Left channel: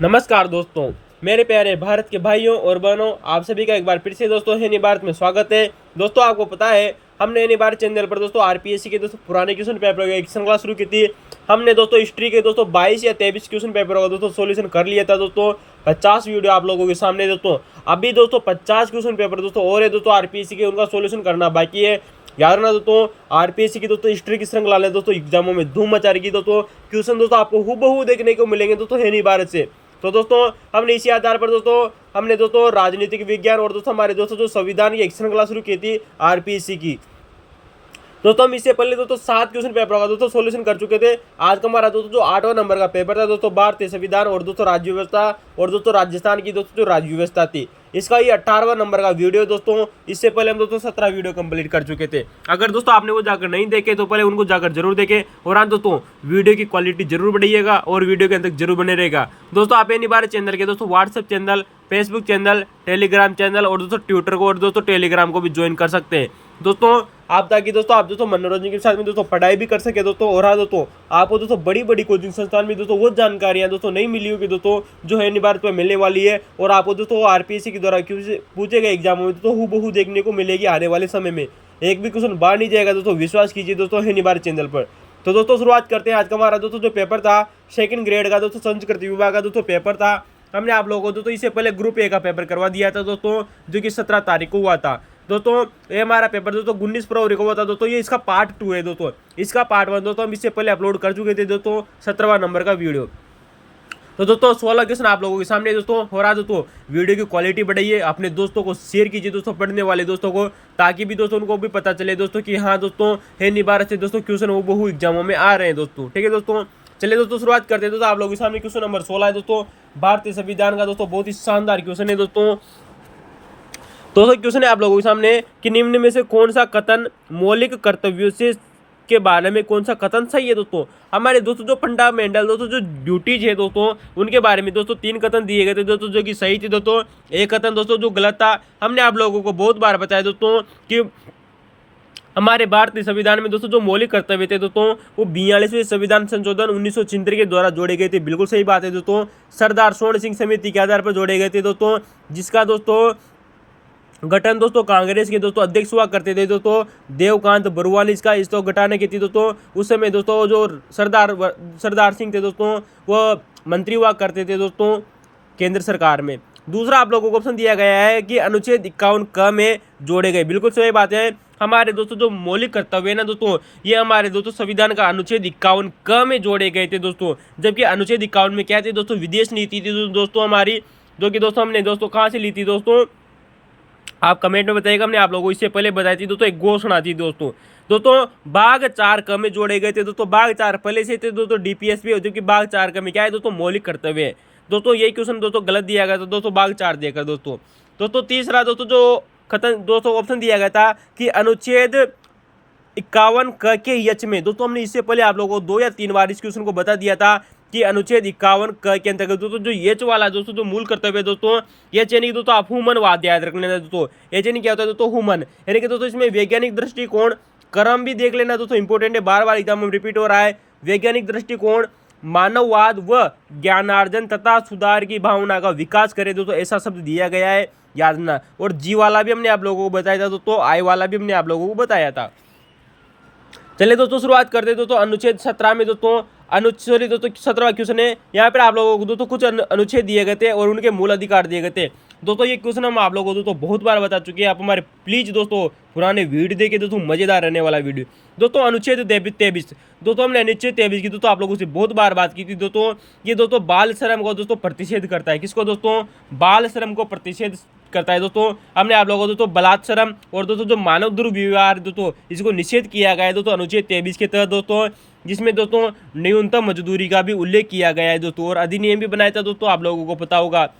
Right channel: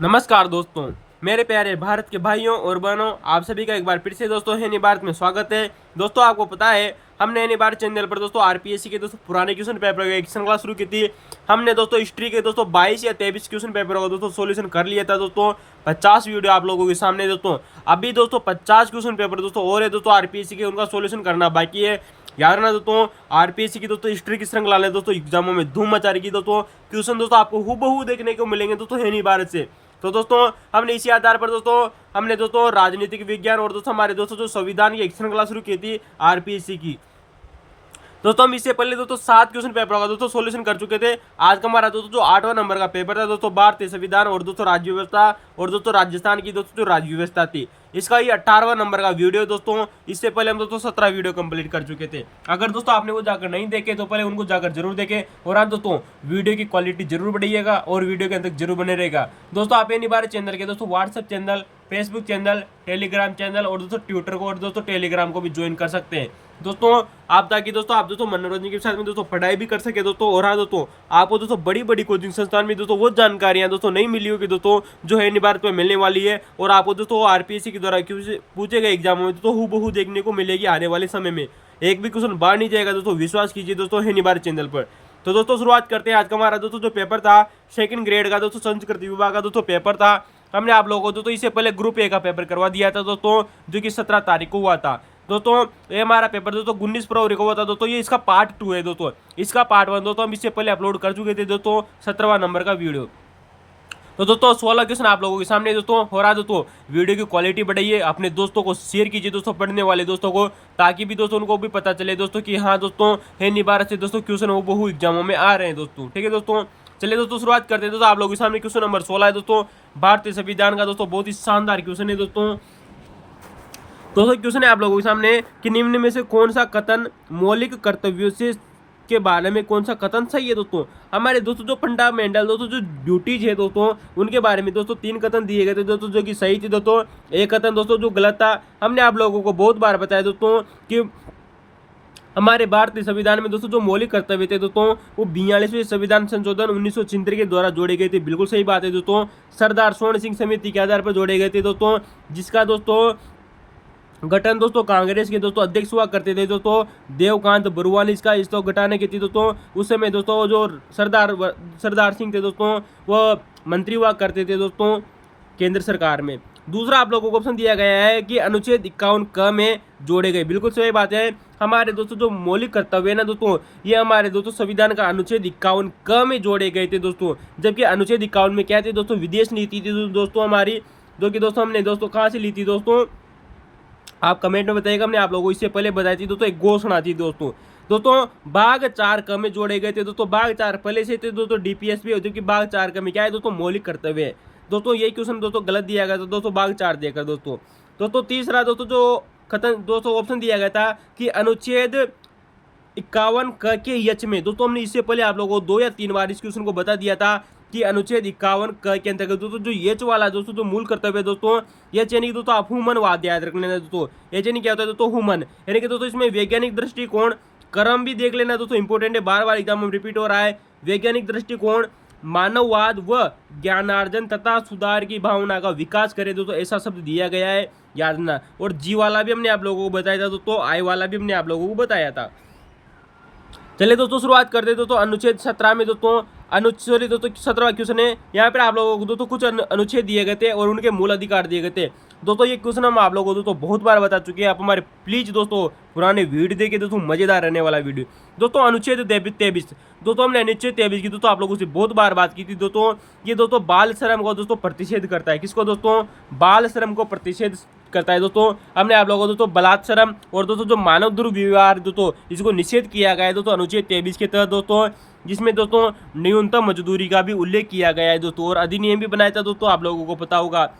नमस्कार दोस्तों, मेरे प्यारे भारत के भाइयों और बहनों, आप सभी का एक बार फिर से दोस्तों हिंदी भारत में स्वागत है। दोस्तों आपको पता है हमने हिंदी भारत चैनल पर दोस्तों आरपीएससी के दोस्तों पुराने क्वेश्चन पेपर का एक श्रृंखला शुरू की थी। हमने दोस्तों हिस्ट्री के दोस्तों 22 या 23 क्वेश्चन पेपरों का दोस्तों सोल्यूशन कर लिया था दोस्तों। 50 वीडियो आप लोगों के सामने दोस्तों। अभी दोस्तों 50 क्वेश्चन पेपर दोस्तों और है दोस्तों आरपीएससी के, उनका सोल्यूशन करना बाकी है। याद रखना दोस्तों, आरपीएससी की दोस्तों हिस्ट्री की श्रृंखला ने दोस्तों एग्जामों में धूम मचा रही दोस्तों। क्वेश्चन दोस्तों आपको हूबहू देखने को मिलेंगे दोस्तों हिंदी भारत से। तो दोस्तों हमने इसी आधार पर हमने दोस्तों राजनीतिक विज्ञान और दोस्तों हमारे दोस्तों जो संविधान की एक श्रृंखला शुरू की थी आरपीएससी की। दोस्तों हम इससे पहले दोस्तों 7 क्वेश्चन पेपर का दोस्तों सॉल्यूशन कर चुके थे। आज का हमारा दोस्तों जो 8वां नंबर का पेपर था दोस्तों, भारतीय संविधान और दोस्तों राज्य व्यवस्था और दोस्तों राजस्थान की दोस्तों जो राज्य व्यवस्था थी, इसका ये 18वां नंबर का वीडियो दोस्तों। इससे पहले हम दोस्तों 17 वीडियो कंप्लीट कर चुके थे। अगर दोस्तों आपने वो जाकर नहीं देखे तो पहले उनको जाकर जरूर देखें। और हाँ दोस्तों, वीडियो की क्वालिटी जरूर बढ़ाइएगा और वीडियो के अंत तक जरूर बने रहेगा। दोस्तों आप हिंदी भारत चैनल के दोस्तों WhatsApp channel, Facebook channel, Telegram channel और दोस्तों ट्विटर को और दोस्तों टेलीग्राम को भी ज्वाइन कर सकते हैं दोस्तों। आप ताकि दोस्तों आप दोस्तों मनोरंजन के साथ में दोस्तों पढ़ाई भी कर सके दोस्तों। और हाँ दोस्तों, आपको दोस्तों बड़ी बड़ी कोचिंग संस्थान में दोस्तों वो जानकारियां दोस्तों नहीं मिली होगी दोस्तों, जो है हिंदी भारत में मिलने वाली है। और आपको दोस्तों आरपीएससी के द्वारा पूछे गए एग्जामों में दोस्तों हूबहू देखने को मिलेगी आने वाले समय में। एक भी क्वेश्चन बाहर नहीं जाएगा दोस्तों, विश्वास कीजिए दोस्तों हिंदी भारत चैनल पर। तो दोस्तों शुरुआत करते हैं। आज का हमारा दोस्तों जो पेपर था सेकंड ग्रेड का दोस्तों संस्कृत विभाग का दोस्तों पेपर था। हमने आप लोगों को दोस्तों इससे पहले ग्रुप ए का पेपर करवा दिया था दोस्तों, जो कि 17 तारीख को हुआ था दोस्तों। ये हमारा पेपर दोस्तों 19 फरवरी को हुआ था दोस्तों। ये इसका पार्ट 2 है दोस्तों। इसका पार्ट 1 दोस्तों हम इससे पहले अपलोड कर चुके थे दोस्तों 17वां नंबर का वीडियो। तो दोस्तों 16 क्वेश्चन आप लोगों के सामने दोस्तों हो रहा दोस्तों। वीडियो की क्वालिटी बढ़ाइए, अपने दोस्तों को शेयर कीजिए दोस्तों, पढ़ने वाले दोस्तों को, ताकि भी दोस्तों उनको भी पता चले दोस्तों कि हाँ दोस्तों हिंदी भारत से दोस्तों क्वेश्चन हूबहू एग्जामों में आ रहे हैं दोस्तों। ठीक है दोस्तों, चलिए दोस्तों शुरुआत करते हैं दोस्तों। आप लोगों के सामने क्वेश्चन नंबर 16 है दोस्तों, भारतीय संविधान का दोस्तों। बहुत ही शानदार क्वेश्चन है दोस्तों। क्वेश्चन है आप लोगों के सामने कि निम्न में से कौन सा कथन मौलिक कर्तव्यों से के बारे में कौन सा कथन सही है दोस्तों। हमारे दोस्तों जो फंडामेंटल दोस्तों जो ड्यूटीज है दोस्तों, उनके बारे में दोस्तों 3 कथन दिए गए थे दोस्तों, जो कि सही थी दोस्तों। एक कथन दोस्तों जो गलत था। हमने आप लोगों को बहुत बार बताया दोस्तों कि हमारे भारतीय संविधान में दोस्तों जो मौलिक कर्तव्य थे दोस्तों, वो 42वें संविधान संशोधन 1976 के द्वारा जोड़े गए थे। बिल्कुल सही बात है दोस्तों। सरदार स्वर्ण सिंह समिति के आधार पर जोड़े गए थे दोस्तों, जिसका दोस्तों गठन दोस्तों कांग्रेस के दोस्तों अध्यक्ष हुआ करते थे दोस्तों देवकांत बरुआ ने इसका इसको घटाने की थी दोस्तों। उस समय दोस्तों जो सरदार सिंह थे दोस्तों, वो मंत्री हुआ करते थे दोस्तों केंद्र सरकार में। दूसरा आप लोगों को ऑप्शन दिया गया है कि अनुच्छेद 51 क में जोड़े गए। बिल्कुल सही बात है। हमारे दोस्तों जो मौलिक कर्तव्य है ना दोस्तों, ये हमारे दोस्तों संविधान का अनुच्छेद 51 क में जोड़े गए थे दोस्तों। जबकि अनुच्छेद 51 में क्या थे दोस्तों, विदेश नीति थी दोस्तों हमारी, जो कि दोस्तों हमने दोस्तों कहाँ से ली थी दोस्तों, आप कमेंट में बताइएगा। हमने आप लोगों को इससे पहले बताई थी दोस्तों, एक घोषणा थी दोस्तों भाग 4 क में जोड़े गए थे दोस्तों। भाग 4 पहले से थे दोस्तों डीपीएस भी, क्योंकि भाग 4 क में क्या है दोस्तों, मौलिक कर्तव्य है दोस्तों। यही क्वेश्चन दोस्तों गलत दिया गया था दोस्तों, भाग 4 देकर दोस्तों। तीसरा दोस्तों जो कथन दोस्तों ऑप्शन दिया गया था कि अनुच्छेद 51 क के यच में दोस्तों, हमने इससे पहले आप लोगों को 2 या 3 बार इस क्वेश्चन को बता दिया था कि अनुच्छेद 51 क के अंतर्गत दोस्तों जो एच वाला दोस्तों जो मूल कर्तव्य है दोस्तों, एच यानी कि दोस्तों आप ह्यूमन वाद याद रख लेना दोस्तों। एच यानी क्या होता है दोस्तों, ह्यूमन, यानी कि दोस्तों इसमें वैज्ञानिक दृष्टिकोण, क्रम भी देख लेना दोस्तों, इंपॉर्टेंट है, बार बार एग्जाम में रिपीट हो रहा है। वैज्ञानिक दृष्टिकोण, मानववाद व ज्ञानार्जन तथा सुधार की भावना का विकास करे दोस्तों, ऐसा शब्द दिया गया है, याद रखना। और जी वाला भी हमने आप लोगों को बताया था दोस्तों, आई वाला भी हमने आप लोगों को बताया था। चलिए दोस्तों शुरुआत करते दोस्तों अनुच्छेद 17 में दोस्तों। अनुच्छेद दोस्तों 17वां क्वेश्चन है। यहाँ पर आप लोगों को दोस्तों कुछ अनुच्छेद दिए गए थे और उनके मूल अधिकार दिए गए थे दोस्तों। ये क्वेश्चन हम आप लोगों को दोस्तों बहुत बार बता चुके हैं। आप हमारे प्लीज दोस्तों पुराने वीडियो देखिए दोस्तों, मजेदार रहने वाला वीडियो दोस्तों। अनुच्छेद 23 दोस्तों, हमने अनुच्छेद 23 की दोस्तों आप लोगों से बहुत बार बात की थी दोस्तों। ये दोस्तों बाल श्रम को दोस्तों प्रतिषेध करता है। किसको दोस्तों, बाल श्रम को प्रतिषेध करता है दोस्तों। हमने आप लोगों को दोस्तों बलात्सरम और दोस्तों जो मानव दुर्व्यवहार दोस्तों, इसको निषेध किया गया है दोस्तों अनुच्छेद 23 के तहत दोस्तों, जिसमें दोस्तों न्यूनतम मजदूरी का भी उल्लेख किया गया है दोस्तों, और अधिनियम भी बनाया था दोस्तों, आप लोगों को पता होगा।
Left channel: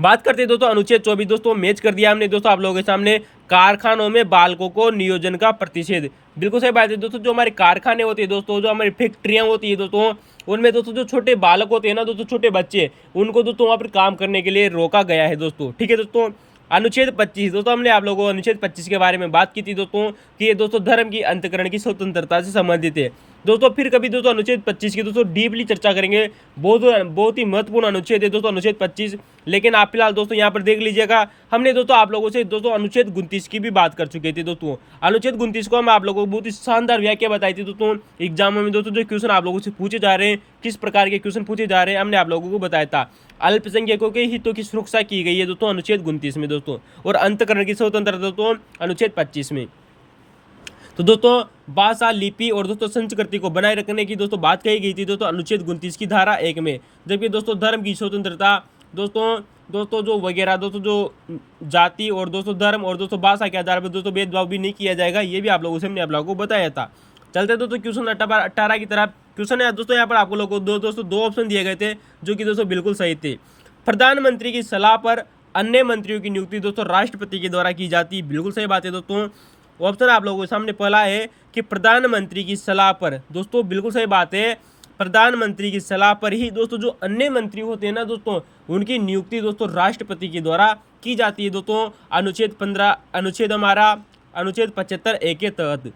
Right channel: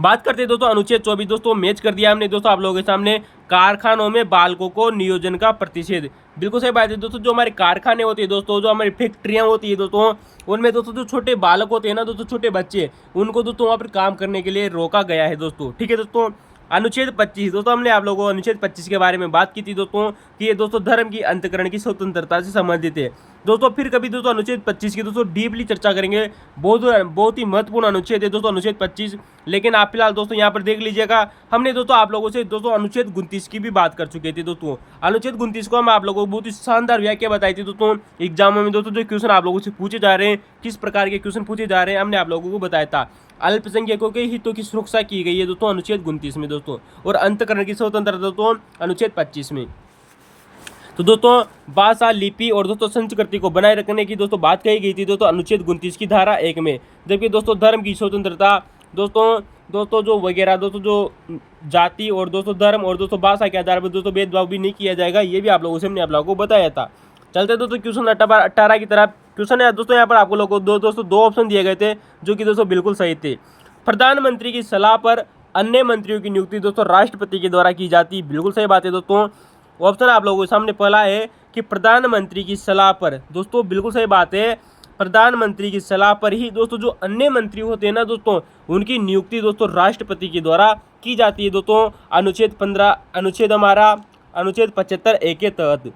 बात करते हैं दोस्तों अनुच्छेद 24 दोस्तों, मैच कर दिया हमने दोस्तों आप लोगों के सामने। कारखानों में बालकों को नियोजन का प्रतिषेध। बिल्कुल सही बात है दोस्तों। जो हमारे कारखाने होते हैं दोस्तों, जो हमारी फैक्ट्रियां होती है दोस्तों, उनमें दोस्तों जो छोटे बालक होते हैं ना दोस्तों, छोटे बच्चे, उनको दोस्तों वहाँ पर काम करने के लिए रोका गया है दोस्तों। ठीक है दोस्तों, अनुच्छेद 25 दोस्तों, हमने आप लोगों को अनुच्छेद 25 के बारे में बात की थी दोस्तों कि ये दोस्तों धर्म की अंतकरण की स्वतंत्रता से संबंधित है दोस्तों। फिर कभी दोस्तों अनुच्छेद 25 की दोस्तों डीपली चर्चा करेंगे, बहुत ही महत्वपूर्ण अनुच्छेद है दोस्तों अनुच्छेद 25। लेकिन आप फिलहाल दोस्तों यहाँ पर देख लीजिएगा, हमने दोस्तों आप लोगों से दोस्तों अनुच्छेद 29 की भी बात कर चुके थे दोस्तों। अनुच्छेद 29 को हम आप लोगों को बहुत ही शानदार व्याख्या बताई थी दोस्तों। एग्जामों में दोस्तों जो क्वेश्चन आप लोगों से पूछे जा रहे हैं, किस प्रकार के क्वेश्चन पूछे जा रहे हैं, हमने आप लोगों को बताया था। अल्पसंख्यकों के हितों की सुरक्षा की गई है दोस्तों अनुच्छेद 29 में दोस्तों, और अंतकरण की स्वतंत्रता दोस्तों अनुच्छेद 25 में। तो दोस्तों भाषा, लिपि और दोस्तों संस्कृति को बनाए रखने की दोस्तों बात कही गई थी दोस्तों अनुच्छेद 29 की धारा 1 में। जबकि दोस्तों धर्म की स्वतंत्रता दोस्तों जो वगैरह दोस्तों जो जाति और दोस्तों धर्म और दोस्तों भाषा के आधार पर दोस्तों भेदभाव भी नहीं किया जाएगा, ये भी आप लोगों से हमने आप लोगों को बताया था। चलते दोस्तों क्वेश्चन 18 की तरफ। क्वेश्चन है दोस्तों, यहाँ पर आपको लोगों को दो ऑप्शन दिए गए थे जो कि दोस्तों बिल्कुल सही थे। प्रधानमंत्री की सलाह पर अन्य मंत्रियों की नियुक्ति दोस्तों राष्ट्रपति के द्वारा की जाती है, बिल्कुल सही बात है दोस्तों। ऑप्शन आप लोगों के सामने पहला है कि प्रधानमंत्री की सलाह पर, दोस्तों बिल्कुल सही बात है। प्रधानमंत्री की सलाह पर ही दोस्तों जो अन्य मंत्री होते हैं ना दोस्तों, उनकी नियुक्ति दोस्तों राष्ट्रपति के द्वारा की जाती है दोस्तों अनुच्छेद 15 अनुच्छेद 75 के तहत।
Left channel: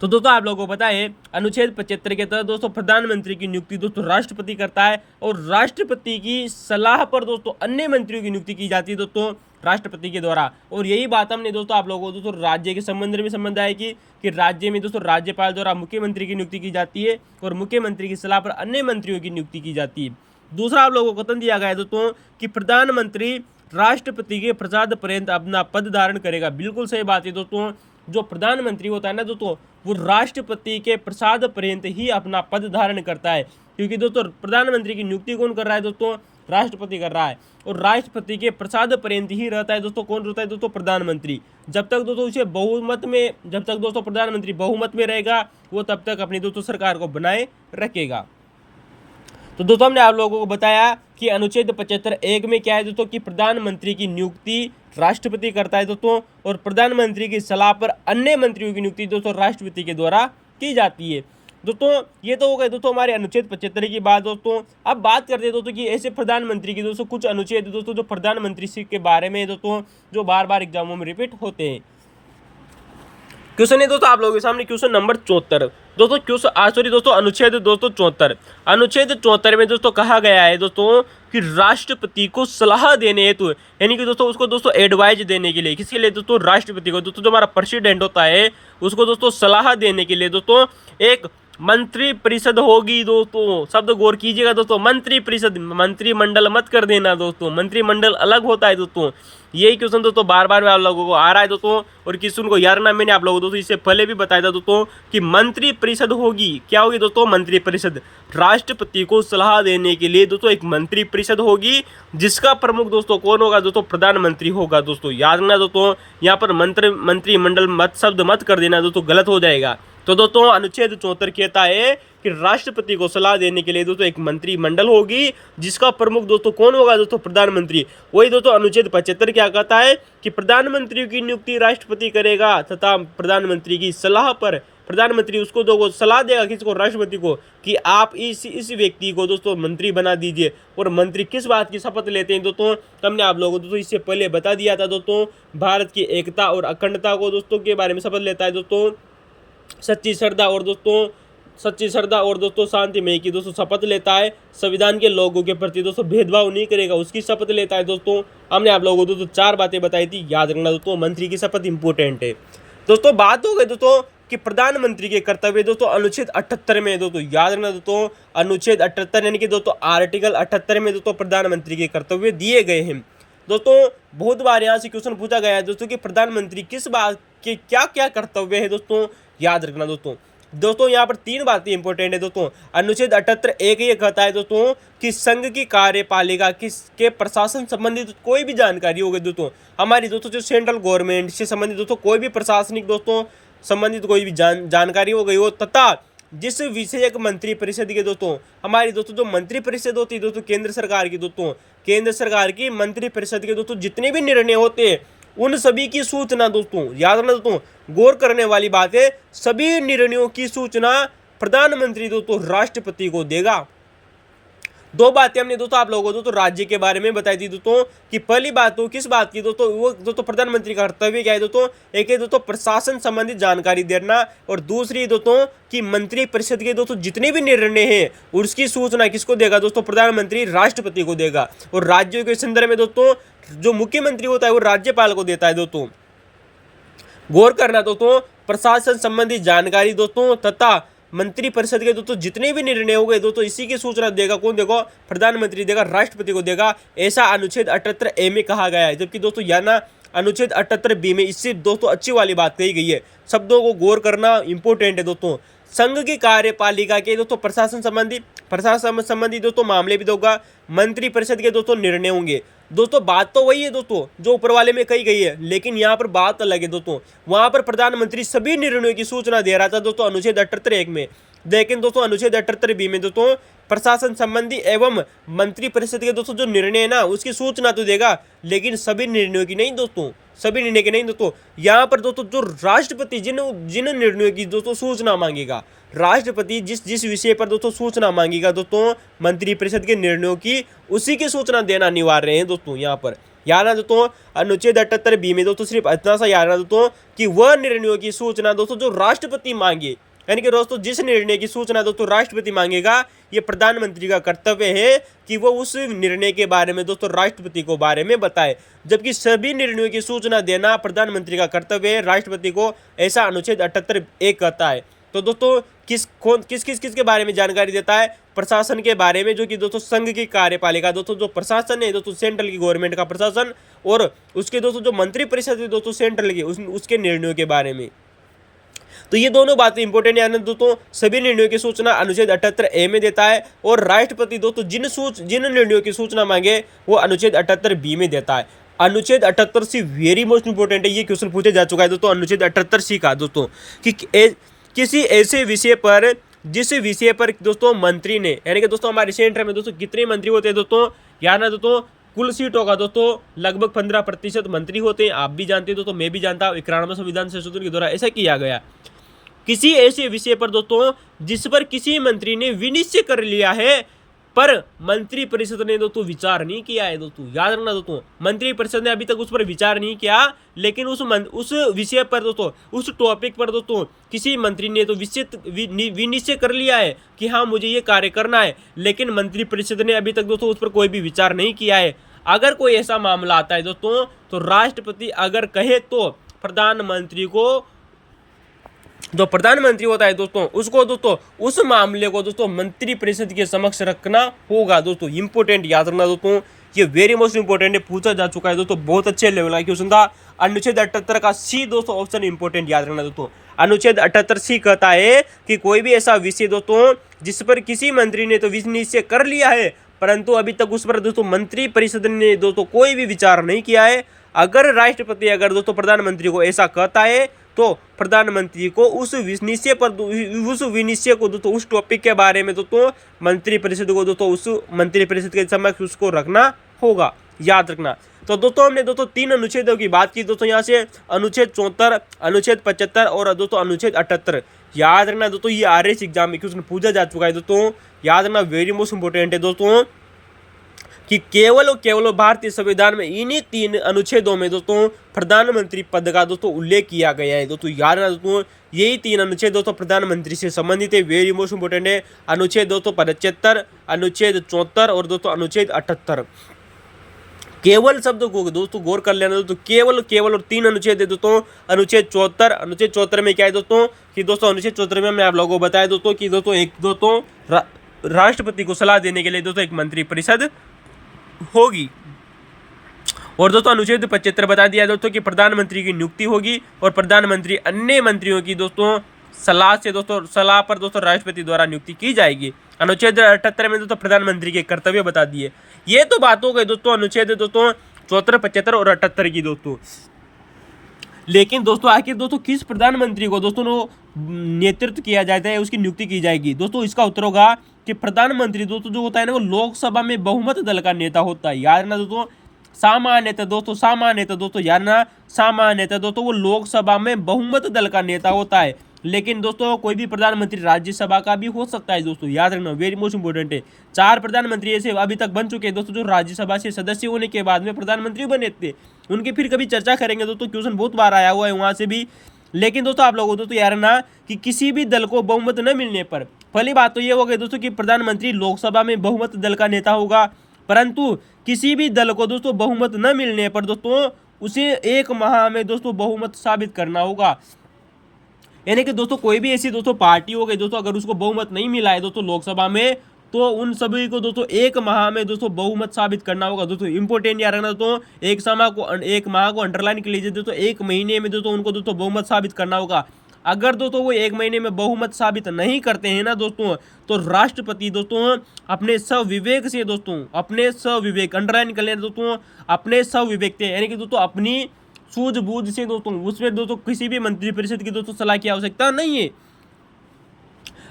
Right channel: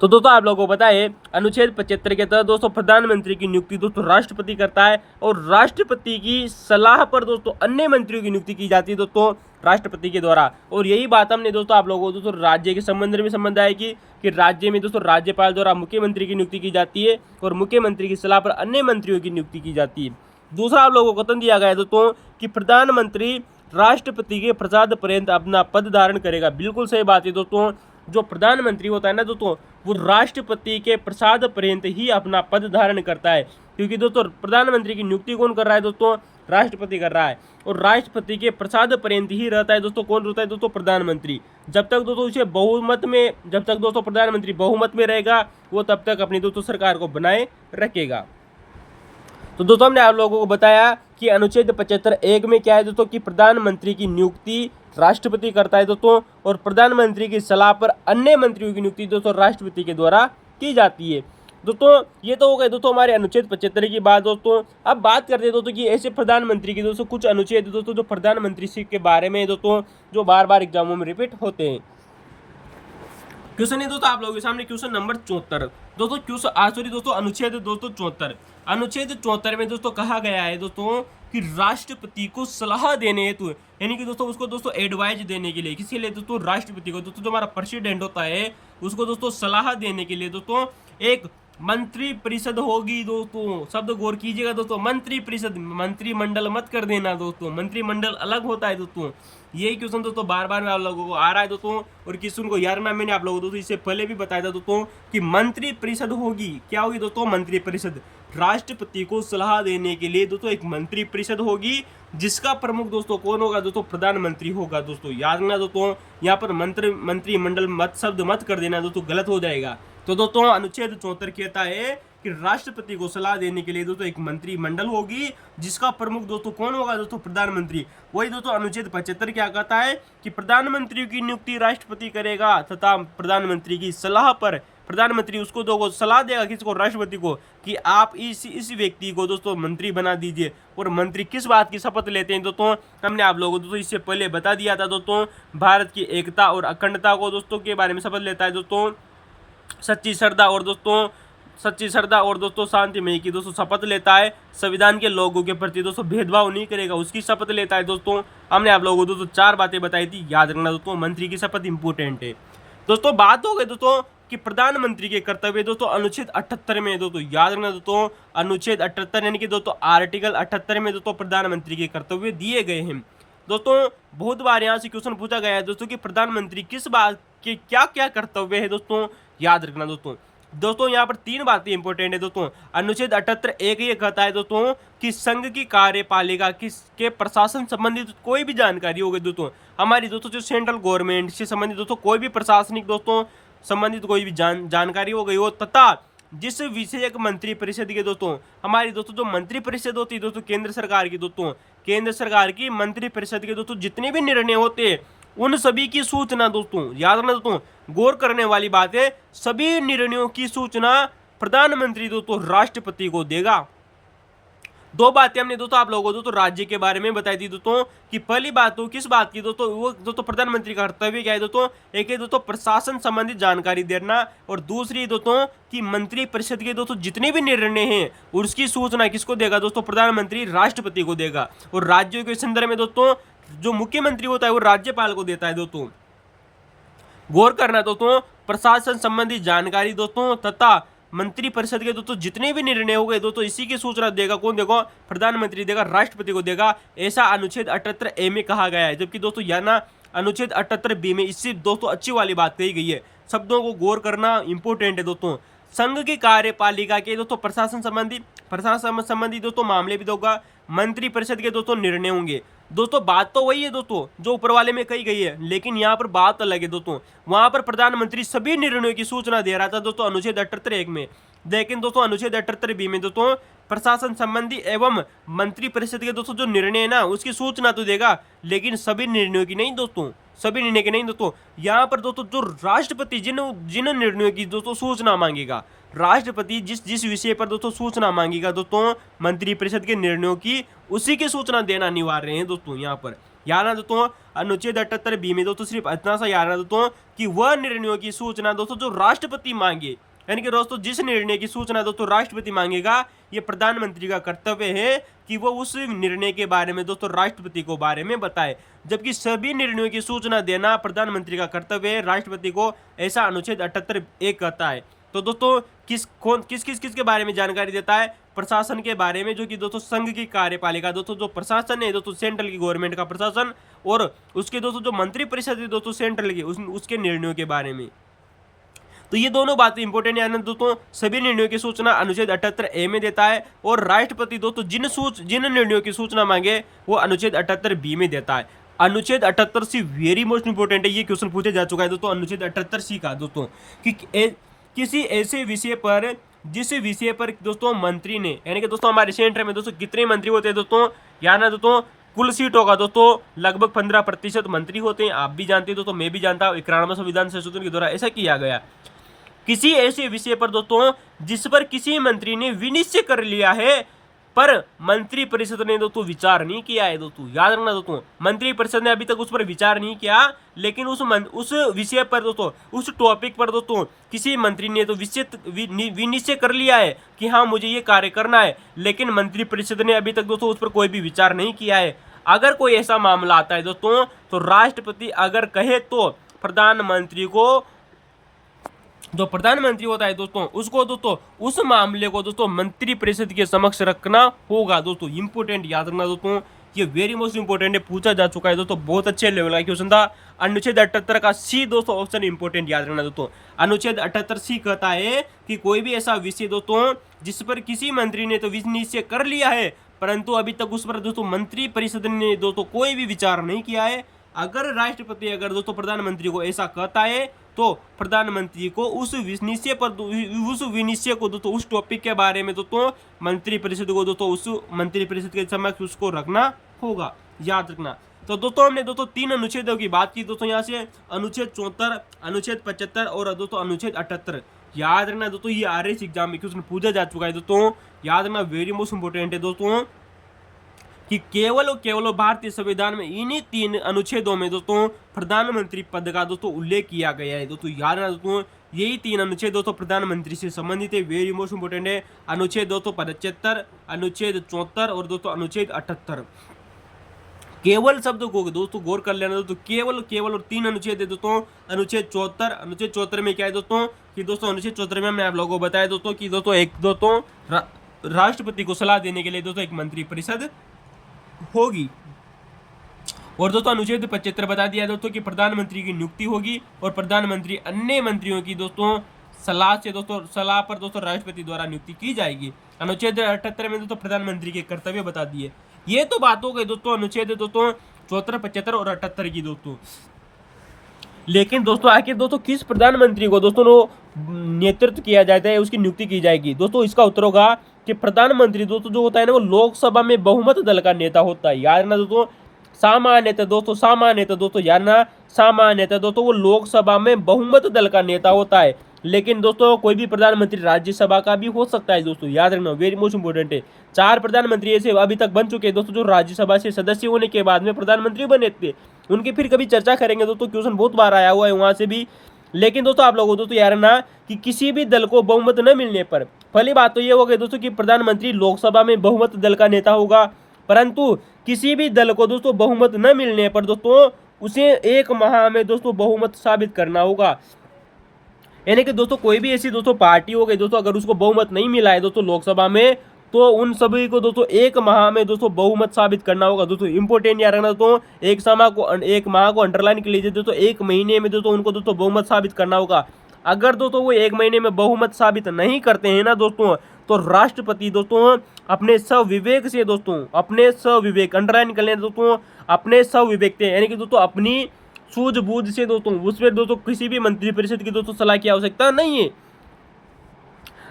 तो दोस्तों आप लोगों को पता है अनुच्छेद 75 के तहत दोस्तों प्रधानमंत्री की नियुक्ति दोस्तों राष्ट्रपति करता है, और राष्ट्रपति की सलाह पर दोस्तों अन्य मंत्रियों की नियुक्ति की जाती है दोस्तों राष्ट्रपति के द्वारा। और यही बात हमने दोस्तों आप लोगों को दोस्तों राज्य के संबंध में संबंध आया कि राज्य में दोस्तों राज्यपाल द्वारा मुख्यमंत्री की नियुक्ति की जाती है, और मुख्यमंत्री की सलाह पर अन्य मंत्रियों की नियुक्ति की जाती है। दूसरा आप लोगों को कथन दिया गया है दोस्तों कि प्रधानमंत्री राष्ट्रपति के प्रसाद पर्यंत अपना पद धारण करेगा, बिल्कुल सही बात है दोस्तों। जो प्रधानमंत्री होता है ना दोस्तों, वो राष्ट्रपति के प्रसाद पर्यंत ही अपना पद धारण करता है, क्योंकि दोस्तों प्रधानमंत्री की नियुक्ति कौन कर रहा है दोस्तों, राष्ट्रपति कर रहा है, और राष्ट्रपति के प्रसाद पर्यंत ही रहता है दोस्तों कौन रहता है दोस्तों, प्रधानमंत्री। जब तक दोस्तों उसे जब तक दोस्तों प्रधानमंत्री बहुमत में रहेगा, वो तब तक अपनी दोस्तों सरकार को बनाए रखेगा। तो दोस्तों हमने आप लोगों को बताया कि अनुच्छेद 75(1) में क्या है दोस्तों कि प्रधानमंत्री की नियुक्ति राष्ट्रपति करता है दोस्तों, और प्रधानमंत्री की सलाह पर अन्य मंत्रियों की नियुक्ति दोस्तों राष्ट्रपति के द्वारा की जाती है। दोस्तों ये तो हो गए दोस्तों हमारे अनुच्छेद 75 की बात दोस्तों। अब बात करते हैं दोस्तों कि ऐसे प्रधानमंत्री की दोस्तों कुछ अनुच्छेद दोस्तों जो प्रधानमंत्री के बारे में दोस्तों जो बार बार एग्जामों में रिपीट होते हैं। क्वेश्चन है दोस्तों आप लोगों के सामने क्वेश्चन नंबर 74 दोस्तों अनुच्छेद दोस्तों 74। अनुच्छेद 74 में दोस्तों कहा गया है दोस्तों कि राष्ट्रपति को सलाह देने हेतु, यानी कि दोस्तों उसको दोस्तों एडवाइज देने के लिए, किसके लिए दोस्तों, राष्ट्रपति को दोस्तों जो हमारा प्रेसिडेंट होता है उसको दोस्तों सलाह देने के लिए दोस्तों एक मंत्री परिषद होगी दोस्तों। शब्द गौर कीजिएगा दोस्तों, मंत्री परिषद, मंत्रिमंडल मत कर देना दोस्तों, मंत्रिमंडल अलग होता है दोस्तों। यही क्वेश्चन दोस्तों बार बार में आप लोगों को आ रहा है दोस्तों, और क्वेश्चन को याद रखना, मैंने आप लोगों को दोस्तों इससे पहले भी बताया था दोस्तों कि मंत्री परिषद होगी। क्या होगी दोस्तों, मंत्री परिषद। राष्ट्रपति को सलाह देने के लिए दोस्तों एक मंत्री परिषद होगी, जिसका प्रमुख दोस्तों कौन होगा दोस्तों, प्रधानमंत्री होगा दोस्तों। याद रखना दोस्तों, यहाँ पर मंत्रिमंडल शब्द मत कर देना दोस्तों, गलत हो जाएगा। तो दोस्तों अनुच्छेद 74 कहता है कि राष्ट्रपति को सलाह देने के लिए दोस्तों एक मंत्रिमंडल होगी, जिसका प्रमुख दोस्तों कौन होगा दोस्तों, प्रधानमंत्री। वही दोस्तों अनुच्छेद 75 क्या कहता है कि प्रधानमंत्री की नियुक्ति राष्ट्रपति करेगा, तथा प्रधानमंत्री की सलाह पर प्रधानमंत्री उसको दो सलाह देगा, किसको, राष्ट्रपति को, कि आप इस व्यक्ति को दोस्तों मंत्री बना दीजिए। और मंत्री किस बात की शपथ लेते हैं दोस्तों, हमने आप लोगों को दोस्तों इससे पहले बता दिया था दोस्तों। भारत की एकता और अखंडता को दोस्तों के बारे में शपथ लेता है दोस्तों। सच्ची श्रद्धा और दोस्तों शांतिमय की दोस्तों शपथ लेता है। संविधान के लोगों के प्रति दोस्तों भेदभाव नहीं करेगा, उसकी शपथ लेता है दोस्तों। हमने आप लोगों को दोस्तों 4 बातें बताई थी, याद रखना दोस्तों, मंत्री की शपथ इंपोर्टेंट है दोस्तों। बात हो गई दोस्तों कि प्रधानमंत्री के कर्तव्य दोस्तों अनुच्छेद 78 में दोस्तों, याद रखना दोस्तों, अनुच्छेद 78 यानी कि दोस्तों आर्टिकल 78 में दोस्तों प्रधानमंत्री के कर्तव्य दिए गए हैं दोस्तों। बहुत बार यहाँ से क्वेश्चन पूछा गया है दोस्तों कि प्रधानमंत्री किस बात के क्या क्या कर्तव्य है दोस्तों, याद रखना दोस्तों यहाँ पर 3 बातें इंपॉर्टेंट है दोस्तों। अनुच्छेद 78(1) ये कहता है दोस्तों कि संघ की कार्यपालिका के प्रशासन संबंधित कोई भी जानकारी होगी दोस्तों, हमारी दोस्तों जो सेंट्रल गवर्नमेंट से संबंधित दोस्तों कोई भी प्रशासनिक दोस्तों संबंधित कोई भी जानकारी हो गई हो, तथा जिस विषयक मंत्री परिषद के दोस्तों, हमारी दोस्तों जो मंत्री परिषद होती है दोस्तों केंद्र सरकार की दोस्तों, केंद्र सरकार की मंत्री परिषद के दोस्तों जितने भी निर्णय होते हैं उन सभी की सूचना दोस्तों, याद रखना दोस्तों, गौर करने वाली बात है, सभी निर्णयों की सूचना प्रधानमंत्री दोस्तों राष्ट्रपति को देगा। दो बातें हमने दोस्तों आप लोगों को दोस्तों राज्य के बारे में बताई थी दोस्तों कि पहली बात तो किस बात की दोस्तों, वो दोस्तों प्रधानमंत्री का कर्तव्य क्या है दोस्तों, एक है दोस्तों प्रशासन संबंधित जानकारी देना, और दूसरी दोस्तों कि मंत्री परिषद के दोस्तों जितने भी निर्णय हैं उसकी सूचना किसको देगा दोस्तों, प्रधानमंत्री राष्ट्रपति को देगा। और राज्यों के संदर्भ में दोस्तों जो मुख्यमंत्री होता है वो राज्यपाल को देता है दोस्तों। गौर करना दोस्तों, प्रशासन संबंधी जानकारी दोस्तों तथा मंत्री परिषद के दोस्तों जितने भी निर्णय हो गए दोस्तों इसी की सूचना देगा कौन देगा, प्रधानमंत्री देगा, राष्ट्रपति को देगा, ऐसा अनुच्छेद 78A में कहा गया है। जबकि दोस्तों यहाँ ना अनुच्छेद 78B में इससे दोस्तों अच्छी वाली बात कही गई है, शब्दों को गौर करना इंपॉर्टेंट है दोस्तों। संघ की कार्यपालिका के दोस्तों प्रशासन संबंधी दोस्तों मामले भी होगा, मंत्री परिषद के दोस्तों निर्णय होंगे। दोस्तों बात तो वही है दोस्तों जो ऊपर वाले में कही गई है, लेकिन यहाँ पर बात अलग है दोस्तों। वहां पर प्रधानमंत्री सभी निर्णयों की सूचना दे रहा था दोस्तों अनुच्छेद 78 में, लेकिन दोस्तों अनुच्छेद 78B में दोस्तों प्रशासन संबंधी एवं मंत्री परिषद के दोस्तों जो निर्णय है ना उसकी सूचना तो देगा, लेकिन सभी निर्णयों की नहीं दोस्तों, सभी निर्णय के नहीं दोस्तों। यहाँ पर दोस्तों जो राष्ट्रपति जिन निर्णयों की दोस्तों सूचना मांगेगा, राष्ट्रपति जिस विषय पर दोस्तों सूचना मांगेगा दोस्तों मंत्री परिषद के निर्णयों की, उसी की सूचना देना अनिवार्य है दोस्तों। यहाँ पर याद ना दोस्तों अनुच्छेद 78B में दोस्तों सिर्फ इतना सा याद ना दोस्तों कि वह निर्णयों की सूचना दोस्तों जो राष्ट्रपति मांगे, यानी कि दोस्तों जिस निर्णय की सूचना दोस्तों राष्ट्रपति मांगेगा, ये प्रधानमंत्री का कर्तव्य है कि वो उस निर्णय के बारे में दोस्तों राष्ट्रपति को बारे में बताए। जबकि सभी निर्णयों की सूचना देना प्रधानमंत्री का कर्तव्य है राष्ट्रपति को, ऐसा अनुच्छेद 78A कहता है। तो दोस्तों किस के बारे में जानकारी देता है, प्रशासन के बारे में, जो कि दोस्तों संघ की कार्यपालिका दोस्तों जो प्रशासन है दोस्तों सेंट्रल की गवर्नमेंट का प्रशासन, और उसके दोस्तों जो मंत्री परिषद है दोस्तों सेंट्रल की उसके निर्णयों के बारे में। तो ये दोनों बातें इंपॉर्टेंट है दोस्तों। सभी निर्णयों की सूचना अनुच्छेद 78A में देता है, और राष्ट्रपति दोस्तों जिन निर्णयों की सूचना मांगे वो अनुच्छेद 78B में देता है। अनुच्छेद 78C वेरी मोस्ट इंपॉर्टेंट है, ये क्वेश्चन पूछा जा चुका है दोस्तों अनुच्छेद 78C का दोस्तों, कि किसी ऐसे विषय पर जिस विषय पर दोस्तों मंत्री ने, यानी कि दोस्तों हमारे सेंटर में दोस्तों कितने मंत्री होते हैं दोस्तों, याद ना दोस्तों कुल सीटों का दोस्तों लगभग 15% मंत्री होते हैं। आप भी जानते हैं दोस्तों, मैं भी जानता हूँ, 91वें संविधान संशोधन के द्वारा ऐसा किया गया। किसी ऐसे विषय पर दोस्तों जिस पर किसी मंत्री ने विनिश्चय कर लिया है पर मंत्री परिषद ने दोस्तों विचार नहीं किया है दोस्तों, याद रखना दोस्तों, मंत्री परिषद ने अभी तक उस पर विचार नहीं किया, लेकिन उस विषय पर दोस्तों, उस टॉपिक पर दोस्तों किसी मंत्री ने तो विनिश्चय कर लिया है कि हाँ मुझे ये कार्य करना है, लेकिन मंत्री परिषद ने अभी तक दोस्तों उस पर कोई भी विचार नहीं किया है। अगर कोई ऐसा मामला आता है दोस्तों तो राष्ट्रपति अगर कहे तो प्रधानमंत्री को, जो प्रधानमंत्री होता है दोस्तों, उसको दोस्तों उस मामले को दोस्तों मंत्री परिषद के समक्ष रखना होगा दोस्तों। इंपॉर्टेंट याद रखना दोस्तों, ये वेरी मोस्ट इंपॉर्टेंट है, पूछा जा चुका है दोस्तों, बहुत अच्छे लेवल का क्वेश्चन था। अनुच्छेद 78 का C दोस्तों ऑप्शन इंपॉर्टेंट याद रखना दोस्तों। अनुच्छेद 78C कहता है कि कोई भी ऐसा विषय दोस्तों जिस पर किसी मंत्री ने तो विनिश्चय कर लिया है, परंतु अभी तक उस पर दोस्तों मंत्री परिषद ने दोस्तों कोई भी विचार नहीं किया है। अगर राष्ट्रपति अगर दोस्तों प्रधानमंत्री को ऐसा कहता है तो प्रधानमंत्री को उस विनिश्चय को दोस्तों उस टॉपिक के बारे में दोस्तों मंत्री परिषद को दोस्तों उस मंत्री परिषद के समक्ष उसको रखना होगा, याद रखना। तो दोस्तों हमने दोस्तों 3 अनुच्छेदों की बात की दोस्तों, यहाँ से अनुच्छेद 74, अनुच्छेद 75 और दोस्तों अनुच्छेद 78। याद रखना दोस्तों, ये RS एग्जाम में क्वेश्चन पूछा जा चुका है दोस्तों, याद रखना, वेरी मोस्ट इंपॉर्टेंट है दोस्तों, कि केवल और केवल भारतीय संविधान में इन्हीं 3 अनुच्छेदों में दोस्तों प्रधानमंत्री पद का दोस्तों उल्लेख किया गया है दोस्तों। याद रखना दोस्तों, यही 3 अनुच्छेद दोस्तों प्रधानमंत्री से संबंधित है, वेरी मोस्ट इंपॉर्टेंट है। अनुच्छेद दोस्तों 75, अनुच्छेद 74 और दोस्तों अनुच्छेद 78। केवल शब्द को दोस्तों गौर कर लेना दोस्तों, केवल और 3 अनुच्छेद है दोस्तों। अनुच्छेद 74, अनुच्छेद 74 में क्या है दोस्तों, कि दोस्तों अनुच्छेद 74 में मैं आप लोगों को बताया दोस्तों कि दोस्तों राष्ट्रपति को सलाह देने के लिए दोस्तों एक मंत्री परिषद होगी। और दोस्तों अनुच्छेद 75 बता दिया दोस्तों कि प्रधानमंत्री की नियुक्ति होगी और प्रधानमंत्री अन्य मंत्रियों की दोस्तों सलाह पर दोस्तों राष्ट्रपति द्वारा नियुक्ति की जाएगी। अनुच्छेद 78 में दोस्तों प्रधानमंत्री के कर्तव्य बता दिए। ये तो बात हो गई दोस्तों अनुच्छेद दोस्तों 74, 75 और 78 की दोस्तों। लेकिन दोस्तों आखिर दोस्तों किस प्रधानमंत्री को दोस्तों नेतृत्व किया जाता है, उसकी नियुक्ति की जाएगी दोस्तों, इसका उत्तर होगा कि प्रधानमंत्री दोस्तों जो होता है ना वो लोकसभा में बहुमत दल का नेता होता है। याद रखना दोस्तों, सामान्यतः दोस्तों याद रखना, सामान्यतः दोस्तों वो लोकसभा में बहुमत दल का नेता होता है। लेकिन दोस्तों कोई भी प्रधानमंत्री राज्यसभा का भी हो सकता है दोस्तों, याद रखना, वेरी मोस्ट इंपोर्टेंट है। 4 प्रधानमंत्री ऐसे अभी तक बन चुके हैं दोस्तों जो राज्यसभा से सदस्य होने के बाद में प्रधानमंत्री बने थे। उनकी फिर कभी चर्चा करेंगे दोस्तों, क्वेश्चन बहुत बार आया हुआ है वहां से भी। लेकिन दोस्तों आप लोगों को दोस्तों याद रखना कि किसी भी दल को बहुमत न मिलने पर, पहली बात तो ये हो गई दोस्तों कि प्रधानमंत्री लोकसभा में बहुमत दल का नेता होगा, परंतु किसी भी दल को दोस्तों बहुमत न मिलने पर दोस्तों उसे 1 माह में दोस्तों बहुमत साबित करना होगा। यानी कि दोस्तों कोई भी ऐसी दोस्तों पार्टी हो गई दोस्तों, अगर उसको बहुमत नहीं मिला है दोस्तों लोकसभा में, तो उन सभी को दोस्तों 1 माह में दोस्तों बहुमत साबित करना होगा। दोस्तों इंपोर्टेंट याद रखना दोस्तों, 1 माह को अंडरलाइन कर लीजिए दोस्तों, 1 महीने में दोस्तों उनको दोस्तों बहुमत साबित करना होगा। अगर दोस्तों वो 1 महीने में बहुमत साबित नहीं करते हैं ना दोस्तों, तो राष्ट्रपति दोस्तों अपने स्वविवेक से दोस्तों, अपने स्वविवेक, अंडरलाइन कर लेना दोस्तों, अपने स्वविवेक से, यानी कि दोस्तों अपनी सूझबूझ से दोस्तों, उसमें दोस्तों किसी भी मंत्रिपरिषद की दोस्तों सलाह की आवश्यकता नहीं है।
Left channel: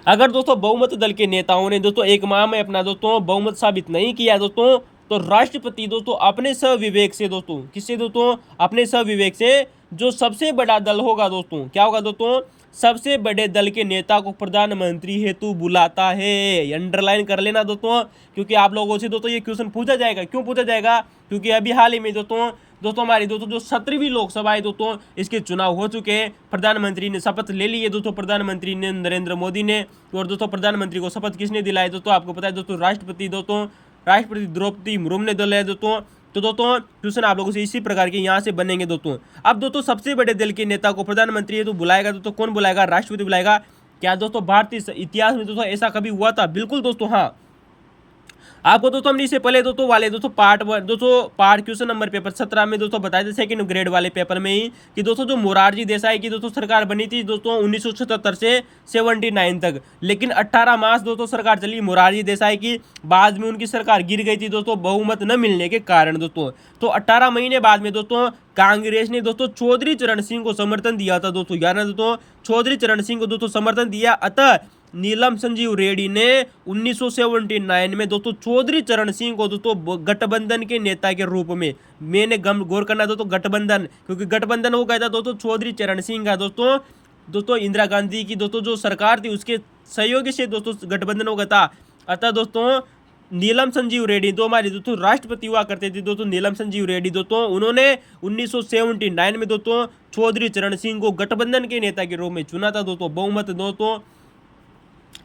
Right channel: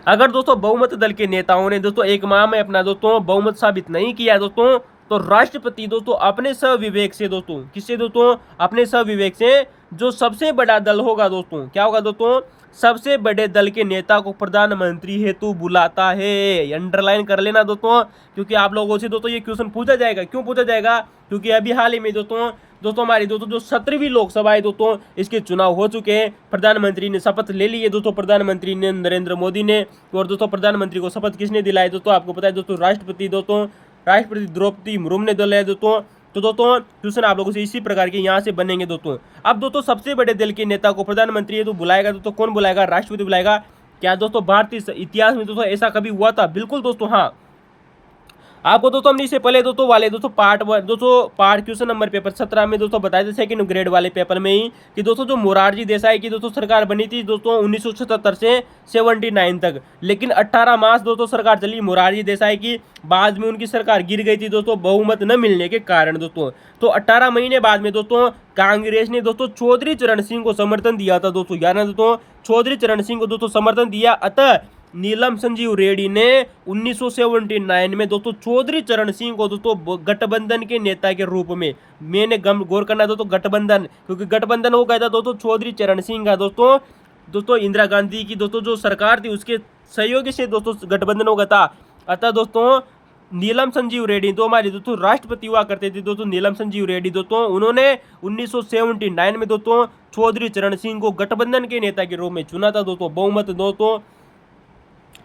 अगर दोस्तों बहुमत दल के नेताओं ने दोस्तों 1 माह में अपना दोस्तों बहुमत साबित नहीं किया दोस्तों, तो राष्ट्रपति दोस्तों अपने स्वविवेक से दोस्तों, किससे दोस्तों, अपने स्वविवेक से जो सबसे बड़ा दल होगा दोस्तों, क्या होगा दोस्तों, सबसे बड़े दल के नेता को प्रधानमंत्री हेतु बुलाता है। अंडरलाइन कर लेना दोस्तों, क्योंकि आप लोगों से दोस्तों ये क्वेश्चन पूछा जाएगा। क्यों पूछा जाएगा? क्योंकि अभी हाल ही में दोस्तों हमारी दोस्तों जो 17वीं लोकसभा है दोस्तों, इसके चुनाव हो चुके हैं। प्रधानमंत्री ने शपथ ले ली है दोस्तों, प्रधानमंत्री ने नरेंद्र मोदी ने। और दोस्तों प्रधानमंत्री को शपथ किसने दिलाई दोस्तों, आपको पता है दोस्तों, राष्ट्रपति द्रौपदी मुर्मू ने दिलाया दोस्तों। तो दोस्तों क्वेश्चन आप लोगों से इसी प्रकार के यहाँ से बनेंगे दोस्तों। अब दोस्तों सबसे बड़े दल के नेता को प्रधानमंत्री है तो बुलाएगा दोस्तों, कौन बुलाएगा? राष्ट्रपति बुलाएगा। क्या दोस्तों भारतीय इतिहास में दोस्तों ऐसा कभी हुआ था? बिल्कुल दोस्तों, हाँ। आपको दोस्तों हमने इससे पहले दोस्तों वाले दोस्तों पार्ट क्वेश्चन नंबर पेपर 17 में दोस्तों बताए थे, सेकंड ग्रेड वाले पेपर में ही, कि दोस्तों जो मोरारजी देसाई की दोस्तों सरकार बनी थी दोस्तों 1977 से 79 तक, लेकिन 18 मास दोस्तों सरकार चली मोरारजी देसाई की, बाद में उनकी सरकार गिर गई थी दोस्तों बहुमत न मिलने के कारण दोस्तों। तो 18 महीने बाद में दोस्तों कांग्रेस ने दोस्तों चौधरी चरण सिंह को समर्थन दिया था दोस्तों, यानी दोस्तों चौधरी चरण सिंह को दोस्तों समर्थन दिया। अतः नीलम संजीव रेड्डी ने 1979 में दोस्तों चौधरी चरण सिंह को दोस्तों गठबंधन के नेता के रूप में, मैंने गौर करना दोस्तों गठबंधन, क्योंकि गठबंधन वो कहता दोस्तों चौधरी चरण सिंह का दोस्तों इंदिरा गांधी की दोस्तों जो सरकार थी उसके सहयोगी से दोस्तों गठबंधन होगा था। अतः दोस्तों नीलम संजीव रेड्डी तो हमारे दोस्तों राष्ट्रपति हुआ करते थे दोस्तों, नीलम संजीव रेड्डी दोस्तों, उन्होंने 1979 में दोस्तों चौधरी चरण सिंह को गठबंधन के नेता के रूप में चुना था दोस्तों, बहुमत दोस्तों,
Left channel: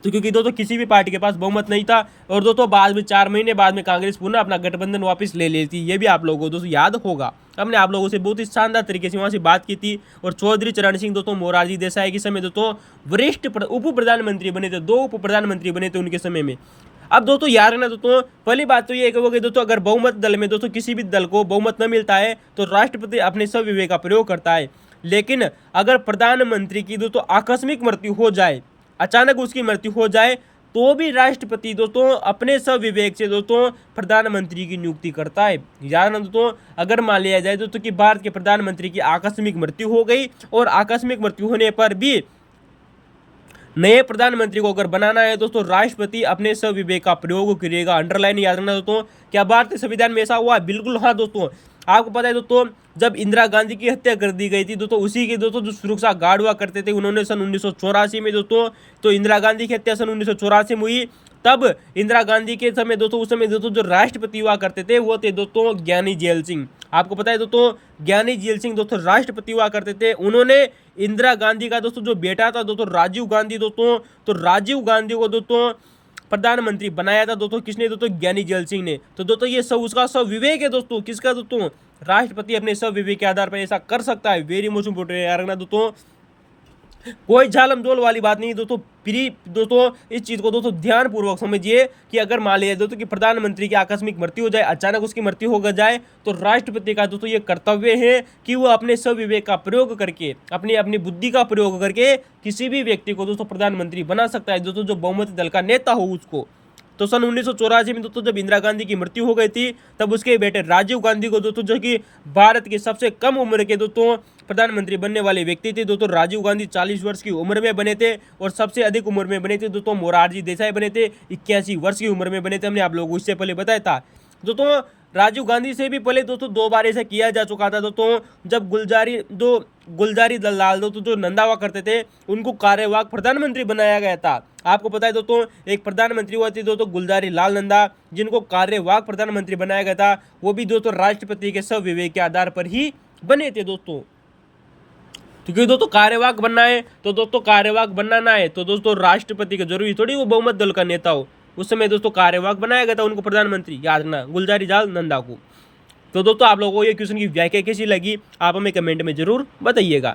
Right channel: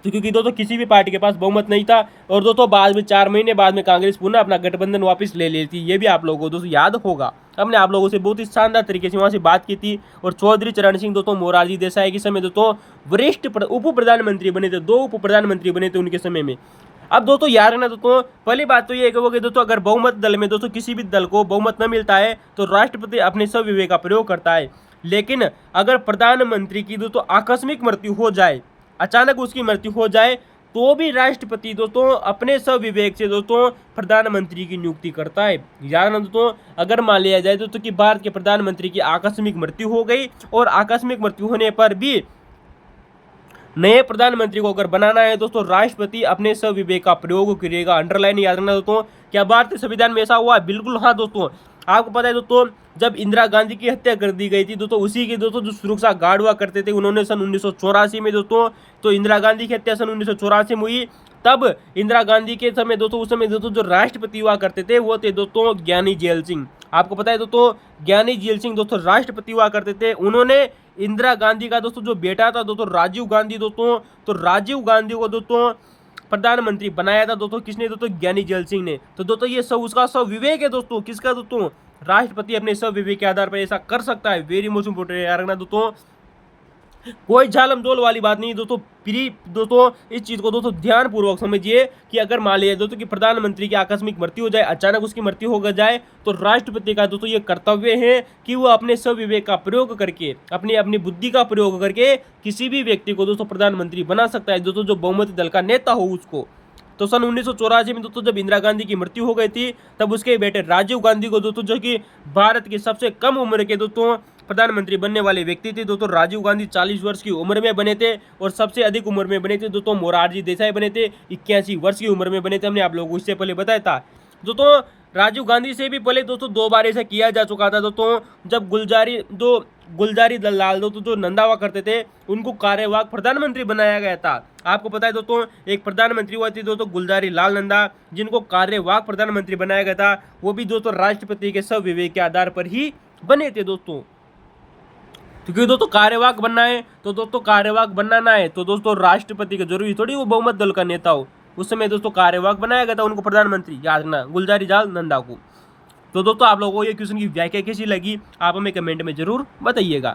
तो क्योंकि दोस्तों किसी भी पार्टी के पास बहुमत नहीं था। और दोस्तों बाद में 4 महीने बाद में कांग्रेस पुनः अपना गठबंधन वापस ले लेती, ये भी आप लोगों को दोस्तों याद होगा। हमने आप लोगों से बहुत ही शानदार तरीके से वहाँ से बात की थी। और चौधरी चरण सिंह दोस्तों मोरारजी देसाई के समय दोस्तों वरिष्ठ उप प्रधानमंत्री बने थे, 2 उप प्रधानमंत्री बने थे उनके समय में। अब दोस्तों याद रखना दोस्तों, पहली बात तो ये हो गई दोस्तों, अगर बहुमत दल में दोस्तों किसी भी दल को बहुमत न मिलता है तो राष्ट्रपति अपने स्वविवेक का प्रयोग करता है। लेकिन अगर प्रधानमंत्री की दोस्तों आकस्मिक मृत्यु हो जाए, अचानक उसकी मृत्यु हो जाए, तो भी राष्ट्रपति दोस्तों अपने स्वविवेक से दोस्तों प्रधानमंत्री की नियुक्ति करता है। याद रखना दोस्तों, अगर मान लिया जाए दोस्तों कि भारत के प्रधानमंत्री की आकस्मिक मृत्यु हो गई और आकस्मिक मृत्यु होने पर भी नए प्रधानमंत्री को अगर बनाना है दोस्तों, राष्ट्रपति अपने स्वविवेक का प्रयोग करेगा। अंडरलाइन याद रखना दोस्तों, क्या भारतीय संविधान में ऐसा हुआ? बिल्कुल हाँ दोस्तों। आपको पता है दोस्तों जब इंदिरा गांधी की हत्या कर दी गई थी दोस्तों, उसी के दोस्तों जो सुरक्षा गार्ड हुआ करते थे उन्होंने सन 1984 में दोस्तों, तो इंदिरा गांधी की हत्या सन 1984 में हुई। तब इंदिरा गांधी के समय दोस्तों, उस समय दोस्तों जो राष्ट्रपति हुआ करते थे वो थे दोस्तों ज्ञानी जेल सिंह। आपको पता है दोस्तों ज्ञानी जेल सिंह दोस्तों राष्ट्रपति हुआ करते थे। उन्होंने इंदिरा गांधी का दोस्तों जो बेटा था दोस्तों राजीव गांधी दोस्तों, तो राजीव गांधी को दोस्तों प्रधानमंत्री बनाया था दोस्तों, किसने? दोस्तों ज्ञानी जेल सिंह ने। तो दोस्तों ये सब उसका स्वविवेक है दोस्तों, किसका? दोस्तों राष्ट्रपति अपने स्वविवेक के आधार पर ऐसा कर सकता है। वेरी मोस्ट इंपोर्टेंट याद रखना दोस्तों, कोई झालम झोल वाली बात नहीं दोस्तों। प्री दोस्तों इस चीज को दोस्तों ध्यानपूर्वक समझिए कि अगर मान लिया दोस्तों कि प्रधानमंत्री की आकस्मिक मृत्यु हो जाए, अचानक उसकी मृत्यु हो जाए, तो राष्ट्रपति का दोस्तों ये कर्तव्य है कि वो अपने स्वविवेक का प्रयोग करके, अपनी बुद्धि का प्रयोग करके किसी भी व्यक्ति को दोस्तों प्रधानमंत्री बना सकता है दोस्तों, जो बहुमत दल का नेता हो उसको। तो सन 1984 में दोस्तों जब इंदिरा गांधी की मृत्यु हो गई थी, तब उसके बेटे राजीव गांधी को दोस्तों, जो कि भारत के सबसे कम उम्र के दोस्तों प्रधानमंत्री बनने वाले व्यक्ति थे दोस्तों, राजीव गांधी 40 वर्ष की उम्र में बने थे। और सबसे अधिक उम्र में बने थे दोस्तों मोरारजी देसाई बने थे, 81 वर्ष की उम्र में बने थे। हमने आप लोगों को इससे पहले बताया था दोस्तों। राजीव गांधी से भी पहले दोस्तों 2 बार ऐसा किया जा चुका था दोस्तों, जब गुलजारी लाल दोस्तों जो नंदा हुआ करते थे उनको कार्यवाहक प्रधानमंत्री बनाया गया था। आपको पता है दोस्तों एक प्रधानमंत्री हुआ थे दोस्तों गुलजारी लाल नंदा, जिनको कार्यवाहक प्रधानमंत्री बनाया गया था, वो भी दोस्तों राष्ट्रपति के स्वविवेक के आधार पर ही बने थे दोस्तों। क्योंकि दोस्तों कार्यवाहक बनना है तो दोस्तों कार्यवाहक बनना ना है तो दोस्तों राष्ट्रपति का जरूरी थोड़ी वो बहुमत दल का नेता हो। उस समय दोस्तों कार्यवाहक बनाया गया था उनको प्रधानमंत्री, याद रखना, गुलजारी लाल नंदा को। तो दोस्तों आप लोगों को ये क्वेश्चन की व्याख्या कैसी लगी आप हमें कमेंट में जरूर बताइएगा।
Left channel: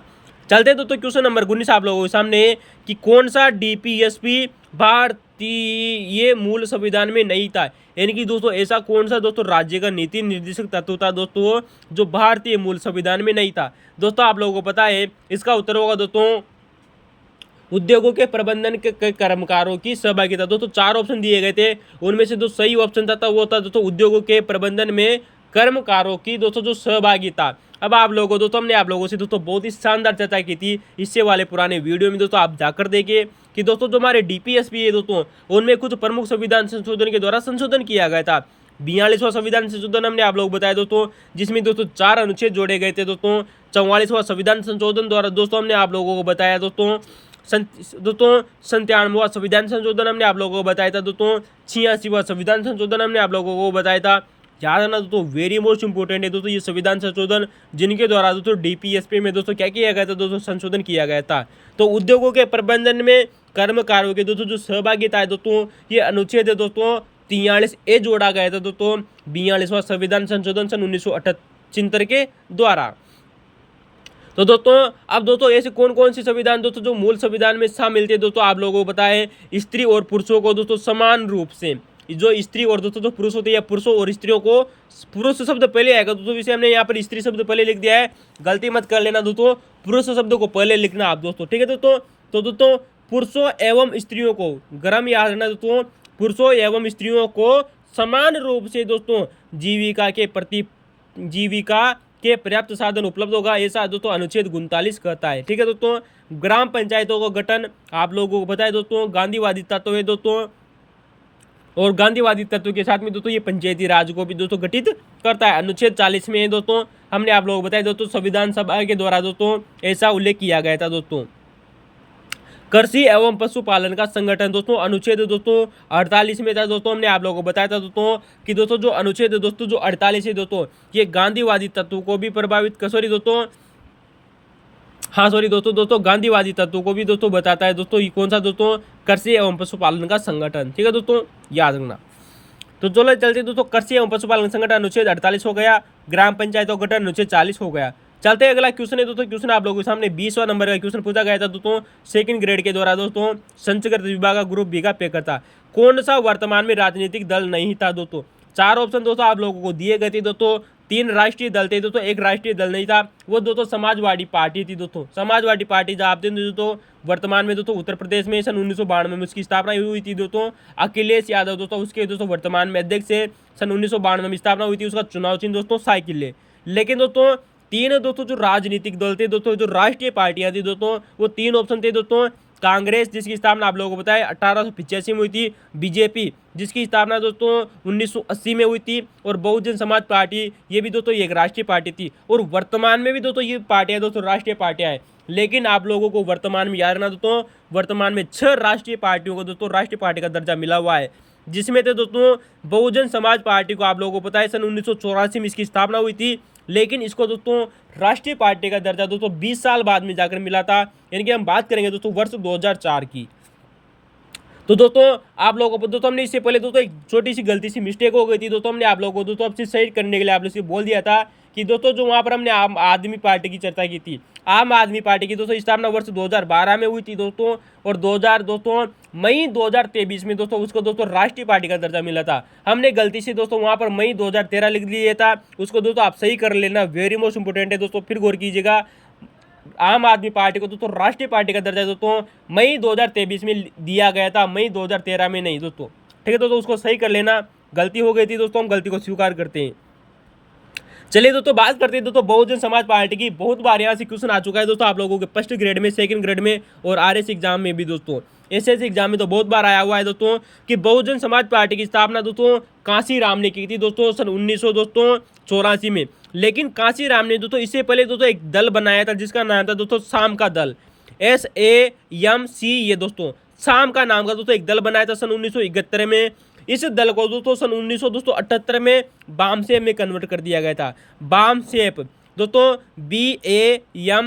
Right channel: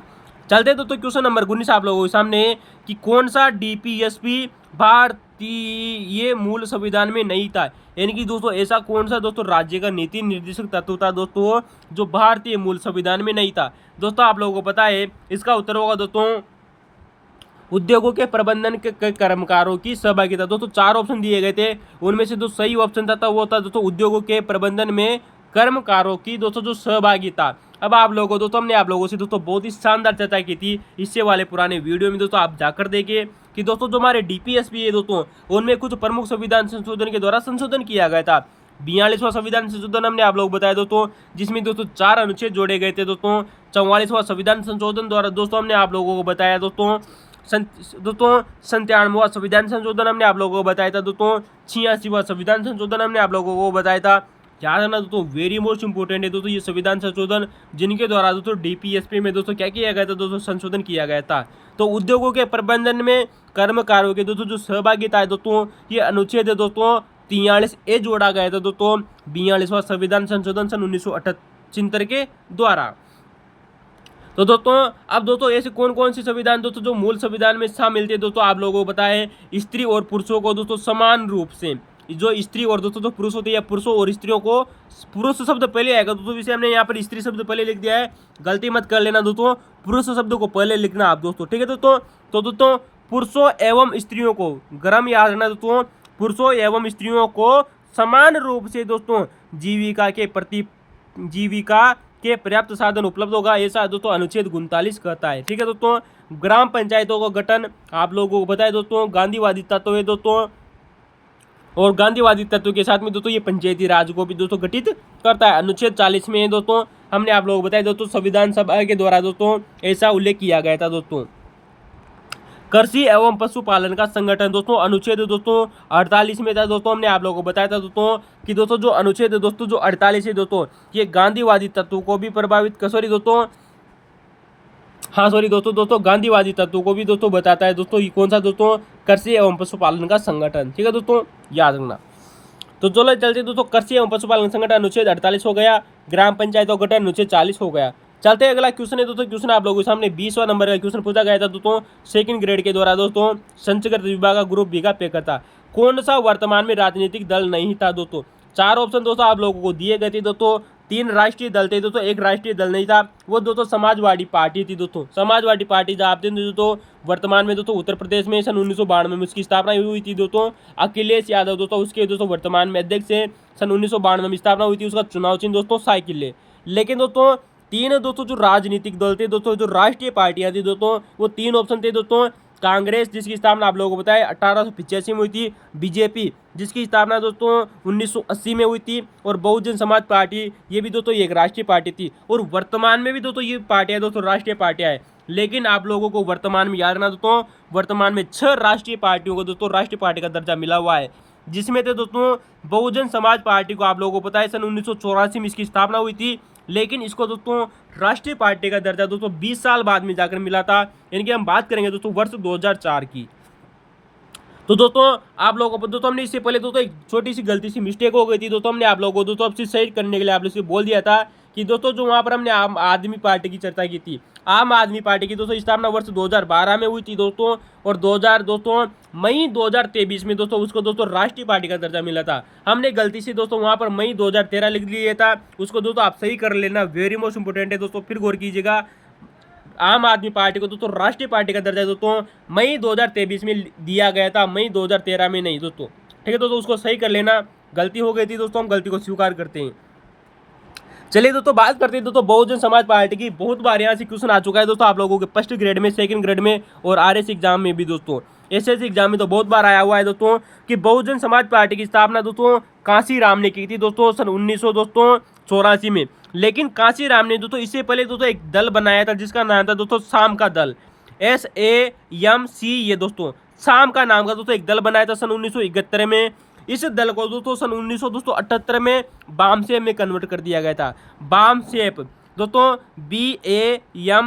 चलते हैं दोस्तों क्वेश्चन नंबर 19 आप लोगों के सामने कि कौन सा डीपीएसपी भारतीय मूल संविधान में नहीं था। यानी कि दोस्तों ऐसा कौन सा दोस्तों राज्य का नीति निर्देशक तत्व था दोस्तों जो भारतीय मूल संविधान में नहीं था। दोस्तों आप लोगों को पता है इसका उत्तर होगा दोस्तों उद्योगों के प्रबंधन के कर्मकारों की सहभागिता। दोस्तों 4 ऑप्शन दिए गए थे, उनमें से जो सही ऑप्शन था वो था दोस्तों उद्योगों के प्रबंधन में कर्मकारों की दोस्तों जो सहभागिता। अब आप लोगों दोस्तों हमने आप लोगों से दोस्तों बहुत ही शानदार चर्चा की थी इससे वाले पुराने वीडियो में दोस्तों, आप जाकर देखिए कि दोस्तों जो हमारे डीपीएसपी है दोस्तों उनमें कुछ प्रमुख संविधान संशोधन के द्वारा संशोधन किया गया था। 42वां संविधान संशोधन हमने आप लोग बताया दोस्तों, जिसमें दोस्तों 4 अनुच्छेद जोड़े गए थे दोस्तों। 44वां संविधान संशोधन द्वारा दोस्तों हमने आप लोगों को बताया दोस्तों 97वां संविधान संशोधन हमने आप लोगों को बताया था दोस्तों। 86वां संविधान संशोधन हमने आप लोगों को बताया था। याद रखना दोस्तों वेरी मोस्ट इंपोर्टेंट है दोस्तों ये संविधान संशोधन, जिनके द्वारा दोस्तों डीपीएसपी में दोस्तों क्या किया गया था दोस्तों संशोधन किया गया था। तो उद्योगों के प्रबंधन में कर्मकारों के दोस्तों जो सहभागिता है दोस्तों ये अनुच्छेद है दोस्तों 43A जोड़ा गया था दोस्तों 42वां संविधान संशोधन सन 1978 के द्वारा। तो दोस्तों अब दोस्तों ऐसे कौन कौन से संविधान दोस्तों जो मूल संविधान में शामिल थे दोस्तों आप लोगों को पता है स्त्री और पुरुषों को दोस्तों समान रूप से, जो स्त्री और दोस्तों जो पुरुष होते हैं या पुरुषों और स्त्रियों को, पुरुष शब्द पहले आएगा दोस्तों, इसे हमने यहाँ पर स्त्री शब्द पहले लिख दिया है, गलती मत कर लेना दोस्तों, पुरुष शब्द को पहले लिखना आप दोस्तों, ठीक है दोस्तों। तो दोस्तों पुरुषों एवं स्त्रियों को, गरम याद रखना दोस्तों, पुरुषों एवं स्त्रियों को समान रूप से दोस्तों जीविका के पर्याप्त साधन उपलब्ध होगा, ऐसा दोस्तों अनुच्छेद 39 कहता है, ठीक है दोस्तों। ग्राम पंचायतों का गठन आप लोगों को बताया दोस्तों गांधीवादी तत्व है दोस्तों, और गांधीवादी तत्व के साथ में दोस्तों ये पंचायती राज को भी दोस्तों गठित करता है। अनुच्छेद 40 में है दोस्तों, हमने आप लोगों को बताया दोस्तों संविधान सभा के द्वारा दोस्तों ऐसा उल्लेख किया गया था दोस्तों। कृषि एवं पशुपालन का संगठन दोस्तों अनुच्छेद दोस्तों 48 में था दोस्तों, हमने आप लोगों को बताया था दोस्तों कि दोस्तों जो अनुच्छेद दोस्तों जो 48 है दोस्तों ये गांधीवादी तत्व को भी प्रभावित दोस्तों गांधीवादी तत्व को भी दोस्तों बताता है दोस्तों। ये कौन सा दोस्तों कृषि एवं पशुपालन का संगठन, ठीक है दोस्तों याद रखना। तो चलो चलते दोस्तों कृषि एवं पशुपालन संगठन अनुच्छेद 48 हो गया, ग्राम पंचायतों का गठन अनुच्छेद 40 हो गया। चलते अगला क्वेश्चन है दोस्तों, क्वेश्चन आप लोगों के सामने 20वां नंबर का क्वेश्चन पूछा गया था दोस्तों सेकंड ग्रेड के द्वारा दोस्तों, संचकृत विभाग का ग्रुप बी का पेपर था। कौन सा वर्तमान में राजनीतिक दल नहीं था दोस्तों। 4 ऑप्शन दोस्तों आप लोगों को दिए गए थे दोस्तों, 3 राष्ट्रीय दल थे दोस्तों, 1 राष्ट्रीय दल नहीं था, वो दोस्तों समाजवादी पार्टी थी दोस्तों। समाजवादी पार्टी जब थे दोस्तों वर्तमान में दोस्तों उत्तर प्रदेश में सन 1992 में उसकी स्थापना हुई थी दोस्तों। अखिलेश यादव दोस्तों उसके दोस्तों वर्तमान में अध्यक्ष है, सन 1992 में स्थापना हुई थी, उसका चुनाव चिन्ह दोस्तों साइकिल है। लेकिन दोस्तों 3 दोस्तों जो राजनीतिक दल थे दोस्तों, जो राष्ट्रीय पार्टियां थी दोस्तों, वो 3 ऑप्शन थे दोस्तों। कांग्रेस जिसकी स्थापना आप लोगों को बताया 1885 में हुई थी, बीजेपी जिसकी स्थापना दोस्तों 1980 में हुई थी, और बहुजन समाज पार्टी ये भी दोस्तों एक राष्ट्रीय पार्टी थी, और वर्तमान में भी दोस्तों ये पार्टियां दोस्तों राष्ट्रीय पार्टियां हैं। लेकिन आप लोगों को वर्तमान में याद रखना दोस्तों, वर्तमान में 6 राष्ट्रीय पार्टियों को दोस्तों राष्ट्रीय पार्टी का दर्जा मिला हुआ है, जिसमें थे दोस्तों बहुजन समाज पार्टी को आप लोगों को पता है सन 1984 में इसकी स्थापना हुई थी, लेकिन इसको दोस्तों राष्ट्रीय पार्टी का दर्जा दोस्तों 20 साल बाद में जाकर मिला था। यानी कि हम बात करेंगे दोस्तों वर्ष 2004 की। तो दोस्तों आप लोगों को दोस्तों हमने इससे पहले दोस्तों एक छोटी सी गलती सी मिस्टेक हो गई थी दोस्तों, हमने आप लोगों को दोस्तों अब से सही करने के लिए आप लोग से बोल दिया था कि दोस्तों जो वहाँ पर हमने आम आदमी पार्टी की चर्चा की थी, आम आदमी पार्टी की दोस्तों स्थापना वर्ष 2012 में हुई थी दोस्तों, और मई 2023 में दोस्तों उसको दोस्तों राष्ट्रीय पार्टी का दर्जा मिला था। हमने गलती से दोस्तों वहाँ पर मई 2013 लिख दिया था, उसको दोस्तों आप सही कर लेना, वेरी मोस्ट इंपोर्टेंट है दोस्तों, फिर गौर कीजिएगा। आम आदमी पार्टी को दोस्तों राष्ट्रीय पार्टी का दर्जा दोस्तों मई 2023 में दिया गया था, मई 2013 में नहीं दोस्तों, ठीक है दोस्तों, उसको सही कर लेना, गलती हो गई थी दोस्तों, हम गलती को स्वीकार करते हैं। चलिए दोस्तों बात करते हैं दोस्तों बहुजन समाज पार्टी की। बहुत बार यहाँ से क्वेश्चन आ चुका है दोस्तों आप लोगों के फर्स्ट ग्रेड में, सेकंड ग्रेड में और आरएस एग्जाम में भी दोस्तों, एसएससी एग्जाम में तो बहुत बार आया हुआ है दोस्तों कि बहुजन समाज पार्टी की स्थापना दोस्तों कांशीराम ने की थी दोस्तों सन 1984 में। लेकिन कांशीराम ने दोस्तों इससे पहले दोस्तों एक दल बनाया था जिसका नाम था दोस्तों शाम का दल, SAMC। ये दोस्तों शाम का नाम का दोस्तों एक दल बनाया था सन 1971 में। इस दल को दोस्तों सन 1978 में बामसेप में कन्वर्ट कर दिया गया था। बामसेप दोस्तों BAMCEF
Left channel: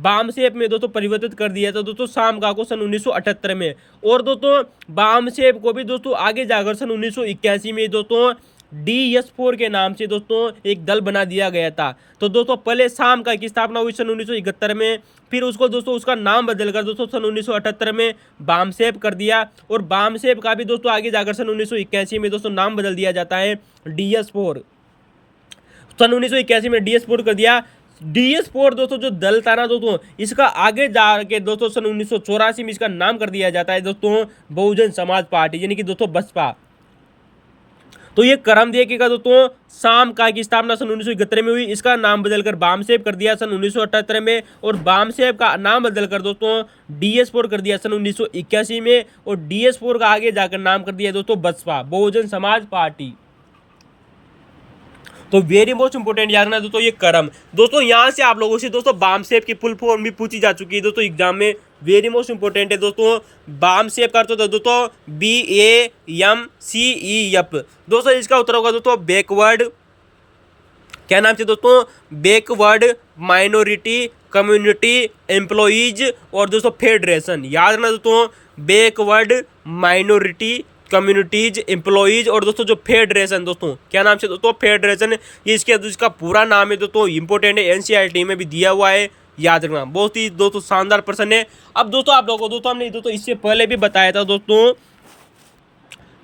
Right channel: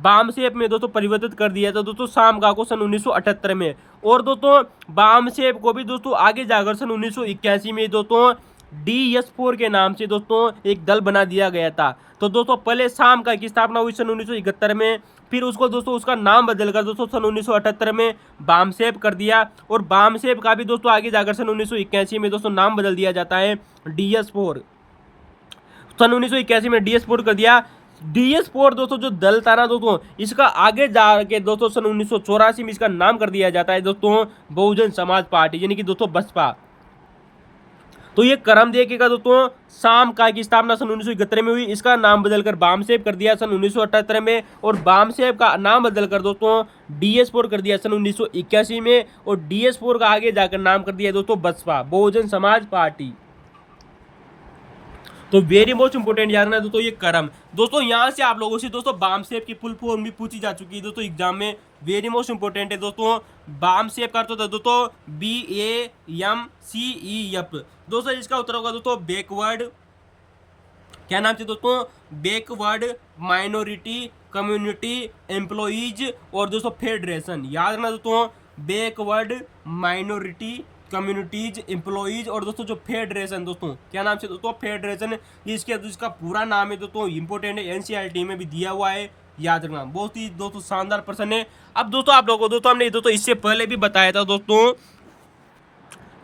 बामसेप में दोस्तों परिवर्तित कर दिया था दोस्तों शामगा को सन 1978 में। और दोस्तों बामसेप को भी दोस्तों आगे जाकर सन 1981 में दोस्तों DS4 के नाम से दोस्तों एक दल बना दिया गया था। तो दोस्तों पहले शामगा की स्थापना हुई सन 1971 में, फिर उसको दोस्तों उसका नाम बदलकर दोस्तों सन 1978 में बामसेप कर दिया। और बामसेप का भी दोस्तों आगे जाकर सन 1981 में दोस्तों नाम बदल दिया जाता है DS4। सन 1981 में DS4 कर दिया। DS4 दोस्तों जो दल था ना दोस्तों, इसका आगे जाके दोस्तों सन 1984 में इसका नाम कर दिया जाता है दोस्तों बहुजन समाज पार्टी, यानी कि दोस्तों बसपा। तो ये क्रम देखिएगा दोस्तों, शामगा की स्थापना सन 1971 में हुई, इसका नाम बदलकर बामसेप कर दिया सन 1978 में। और बामसेप का नाम बदलकर दोस्तों DS4 कर दिया सन 1981 में। और DS4 का आगे जाकर नाम कर दिया दोस्तों बसपा, बहुजन समाज पार्टी। तो वेरी मोस्ट इंपोर्टेंट याद रखना दोस्तों ये क्रम। दोस्तों यहाँ से आप लोगों से दोस्तों बामसेप की फुल फॉर्म भी पूछी जा चुकी है दोस्तों एग्जाम में, वेरी मोस्ट इंपोर्टेंट है दोस्तों। बामसेप का अर्थ होता है दोस्तों BAMCEF। दोस्तों इसका उत्तर होगा दोस्तों बैकवर्ड, क्या नाम से दोस्तों, बैकवर्ड माइनॉरिटी कम्युनिटी एम्प्लॉइज और दोस्तों फेडरेशन। याद रखना दोस्तों बैकवर्ड माइनॉरिटी कम्युनिटीज एम्प्लॉइज और दोस्तों जो फेडरेशन, दोस्तों क्या नाम से दोस्तों फेडरेशन। ये इसका पूरा नाम है दोस्तों, इंपॉर्टेंट है, NCERT में भी दिया हुआ है, याद रखना। बहुत ही दोस्तों शानदार प्रश्न है। अब दोस्तों आप लोगों को दोस्तों हमने दोस्तों इससे पहले भी बताया था दोस्तों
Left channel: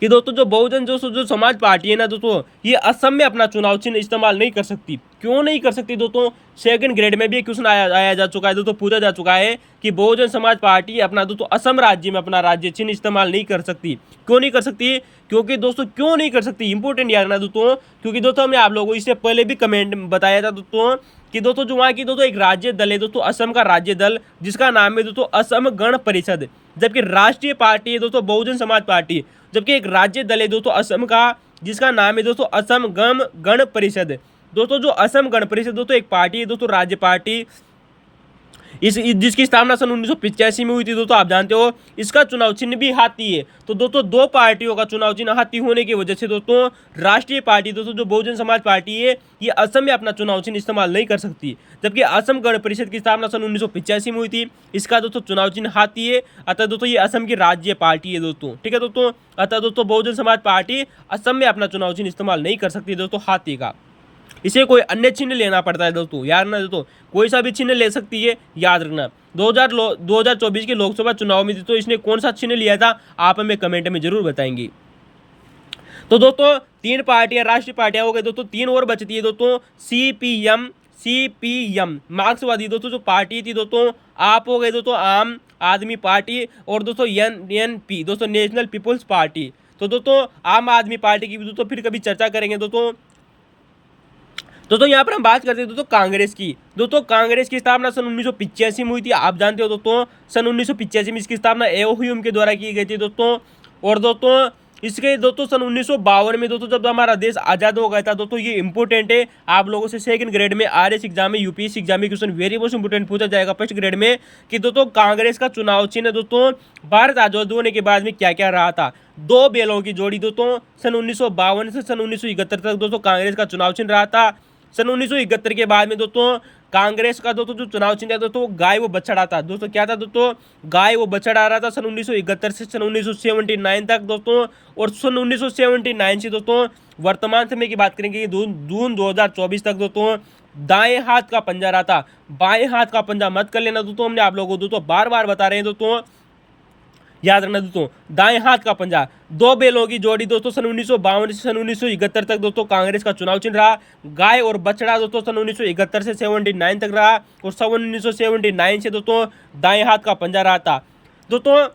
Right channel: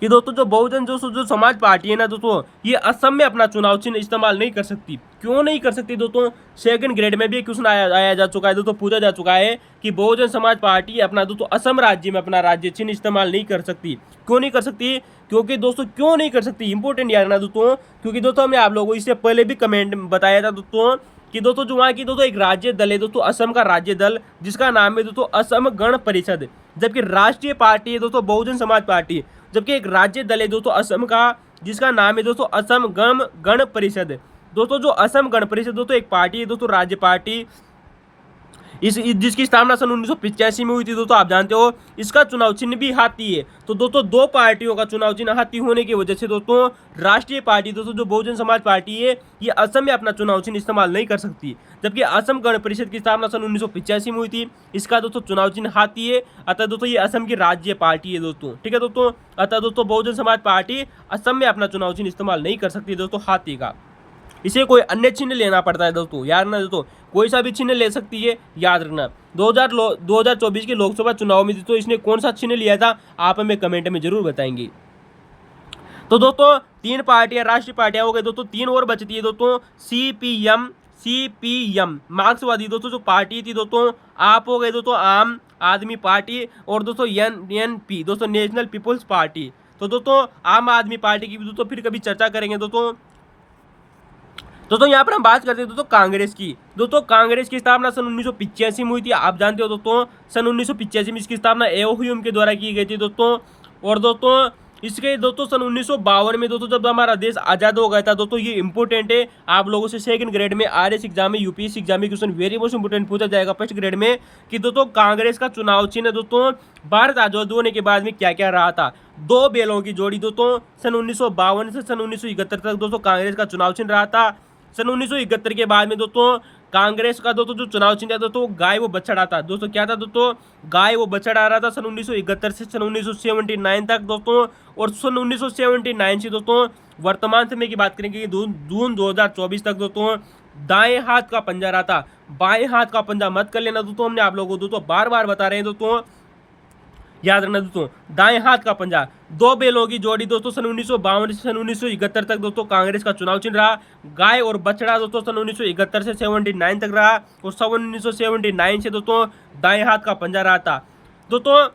कि दोस्तों जो बहुजन जो समाज पार्टी है ना दोस्तों, ये असम में अपना चुनाव चिन्ह इस्तेमाल नहीं कर सकती। क्यों नहीं कर सकती दोस्तों, सेकंड ग्रेड में भी क्वेश्चन आया जा चुका है दोस्तों, पूछा जा चुका है कि बहुजन समाज पार्टी अपना दोस्तों असम राज्य में अपना राज्य चिन्ह इस्तेमाल नहीं कर सकती। क्यों नहीं कर सकती, क्योंकि दोस्तों क्यों नहीं कर सकती, इंपॉर्टेंट याद रखना दोस्तों, क्योंकि दोस्तों हमने आप लोगों को इससे पहले भी कमेंट बताया था दोस्तों कि दोस्तों जो वहाँ की दोस्तों एक राज्य दल है दोस्तों, असम का राज्य दल, जिसका नाम है दोस्तों असम गण परिषद। जबकि राष्ट्रीय पार्टी है दोस्तों बहुजन समाज पार्टी, जबकि एक राज्य दल है दोस्तों असम का, जिसका नाम है दोस्तों असम गण परिषद। दोस्तों जो असम गण परिषद दोस्तों एक पार्टी है दोस्तों, राज्य पार्टी, जिसकी स्थापना सन 1985 में हुई थी दोस्तों, आप जानते हो। इसका चुनाव चिन्ह भी हाथी है। तो दोस्तों दो पार्टियों का चुनाव चिन्ह हाथी होने की वजह से दोस्तों राष्ट्रीय पार्टी दोस्तों जो बहुजन समाज पार्टी है, ये असम में अपना चुनाव चिन्ह इस्तेमाल नहीं कर सकती। जबकि असम गण परिषद की स्थापना सन 1985 में हुई थी, इसका दोस्तों चुनाव चिन्ह हाथी है। अतः दोस्तों ये असम की राज्य पार्टी है दोस्तों, ठीक है दोस्तों। अतः दोस्तों बहुजन समाज पार्टी असम में अपना चुनाव चिन्ह इस्तेमाल नहीं कर सकती दोस्तों हाथी का। इसे कोई अन्य चिन्ह लेना पड़ता है दोस्तों, याद रखना दोस्तों, कोई सा भी चिन्ह ले सकती है, याद रखना। 2024 के लोकसभा चुनाव में तो इसने कौन सा चिन्ह लिया था, आप हमें कमेंट में जरूर बताएंगे। तो दोस्तों 3 पार्टियां राष्ट्रीय पार्टियां हो गई दोस्तों, 3 और बचती है दोस्तों, CPM मार्क्सवादी दोस्तों जो पार्टी थी दोस्तों, आप हो गए दोस्तों आम आदमी पार्टी, और दोस्तों NNP दोस्तों नेशनल पीपुल्स पार्टी। तो दोस्तों आम आदमी पार्टी की दोस्तों फिर कभी चर्चा करेंगे दोस्तों। यहाँ पर हम बात करते हैं दोस्तों कांग्रेस की। दोस्तों कांग्रेस की स्थापना सन 1985 में हुई थी, आप जानते हो दोस्तों। सन 1985 में इसकी स्थापना एओह्यूम के द्वारा की गई थी दोस्तों। और दोस्तों इसके दोस्तों सन 1952 में दोस्तों जब हमारा देश आज़ाद हो गया था दोस्तों, ये इंपॉर्टेंट है आप लोगों से सेकंड ग्रेड में RS एग्जाम में UPSC एग्जाम में क्वेश्चन वेरी मोस्ट इंपॉर्टेंट पूछा जाएगा फर्स्ट ग्रेड में, कि दोस्तों कांग्रेस का चुनाव चिन्ह दोस्तों भारत आज़ाद होने के बाद में क्या क्या रहा था। 2 बैलों की जोड़ी दोस्तों, सन 1952 से सन 1971 तक दोस्तों कांग्रेस का चुनाव चिन्ह रहा था। सन 1971 के बाद में दोस्तों कांग्रेस का दोस्तों जो चुनाव चिन्ह था दोस्तों गाय वो बछड़ा था दोस्तों, क्या था दोस्तों, गाय वो बछड़ा आ रहा था सन 1971 से सन 1979 तक दोस्तों। और सन 1979 से दोस्तों वर्तमान समय की बात करेंगे जून 2024 तक दोस्तों दाएं हाथ का पंजा रहा था, बाएं हाथ का पंजा मत कर लेना दोस्तों, हमने आप लोगों को दोस्तों बार बार बता रहे हैं दोस्तों, याद रखना दोस्तों दाएं हाथ का पंजा। 2 बैलों की जोड़ी दोस्तों सन 1952 से सन 1971 तक दोस्तों कांग्रेस का चुनाव चिन्ह रहा। गाय और बछड़ा दोस्तों सन 1971 से 79 तक रहा, और सन 1979 से दोस्तों दाएं हाथ का पंजा रहा था दोस्तों।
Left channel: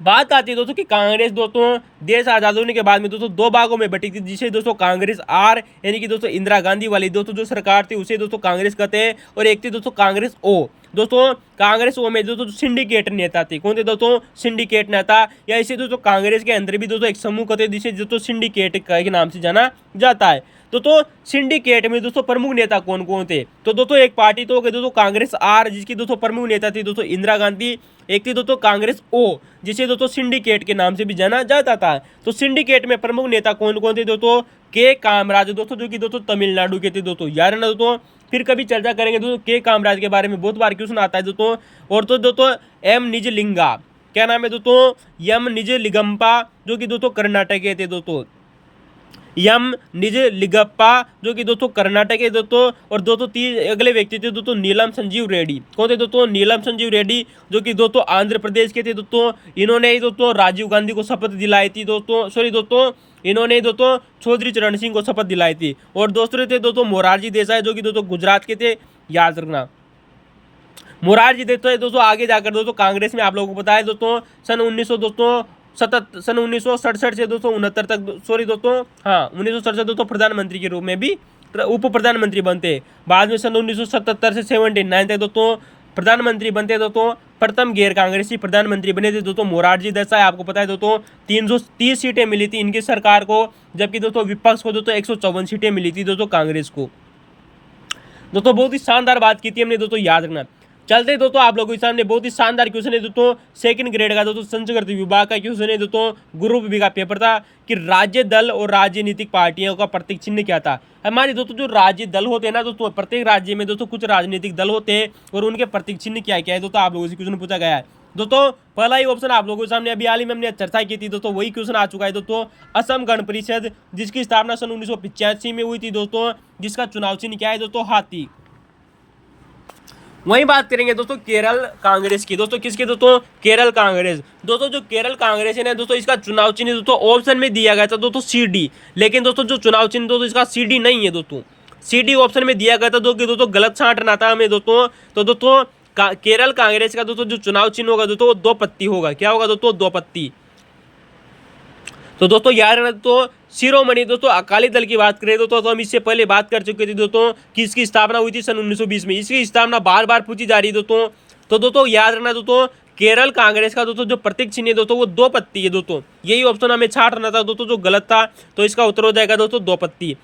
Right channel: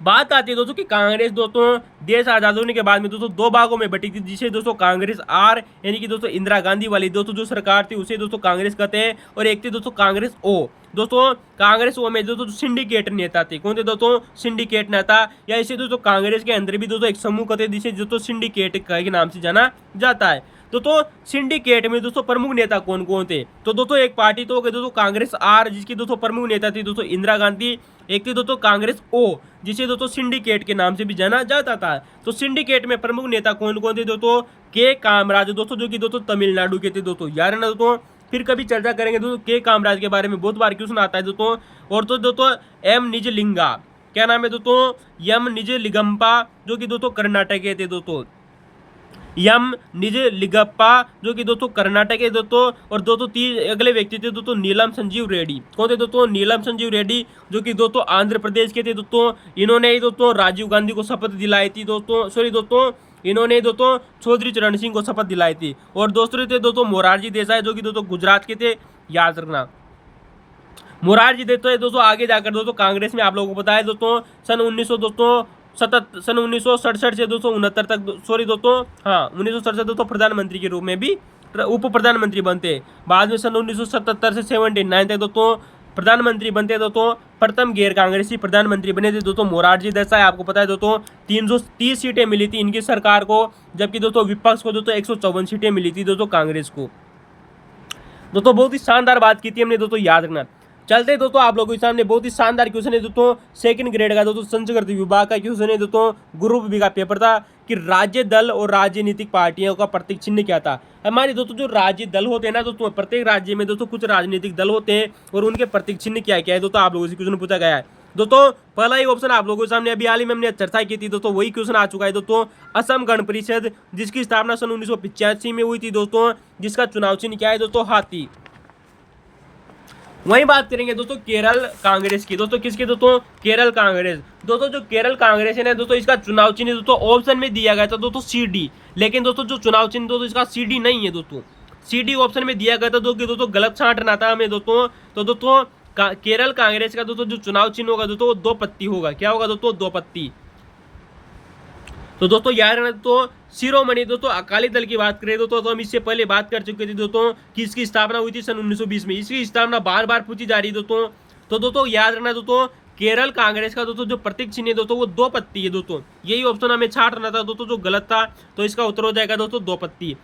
बात आती है दोस्तों कि कांग्रेस दोस्तों देश आजाद होने के बाद में दोस्तों दो भागों में बटी थी, जिसे दोस्तों कांग्रेस आर यानी कि दोस्तों इंदिरा गांधी वाली दोस्तों जो सरकार थी उसे दोस्तों कांग्रेस कहते हैं, और एक थी दोस्तों कांग्रेस ओ। दोस्तों कांग्रेस ओ में दोस्तों सिंडिकेट नेता थे। कौन थे दोस्तों? सिंडिकेट नेता, या इसे दोस्तों कांग्रेस के अंदर भी दोस्तों एक समूह कहते हैं जिसे दोस्तों सिंडिकेट के नाम से जाना जाता है। दोस्तों सिंडिकेट में दोस्तों प्रमुख नेता कौन कौन थे? तो दोस्तों एक पार्टी तो हो गई दोस्तों कांग्रेस आर, जिसकी दोस्तों प्रमुख नेता थी दोस्तों इंदिरा गांधी। एक थी दोस्तों कांग्रेस ओ, जिसे दोस्तों सिंडिकेट के नाम से भी जाना जाता था। तो सिंडिकेट में प्रमुख नेता कौन कौन थे दोस्तों? के कामराज दोस्तों, जो कि दोस्तों तमिलनाडु के थे दोस्तों, याद है ना दोस्तों। फिर कभी चर्चा करेंगे दोस्तों के कामराज के बारे में, बहुत बार क्वेश्चन आता है दोस्तों। और तो दोस्तों एम निजलिंगा, क्या नाम है दोस्तों? एम निजलिंगप्पा, जो कि दोस्तों कर्नाटक के थे दोस्तों, एम निजलिंगप्पा, जो कि दोस्तों कर्नाटक के दोस्तों। और दोस्तों तीन अगले व्यक्ति थे दोस्तों नीलम संजीव रेड्डी। कौन थे दोस्तों? नीलम संजीव रेड्डी, जो कि दोस्तों आंध्र प्रदेश के थे दोस्तों। इन्होंने ही दोस्तों राजीव गांधी को शपथ दिलाई थी दोस्तों, सॉरी दोस्तों इन्होंने दोस्तों चौधरी चरण सिंह को शपथ दिलाई थी। और दोस्तों थे दोस्तों मोरारजी देसाई, जो कि दोस्तों गुजरात के थे, याद रखना। मोरारजी देसाई दोस्तों आगे जाकर दोस्तों कांग्रेस में आप लोगों को पता है दोस्तों सन 1967 से 269 तक, सॉरी दोस्तों हाँ 1967 दोस्तों प्रधानमंत्री के रूप में भी उप प्रधानमंत्री बनते। बाद में सन 1977 से 79 तक दोस्तों प्रधानमंत्री बनते दोस्तों। प्रथम गैर कांग्रेसी प्रधानमंत्री बने थे दोस्तों मोरारजी देसाई। आपको पता है दोस्तों 330 सीटें मिली थी इनकी सरकार को, जबकि दोस्तों विपक्ष को दोस्तों 154 सीटें मिली थी दोस्तों कांग्रेस को। दोस्तों बहुत ही शानदार बात की थी हमने दोस्तों, याद रखना। चलते दोस्तों आप लोगों के सामने बहुत ही शानदार क्वेश्चन है दोस्तों, सेकंड ग्रेड का दोस्तों संस्कृत विभाग का क्वेश्चन है दोस्तों, ग्रुप बी का पेपर था कि राज्य दल और राजनीतिक पार्टियों का प्रतीक चिन्ह क्या था। हमारे दोस्तों जो राज्य दल होते हैं ना दोस्तों, प्रत्येक राज्य में दोस्तों कुछ राजनीतिक दल होते हैं और उनके प्रतीक चिन्ह क्या क्या है दोस्तों, आप लोगों से क्वेश्चन पूछा गया है दोस्तों। पहला ही ऑप्शन आप लोगों के सामने अभी हाल ही में हमने चर्चा की थी दोस्तों, वही क्वेश्चन आ चुका है दोस्तों। असम गण परिषद, जिसकी स्थापना सन 1985 में हुई थी दोस्तों, जिसका चुनाव चिन्ह क्या है दोस्तों? हाथी। वहीं बात करेंगे दोस्तों केरल कांग्रेस की। दोस्तों किसकी दोस्तों? केरल कांग्रेस। दोस्तों जो केरल कांग्रेस है ना दोस्तों, इसका चुनाव चिन्ह दोस्तों ऑप्शन में दिया गया था दोस्तों CD, लेकिन दोस्तों जो चुनाव चिन्ह दोस्तों इसका CD नहीं है दोस्तों, CD ऑप्शन में दिया गया था दोस्तों गलत छांटना था हमें दोस्तों। तो दोस्तों केरल कांग्रेस का दोस्तों जो चुनाव चिन्ह होगा दोस्तों वो 2 पत्ती होगा। क्या होगा दोस्तों? 2 पत्ती। तो दोस्तों याद रखना दोस्तों शिरोमणि दोस्तों अकाली दल की बात करें दोस्तों, तो हम इससे पहले बात कर चुके थे दोस्तों कि इसकी स्थापना हुई थी सन 1920 में। इसकी स्थापना बार बार पूछी जा रही है दोस्तों। तो दोस्तों याद रखना दोस्तों केरल कांग्रेस का दोस्तों जो प्रतीक चिन्ह है दोस्तों वो 2 पत्ती है दोस्तों। यही ऑप्शन हमें छांटना था दोस्तों जो गलत था, तो इसका उत्तर हो जाएगा दोस्तों 2 पत्ती।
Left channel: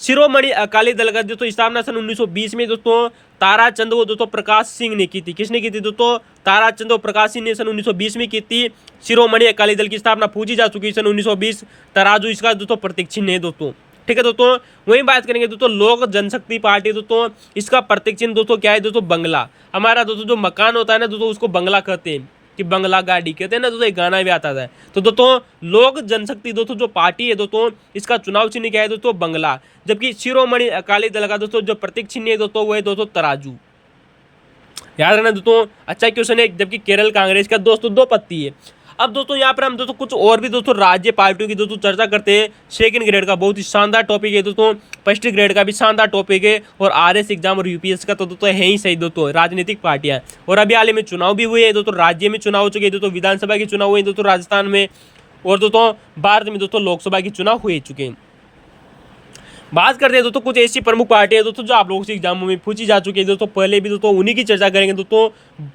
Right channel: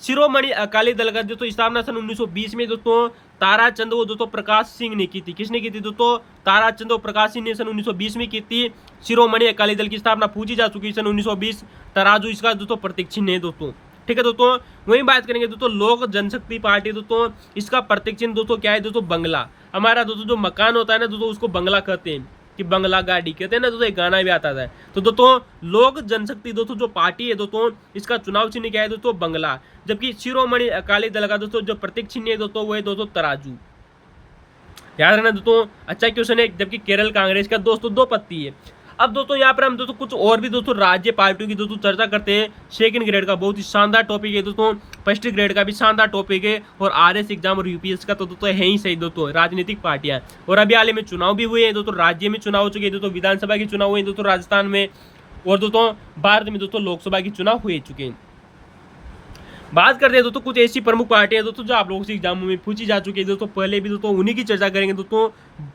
शिरोमणि अकाली दल का दोस्तों स्थापना सन 1920 में दोस्तों ताराचंद वो दोस्तों प्रकाश सिंह ने की थी। किसने की थी दोस्तों? ताराचंद और प्रकाश सिंह ने सन 1920 में की थी। शिरोमणि अकाली दल की स्थापना पूछी जा चुकी है सन 1920। तराजू इसका दोस्तों प्रतीक चिन्ह है दोस्तों, ठीक है दोस्तों। वहीं बात करेंगे दोस्तों लोक जनशक्ति पार्टी दोस्तों, इसका प्रतीक चिन्ह दोस्तों क्या है दोस्तों? बंगला। हमारा दोस्तों जो मकान होता है ना दोस्तों उसको बंगला कहते हैं, कि बंगला गाड़ी कहते हैं ना दोस्तों, एक गाना भी आता था। तो दोस्तों लोक जनशक्ति दोस्तों जो पार्टी है दोस्तों, इसका चुनाव चिन्ह क्या है दोस्तों? बंगला। जबकि शिरोमणि अकाली दल का दोस्तों जो प्रतीक चिन्ह है दोस्तों वो है दोस्तों तराजू। याद रखना दोस्तों, अच्छा क्वेश्चन है। जबकि केरल कांग्रेस का दोस्तों 2 पत्ती है। अब दोस्तों यहाँ पर हम दोस्तों कुछ और भी दोस्तों राज्य पार्टियों की दोस्तों चर्चा करते हैं। सेकंड ग्रेड का बहुत ही शानदार टॉपिक है दोस्तों, फर्स्ट ग्रेड का भी शानदार टॉपिक है, और RS एग्जाम और UPSC का तो दोस्तों है ही सही दोस्तों राजनीतिक पार्टियां। और अभी हाल ही में चुनाव भी हुए हैं दोस्तों, राज्य में चुनाव हो चुके हैं दोस्तों, विधानसभा के चुनाव हुए हैं दोस्तों राजस्थान में, और दोस्तों भारत में दोस्तों लोकसभा के चुनाव हो चुके हैं। बात करते हैं दोस्तों कुछ ऐसी प्रमुख पार्टियां दोस्तों जो आप लोगों से एग्जामों में पूछी जा चुकी है दोस्तों, पहले भी दोस्तों उन्हीं की चर्चा करेंगे दोस्तों।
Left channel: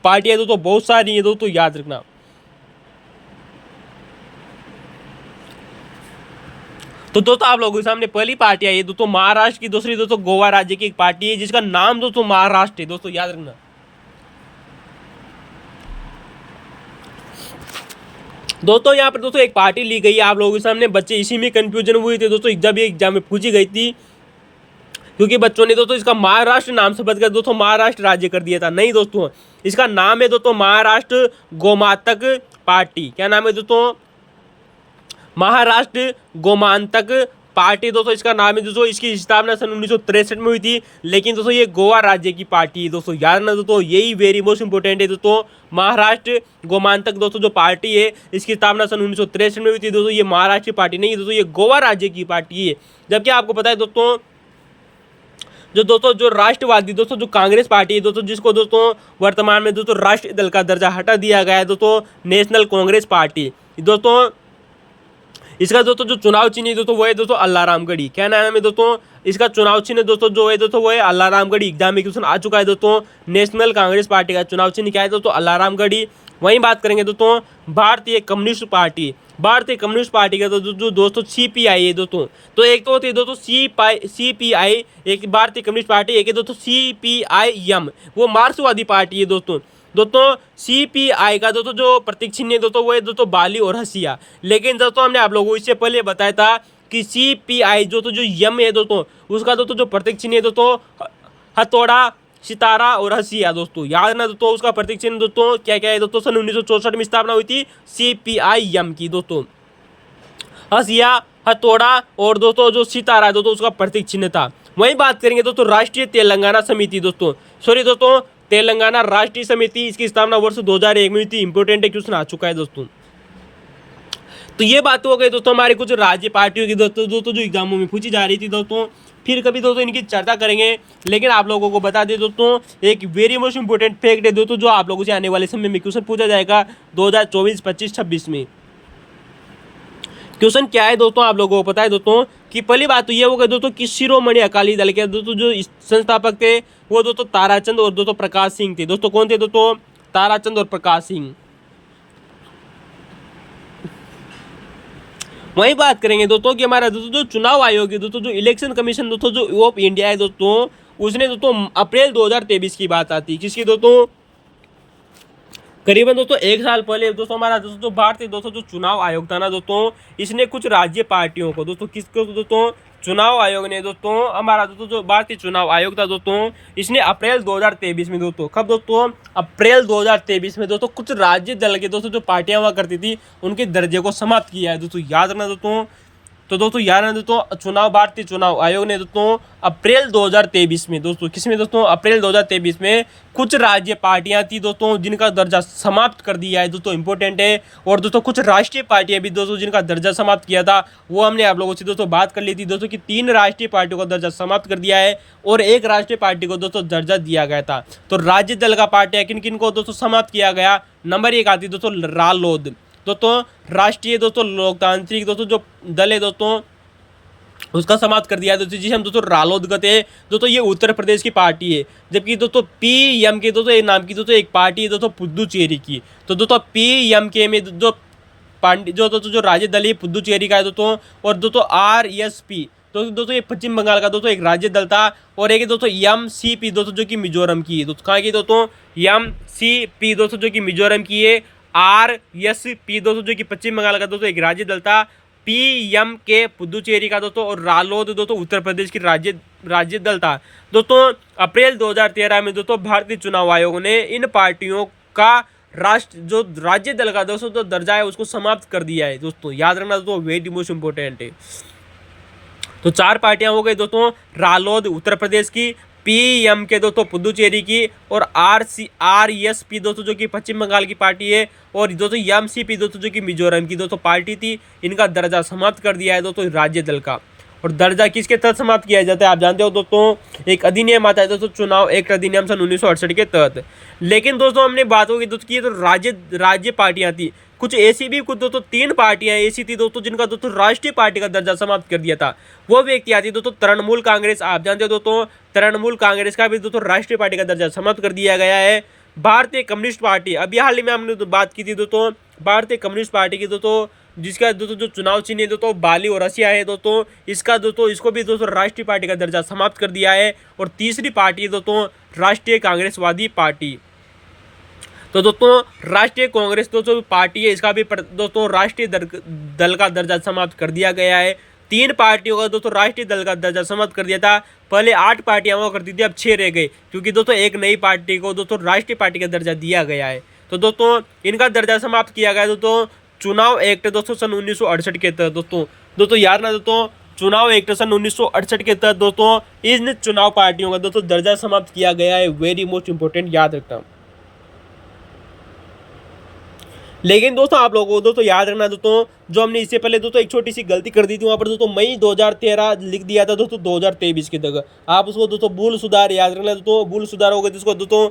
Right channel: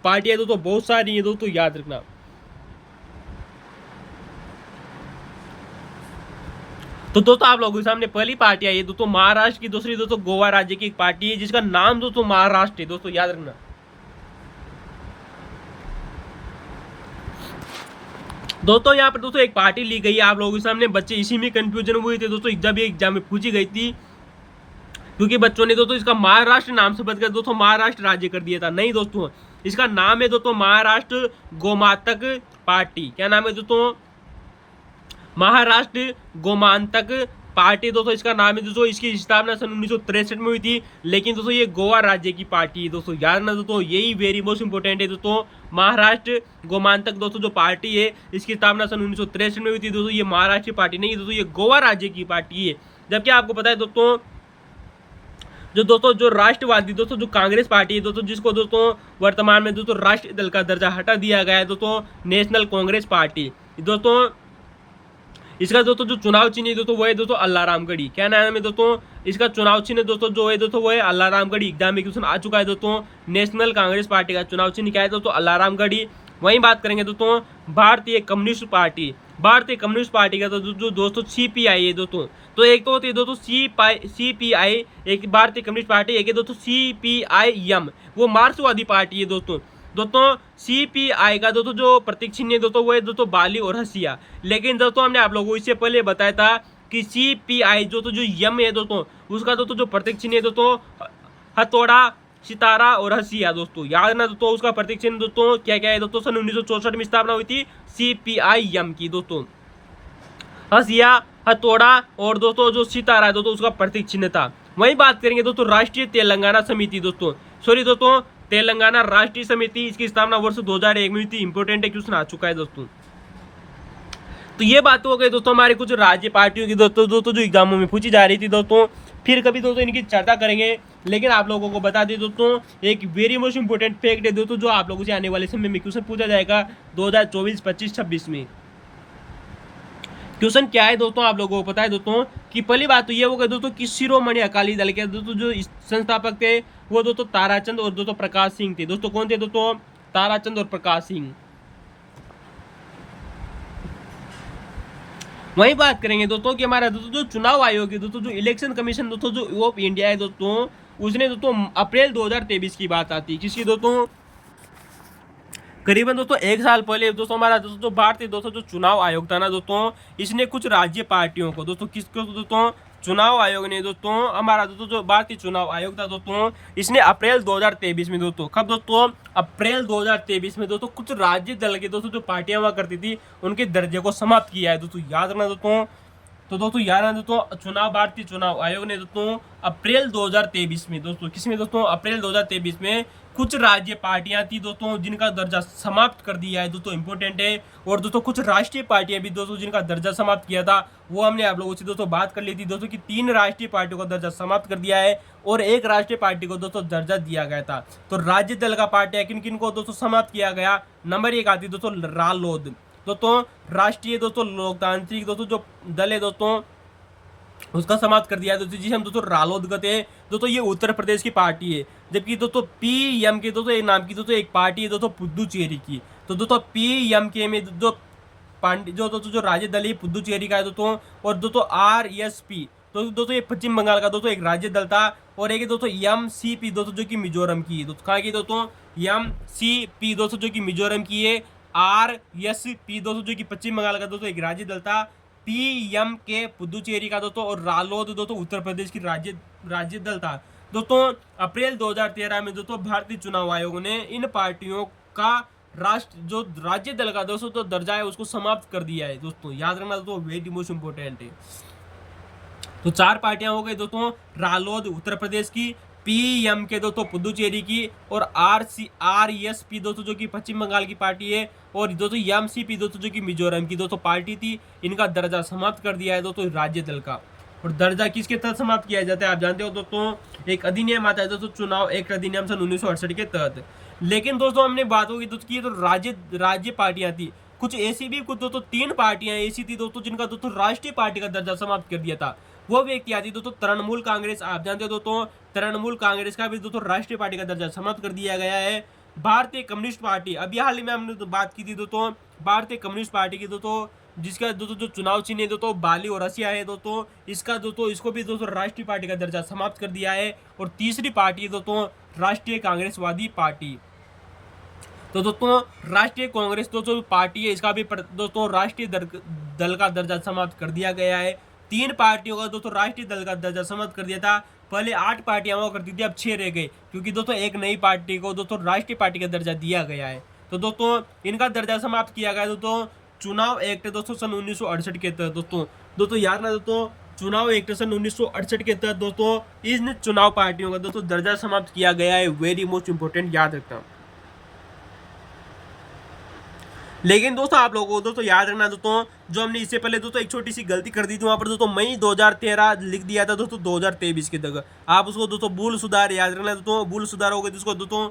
पार्टियां दोस्तों बहुत सारी है दोस्तों, याद रखना। तो दोस्तों आप लोगों के सामने पहली पार्टी आई है दोस्तों महाराष्ट्र की, दूसरी दोस्तों गोवा राज्य की एक पार्टी है जिसका नाम दोस्तों महाराष्ट्र है दोस्तों, याद रखना। दोस्तों यहाँ पर दोस्तों एक पार्टी ली गई है आप लोगों के सामने, बच्चे इसी में कंफ्यूजन हुए थे दोस्तों, जब ये एग्जाम में पूछी गई थी, क्योंकि बच्चों ने दोस्तों इसका महाराष्ट्र नाम से बदल कर दोस्तों महाराष्ट्र राज्य कर दिया था। नहीं दोस्तों, इसका नाम है दोस्तों महाराष्ट्र गोमांतक पार्टी। क्या नाम है दोस्तों? महाराष्ट्र गोमांतक पार्टी दोस्तों इसका नाम है दोस्तों। इसकी स्थापना सन 1963 में हुई थी, लेकिन दोस्तों ये गोवा राज्य की पार्टी है दोस्तों, याद रखना दोस्तों, यही वेरी मोस्ट इंपोर्टेंट है दोस्तों। महाराष्ट्र गोमांतक दोस्तों जो पार्टी है इसकी स्थापना सन 1963 में हुई थी दोस्तों। ये महाराष्ट्र की पार्टी नहीं है दोस्तों, ये गोवा राज्य की पार्टी है। जबकि आपको पता है दोस्तों जो दोस्तों जो राष्ट्रवादी दोस्तों जो कांग्रेस पार्टी है दोस्तों, जिसको दोस्तों वर्तमान में दोस्तों राष्ट्रीय दल का दर्जा हटा दिया गया है दोस्तों, नेशनल कांग्रेस पार्टी दोस्तों। इसका दोस्तों जो चुनाव चिन्ह है दोस्तों वो है दोस्तों अल्लाराम गढ़ी। क्या नाम है दोस्तों इसका चुनाव चिन्ह दोस्तों जो है दोस्तों वो है अल्लाराम गढ़ी। एग्जाम में क्वेश्चन आ चुका है दोस्तों। नेशनल कांग्रेस पार्टी का चुनाव चिन्ह क्या है दोस्तों अल्लाराम गढ़ी। वहीं बात करेंगे दोस्तों भारतीय कम्युनिस्ट पार्टी। भारतीय कम्युनिस्ट पार्टी का जो दोस्तों CPI है दोस्तों, तो एक तो होती है दोस्तों CPI एक भारतीय कम्युनिस्ट पार्टी, एक है दोस्तों CPIM वो मार्क्सवादी पार्टी है दोस्तों। दोस्तों CPI का दोस्तों जो प्रतीक चिन्ह है दोस्तों वो है दोस्तों बाली और हसिया। लेकिन दोस्तों हमने आप लोगों को इससे पहले बताया था कि CPI जो यम है दोस्तों उसका दोस्तों जो प्रतीक चिन्ह है दोस्तों हथौड़ा, सितारा और हसिया दोस्तों। याद ना दोस्तों उसका प्रतीक चिन्ह दोस्तों क्या क्या है दोस्तों। सन 1964 में स्थापना हुई थी CPIM की दोस्तों। हसिया, हथौड़ा और दोस्तों जो सितारा दोस्तों उसका प्रतीक चिन्ह था। वहीं बात करेंगे दोस्तों राष्ट्रीय तेलंगाना समिति दोस्तों, सॉरी दोस्तों तेलंगाना राष्ट्रीय समिति, इसकी स्थापना वर्ष 2001 में हुई थी। इंपोर्टेंट है, क्वेश्चन आ चुका है दोस्तों। तो ये बात हो गई दोस्तों हमारी कुछ राज्य पार्टियों की दोस्तों जो एग्जामों में पूछी जा रही थी दोस्तों। फिर कभी दोस्तों इनकी चर्चा करेंगे। लेकिन आप लोगों को बता दें दोस्तों एक वेरी मोस्ट इंपोर्टेंट फैक्ट है दोस्तों जो आप लोगों से आने वाले समय में क्वेश्चन पूछा जाएगा 2024, 25, 26 में। क्वेश्चन क्या है दोस्तों आप लोगों को पता है दोस्तों कि पहली बात तो ये होगा दोस्तों कि शिरोमणि अकाली दल के दोस्तों जो संस्थापक थे वो दोस्तों ताराचंद और दोस्तों प्रकाश सिंह थे दोस्तों। कौन थे दोस्तों? ताराचंद और प्रकाश सिंह। वही बात करेंगे दोस्तों कि हमारा दोस्तों जो चुनाव आयोग है दोस्तों, जो इलेक्शन कमीशन दोस्तों जो ऑफ इंडिया है दोस्तों, उसने दोस्तों अप्रैल 2023 की बात आती है किसकी दोस्तों, करीबन दोस्तों 1 साल पहले दोस्तों हमारा दोस्तों भारतीय दोस्तों जो चुनाव आयोग था ना दोस्तों, इसने कुछ राज्य पार्टियों को दोस्तों किसको दोस्तों चुनाव आयोग ने दोस्तों हमारा दोस्तों जो भारतीय चुनाव आयोग था दोस्तों, इसने अप्रैल 2023 में दोस्तों, कब दोस्तों अप्रैल 2023 में दोस्तों कुछ राज्य दल के दोस्तों जो पार्टियां हुआ करती थी उनके दर्जे को समाप्त किया है दोस्तों। याद रखना दोस्तों। तो दोस्तों याद रखना दोस्तों चुनाव भारतीय चुनाव आयोग ने दोस्तों अप्रैल 2023 में दोस्तों किसमें दोस्तों अप्रैल 2023 में कुछ राज्य पार्टियां थी दोस्तों जिनका दर्जा समाप्त कर दिया है दोस्तों। इंपॉर्टेंट है। और दोस्तों कुछ राष्ट्रीय पार्टियां भी दोस्तों जिनका दर्जा समाप्त किया था वो हमने आप लोगों से दोस्तों बात कर ली थी दोस्तों कि 3 राष्ट्रीय पार्टियों का दर्जा समाप्त कर दिया है और 1 राष्ट्रीय पार्टी को दोस्तों दर्जा दिया गया था। तो राज्य दल का पार्टियां किन किन को दोस्तों समाप्त किया गया, नंबर 1 आती दोस्तों रालोद दोस्तों, राष्ट्रीय दोस्तों लोकतांत्रिक दोस्तों जो दल है दोस्तों उसका समाप्त कर दिया है दोस्तों, जिसे हम दोस्तों रालोद कहते हैं दोस्तों। ये उत्तर प्रदेश की पार्टी है। जबकि दोस्तों PMK के दोस्तों एक नाम की दोस्तों एक पार्टी है दोस्तों पुद्दुचेरी की। तो दोस्तों PMK में जो दोस्तों जो राज्य दल है पुद्दुचेरी का है दोस्तों। और दोस्तों RSP दोस्तों ये पश्चिम बंगाल का दोस्तों एक राज्य दल था। और एक दोस्तों MCP दोस्तों जो कि मिजोरम की है दोस्तों। कहाँ की दोस्तों MCP दोस्तों जो कि मिजोरम की है। RSP दोस्तों जो कि पश्चिम बंगाल का दोस्तों एक राज्य दल था। PMK पुद्दुचेरी का दोस्तों और रालोद दोस्तों उत्तर प्रदेश की राज्य दल था दोस्तों। अप्रैल 2013 में दोस्तों भारतीय चुनाव आयोग ने इन पार्टियों का राज्य दल का दोस्तों जो दर्जा है उसको समाप्त कर दिया है दोस्तों। याद रखना दोस्तों वेरी मोस्ट इंपोर्टेंट है। तो 4 पार्टियां हो गई दोस्तों, रालोद उत्तर प्रदेश की, PMK दोस्तों पुद्दुचेरी की और RSP दोस्तों जो कि पश्चिम बंगाल की पार्टी है और दोस्तों MCP दोस्तों जो कि मिजोरम की दोस्तों पार्टी थी। इनका दर्जा समाप्त कर दिया है दोस्तों राज्य दल का। और दर्जा किसके तहत समाप्त किया जाता है आप जानते हो दोस्तों, एक अधिनियम आता है दोस्तों चुनाव एक्ट अधिनियम सन 1968 के तहत। लेकिन दोस्तों हमने बात होगी दोस्तों की तो राज्य पार्टियां थी, कुछ ऐसी भी कुछ दोस्तों 3 पार्टियां ऐसी थी दोस्तों जिनका दोस्तों राष्ट्रीय पार्टी का दर्जा समाप्त कर दिया था। वो व्यक्ति आती दोस्तों तृणमूल कांग्रेस। आप जानते हो दोस्तों तृणमूल कांग्रेस का भी दोस्तों राष्ट्रीय पार्टी का दर्जा समाप्त कर दिया गया है। भारतीय कम्युनिस्ट पार्टी, अभी हाल ही में हमने तो बात की थी दोस्तों भारतीय कम्युनिस्ट पार्टी की दोस्तों, जिसका दोस्तों जो चुनाव चिन्ह है दोस्तों बाली और हसिया है दोस्तों। इसका दोस्तों इसको भी दोस्तों राष्ट्रीय पार्टी का दर्जा समाप्त कर दिया है। और तीसरी पार्टी है दोस्तों राष्ट्रीय कांग्रेसवादी पार्टी। तो दोस्तों राष्ट्रीय कांग्रेस दोस्तों पार्टी है, इसका भी दोस्तों राष्ट्रीय दल का दर्जा समाप्त कर दिया गया है। 3 पार्टियों का दोस्तों राष्ट्रीय दल का दर्जा समाप्त कर दिया था। पहले 8 पार्टियां हुआ करती थी, अब 6 रह गई क्योंकि दोस्तों एक नई पार्टी को दोस्तों राष्ट्रीय पार्टी का दर्जा दिया गया है। तो दोस्तों इनका दर्जा समाप्त किया गया दोस्तों चुनाव एक्ट दोस्तों सन 1968 के तहत दोस्तों याद ना दोस्तों चुनाव एक्ट सन 1968 के तहत दोस्तों इन चुनाव पार्टियों का दोस्तों दर्जा समाप्त किया गया है। वेरी मोस्ट इंपोर्टेंट, याद रखना। लेकिन दोस्तों आप लोगों को दोस्तों याद रखना दोस्तों, जो हमने इससे पहले दोस्तों एक छोटी सी गलती कर दी थी, वहाँ पर दोस्तों मई 2013 लिख दिया था दोस्तों 2023 की जगह। आप उसको दोस्तों भूल सुधार याद रखना दोस्तों, भूल सुधार होगा जिसको दोस्तों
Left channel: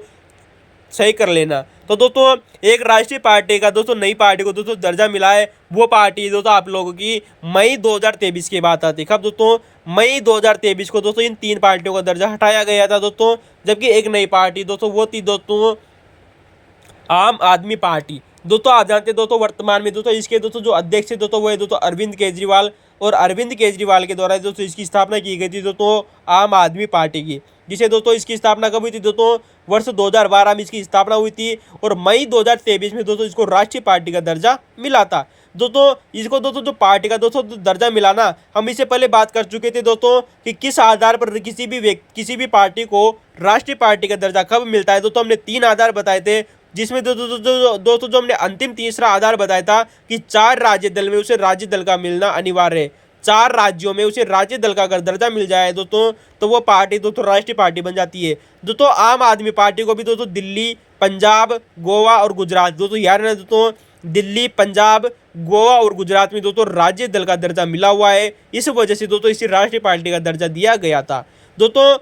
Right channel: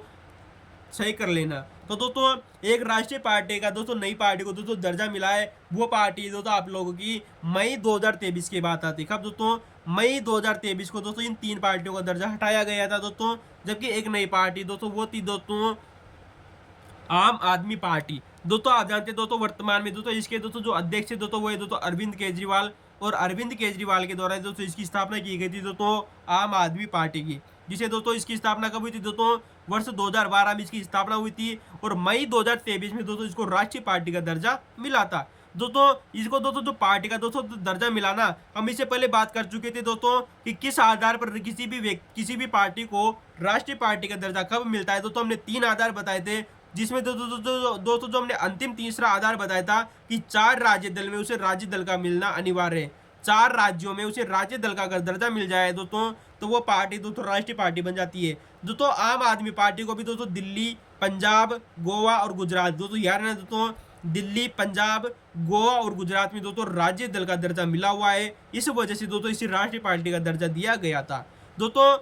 सही कर लेना। तो दोस्तों एक राष्ट्रीय पार्टी का दोस्तों नई पार्टी को दोस्तों दर्जा मिला है, वो पार्टी दोस्तों आप लोगों की मई 2023 की बात आती है। कब दोस्तों? मई 2023 को दोस्तों इन 3 पार्टियों का दर्जा हटाया गया था दोस्तों, जबकि एक नई पार्टी दोस्तों वो थी दोस्तों आम आदमी पार्टी। दोस्तों आप जानते हैं दोस्तों वर्तमान में दोस्तों इसके दोस्तों जो अध्यक्ष है दोस्तों वो है दोस्तों अरविंद केजरीवाल, और अरविंद केजरीवाल के द्वारा दोस्तों इसकी स्थापना की गई थी दोस्तों आम आदमी पार्टी की, जिसे दोस्तों इसकी स्थापना कब हुई थी दोस्तों? वर्ष 2012 में इसकी स्थापना हुई थी, और मई 2023 में दोस्तों इसको राष्ट्रीय पार्टी का दर्जा मिला था। दोस्तों इसको दोस्तों जो पार्टी का दोस्तों दर्जा मिलाना, हम इससे पहले बात कर चुके थे दोस्तों कि किस आधार पर किसी भी पार्टी को राष्ट्रीय पार्टी का दर्जा कब मिलता है। दोस्तों हमने 3 आधार बताए थे, जिसमें दोस्तों जो हमने अंतिम तीसरा आधार बताया था कि 4 राज्य दल में उसे राज्य दल का मिलना अनिवार्य है। 4 राज्यों में उसे राज्य दल का अगर दर्जा मिल जाए दोस्तों, तो वो पार्टी दोस्तों राष्ट्रीय पार्टी बन जाती है। दोस्तों आम आदमी पार्टी को भी दोस्तों दिल्ली, पंजाब, गोवा और गुजरात दोस्तों याद रखना दोस्तों, दिल्ली, पंजाब, गोवा और गुजरात में दोस्तों राज्य दल का दर्जा मिला हुआ है। इस वजह से दोस्तों इसी राष्ट्रीय पार्टी का दर्जा दिया गया था। दोस्तों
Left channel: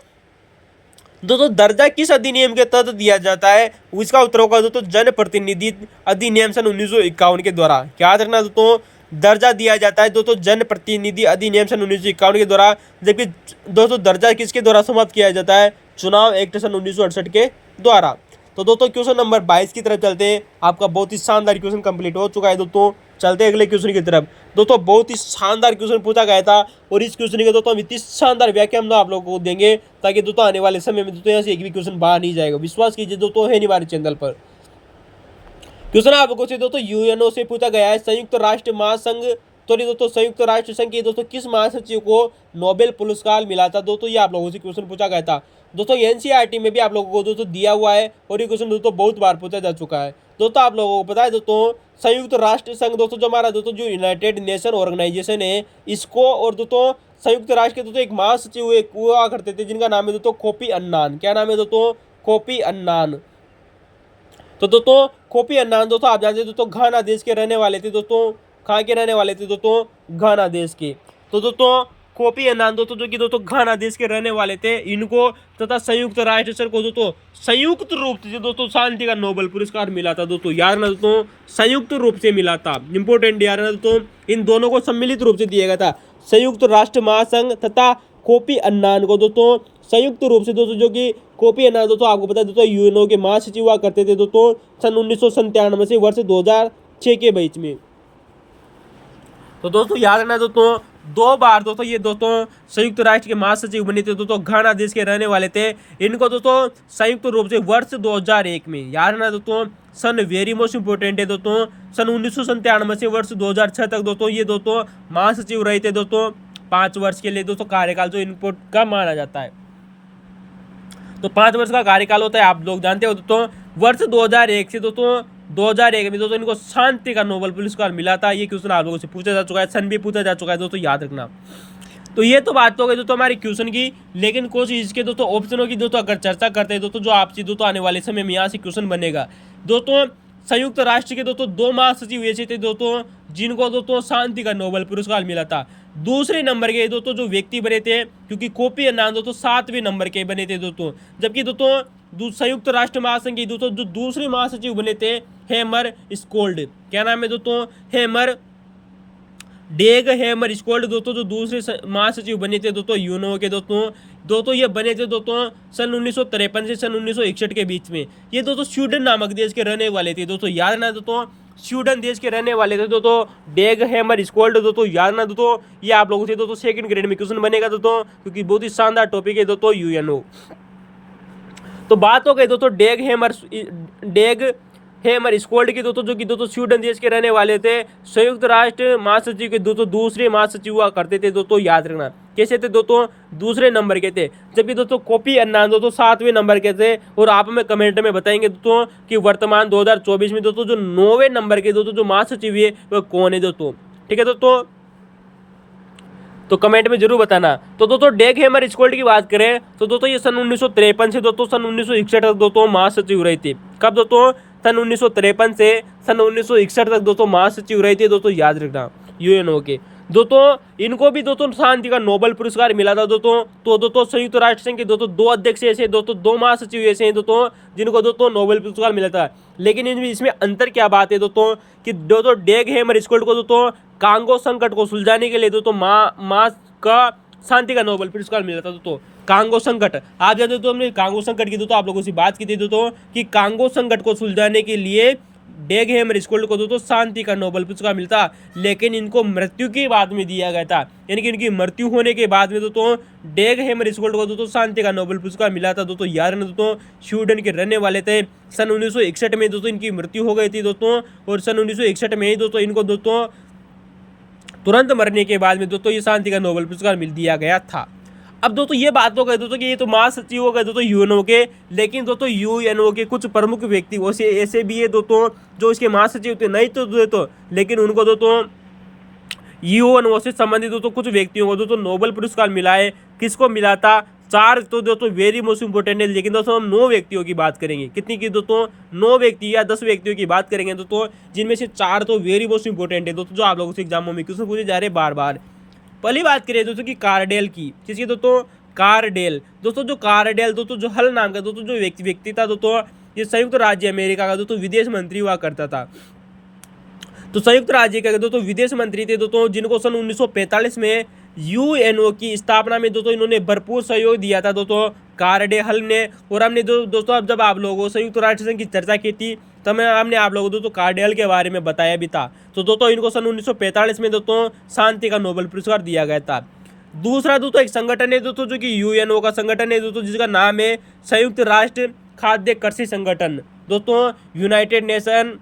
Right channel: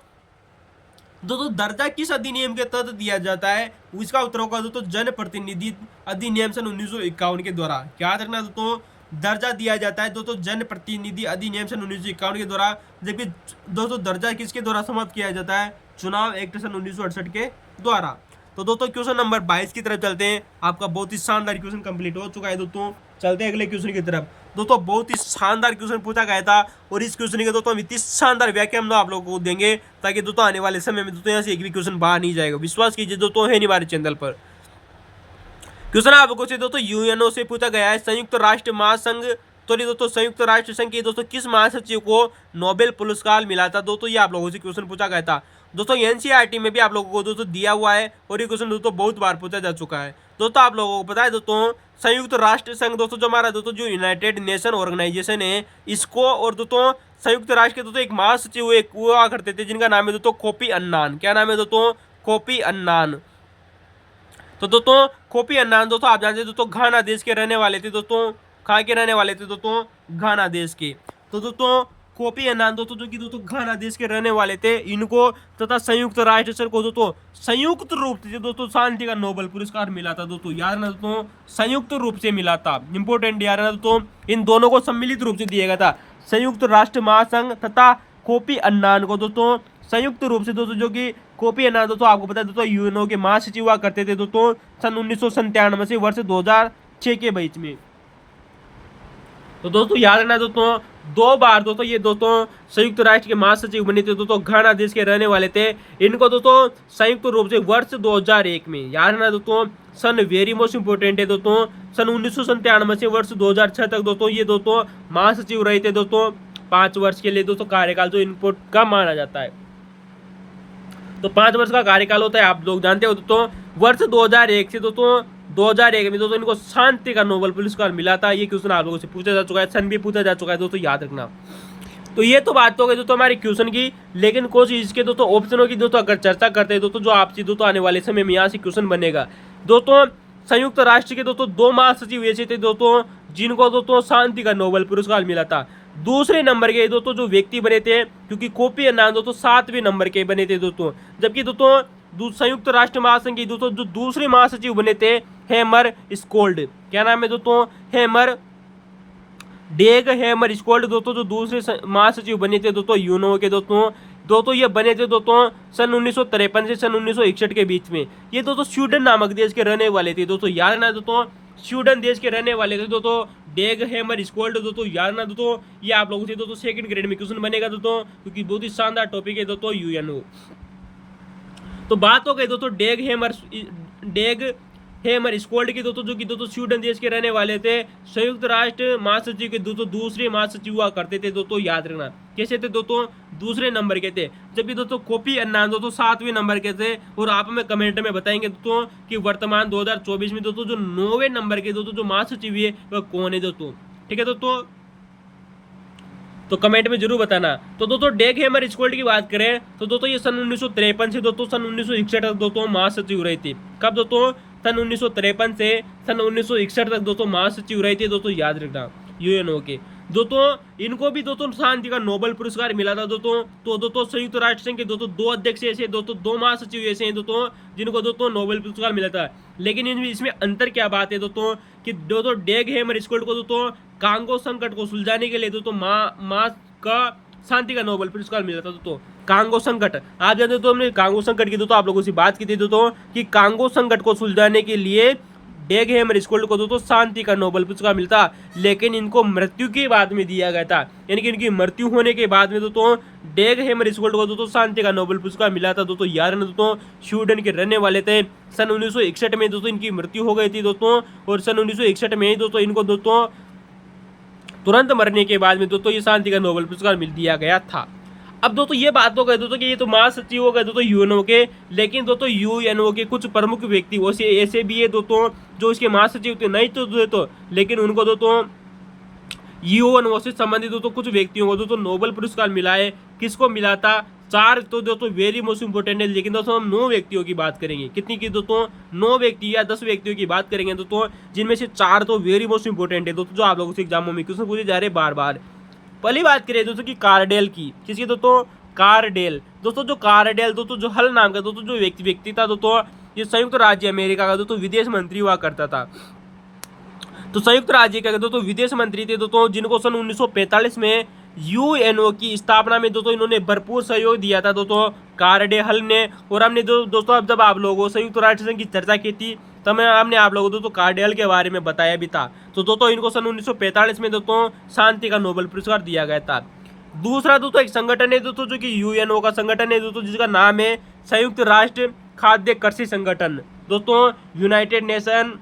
दर्जा किस अधिनियम के तहत दिया जाता है? इसका उत्तर होगा दोस्तों जनप्रतिनिधि अधिनियम सन 1951 के द्वारा। क्या रखना दोस्तों? दर्जा दिया जाता है दोस्तों जनप्रतिनिधि अधिनियम सन 1951 के द्वारा, जबकि दोस्तों दर्जा किसके द्वारा समाप्त किया जाता है? चुनाव एक्ट सन 1968 के द्वारा। तो दोस्तों क्वेश्चन नंबर 22 की तरफ चलते हैं। आपका बहुत ही शानदार क्वेश्चन कंप्लीट हो चुका है दोस्तों। चलते हैं अगले क्वेश्चन की तरफ। दोस्तों बहुत ही शानदार क्वेश्चन पूछा गया था, और इस क्वेश्चन के दोस्तों हम इतनी शानदार व्याख्या हम आप लोगों को देंगे ताकि दोस्तों आने वाले समय में दोस्तों यहाँ से एक भी क्वेश्चन बाहर नहीं जाएगा। विश्वास कीजिए दोस्तों, है नहीं हमारे चैनल पर। क्वेश्चन आप लोगों से दोस्तों यूएनओ से पूछा गया है, संयुक्त राष्ट्र महासंघ दोस्तों संयुक्त राष्ट्र संघ के दोस्तों किस महासचिव को नोबेल पुरस्कार मिला था? दोस्तों ये आप लोगों से क्वेश्चन पूछा गया था। दोस्तों एनसीईआरटी में भी आप लोगों को दोस्तों दिया हुआ है, और ये क्वेश्चन दोस्तों बहुत बार पूछा जा चुका है। दोस्तों आप लोगों को पता है दोस्तों संयुक्त राष्ट्र संघ दोस्तों जो हमारा दोस्तों जो यूनाइटेड नेशन ऑर्गेनाइजेशन है, इसको और दोस्तों संयुक्त राष्ट्र के दोस्तों एक महासचिव हुआ करते थे जिनका नाम है दोस्तों कोफी अन्नान। क्या नाम है दोस्तों? Kofi Annan. तो दोस्तों कोफी अन्नान दोस्तों आप जानते हैं दोस्तों घाना देश के रहने वाले थे दोस्तों। कहाँ के रहने वाले थे दोस्तों? घाना देश के। तो दोस्तों कोफी अन्नान दोस्तों जो कि दोस्तों घाना देश के रहने वाले थे, इनको तथा संयुक्त राष्ट्र संघ को दोस्तों संयुक्त रूप से दोस्तों शांति का नोबेल पुरस्कार मिला था। दोस्तों याद रखना दोस्तों संयुक्त रूप से मिला था, इंपोर्टेंट याद रखना दोस्तों, इन दोनों को सम्मिलित रूप से दिया गया था। संयुक्त राष्ट्र महासंघ तथा कोफी अन्नान को दोस्तों संयुक्त रूप से दोस्तों, जो कि कोफी अन्नान दोस्तों आपको पता है दोस्तों यूएनओ के महासचिव हुआ करते थे दोस्तों सन 1997 से वर्ष 2006 के बीच में। तो दोस्तों याद रखना दोस्तों 2 बार दोस्तों ये दोस्तों संयुक्त राष्ट्र के महासचिव बने थे दोस्तों, घाना देश के रहने वाले थे। इनको दोस्तों संयुक्त रूप से वर्ष 2001 में, याद रखना दोस्तों सन वेरी मोस्ट इंपोर्टेंट है दोस्तों, सन 1997 से वर्ष 2006 तक दोस्तों ये दोस्तों महासचिव रहे थे दोस्तों 5 वर्ष के लिए दोस्तों कार्यकाल जो इनको का माना जाता है। तो 5 वर्ष का कार्यकाल होता है, आप लोग जानते हो दोस्तों। वर्ष 2001 से दोस्तों 2001 में दोस्तों इनको शांति का नोबेल पुरस्कार मिला था। ये क्वेश्चन आप लोगों से पूछा जा चुका है, सन भी पूछा जा चुका है दोस्तों, याद रखना। तो ये तो बात हो गई दोस्तों हमारी क्वेश्चन की, लेकिन कुछ इसके दोस्तों ऑप्शनों की दोस्तों अगर चर्चा करते हैं दोस्तों, जो आपसे दोस्तों आने वाले समय में यहाँ से क्वेश्चन बनेगा। दोस्तों संयुक्त राष्ट्र के दोस्तों 2 महासचिव ऐसे थे दोस्तों जिनको दोस्तों शांति का नोबेल पुरस्कार मिला था। दूसरे नंबर के दोस्तों जो व्यक्ति बने थे, क्योंकि कोफी अन्नान दोस्तों 7वें नंबर के बने थे दोस्तों, जबकि दोस्तों संयुक्त राष्ट्र महासंघ के दोस्तों जो दूसरे महासचिव बने थे हेमर स्कोल्ड। क्या नाम है दोस्तों? डेग हेमर स्कोल्ड दोस्तों जो दूसरे महासचिव बने थे दोस्तों यूएनओ के दोस्तों ये बने थे दोस्तों सन 1953 से सन 1961 के बीच में। ये दोस्तों स्वीडन नामक देश के रहने वाले थे दोस्तों, याद रखना दोस्तों स्वीडन देश के रहने वाले थे दोस्तों डेग हेमर स्कोल्ड दोस्तों, याद रखना दोस्तों। ये आप लोगों से दोस्तों सेकंड ग्रेड में क्वेश्चन बनेगा दोस्तों, क्योंकि बहुत ही शानदार टॉपिक है दोस्तों यूएनओ। तो बात हो गई दोस्तों डेग हेमर स्कोल्ड की दोस्तों, जो कि दोस्तों स्वीडन देश के रहने वाले थे। संयुक्त राष्ट्र महासचिव के दोस्तों दूसरे महासचिव हुआ करते थे दोस्तों, याद रखना। कैसे थे दोस्तों? दूसरे नंबर के थे, जबकि दोस्तों कोफी अन्नान दोस्तों 7वें नंबर के थे। और आप हमें कमेंट में बताएंगे दोस्तों कि वर्तमान 2024 में दोस्तों जो 9वें नंबर के दोस्तों जो महासचिव है वह कौन है दोस्तों, ठीक है दोस्तों, तो कमेंट में जरूर बताना। तो दोस्तों डेग हेमर स्कोल्ड की बात करें तो दोस्तों ये सन 1953 से दोस्तों सन 1961 तक दोस्तों महासचिव रहे थे। कब दोस्तों? सन 1953 से सन 1961 तक दोस्तों महासचिव रहे थे दोस्तों, याद रखना यूएनओ के। दोस्तों इनको भी दोस्तों शांति का नोबेल पुरस्कार मिला था दोस्तों। तो दोस्तों संयुक्त राष्ट्र संघ के दोस्तों 2 अध्यक्ष ऐसे दोस्तों, 2 महासचिव ऐसे हैं दोस्तों जिनको दोस्तों नोबेल पुरस्कार मिला था। लेकिन इसमें अंतर क्या बात है दोस्तों कि दोस्तों डेग हेमरस्कोल्ड को दोस्तों कांगो संकट को सुलझाने के लिए दोस्तों माँ का शांति का नोबेल पुरस्कार मिला था दोस्तों। कांगो संकट आप जानते हो, तो हमने कांगो संकट की दोस्तों आप लोगों से बात की थी दोस्तों कि कांगो संकट को सुलझाने के लिए डेग हेमरस्कोल्ड को दोस्तों शांति का नोबेल पुरस्कार मिलता, लेकिन इनको मृत्यु के बाद में दिया गया था। यानी कि इनकी मृत्यु होने के बाद में दोस्तों डेग हेमरस्कोल्ड को दोस्तों शांति का नोबेल पुरस्कार मिला था दोस्तों। याद रखना दोस्तों स्वीडन के रहने वाले थे। सन 1961 में दोस्तों इनकी मृत्यु हो गई थी दोस्तों, और सन 1961 में ही दोस्तों इनको दोस्तों तुरंत मरने के बाद में दोस्तों ये शांति का नोबेल पुरस्कार मिल दिया गया था। अब दोस्तों ये बात हो गई दोस्तों कि ये तो महासचिव हो गए दोस्तों यूएनओ के, लेकिन दोस्तों यूएनओ के कुछ प्रमुख व्यक्ति वैसे ऐसे भी है दोस्तों जो इसके महासचिव थे नहीं तो दोस्तों, लेकिन उनको दोस्तों यूएनओ से संबंधित दोस्तों कुछ व्यक्तियों को दोस्तों नोबेल पुरस्कार मिला है। किसको मिला था? 4 तो दोस्तों वेरी मोस्ट इंपोर्टेंट है, लेकिन दोस्तों हम 9 व्यक्तियों की बात करेंगे। कितनी की दोस्तों? 9 व्यक्ति या 10 व्यक्तियों की बात करेंगे दोस्तों, जिनमें से 4 तो वेरी मोस्ट इंपोर्टेंट है दोस्तों, जो आप लोगों से एग्जामों में क्वेश्चन पूछे जा रहे हैं बार बार। पहली बात करें दोस्तों की कार्डेल की। किसकी दोस्तों? कार्डेल। दोस्तों जो कार्डेल दोस्तों जो हल नाम का दोस्तों जो व्यक्ति था दोस्तों, ये संयुक्त राज्य अमेरिका का दोस्तों विदेश मंत्री हुआ करता था। तो संयुक्त राज्य का दोस्तों विदेश मंत्री थे दोस्तों, जिनको सन 1945 में यूएनओ की स्थापना में दोस्तों इन्होंने भरपूर सहयोग दिया था दोस्तों कार्डेल ने। और हमने दोस्तों अब जब आप लोगों संयुक्त राष्ट्र संघ की चर्चा की थी तब हमने आप लोगों दोस्तों कार्डेल के बारे में बताया भी था। तो दोस्तों इनको सन 1945 में दोस्तों शांति का नोबेल पुरस्कार दिया गया था। दूसरा दोस्तों एक संगठन है दोस्तों जो कि यूएनओ का संगठन है दोस्तों, जिसका नाम है संयुक्त राष्ट्र खाद्य कृषि संगठन दोस्तों, United nation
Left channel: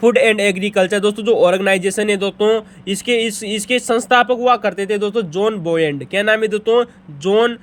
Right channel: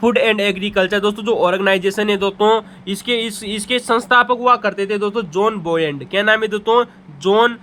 food and agriculture दोस्तों जो ऑर्गेनाइजेशन है दोस्तों, इसके संस्थापक हुआ करते थे दोस्तों जॉन बोयड। क्या नाम है दोस्तों? जॉन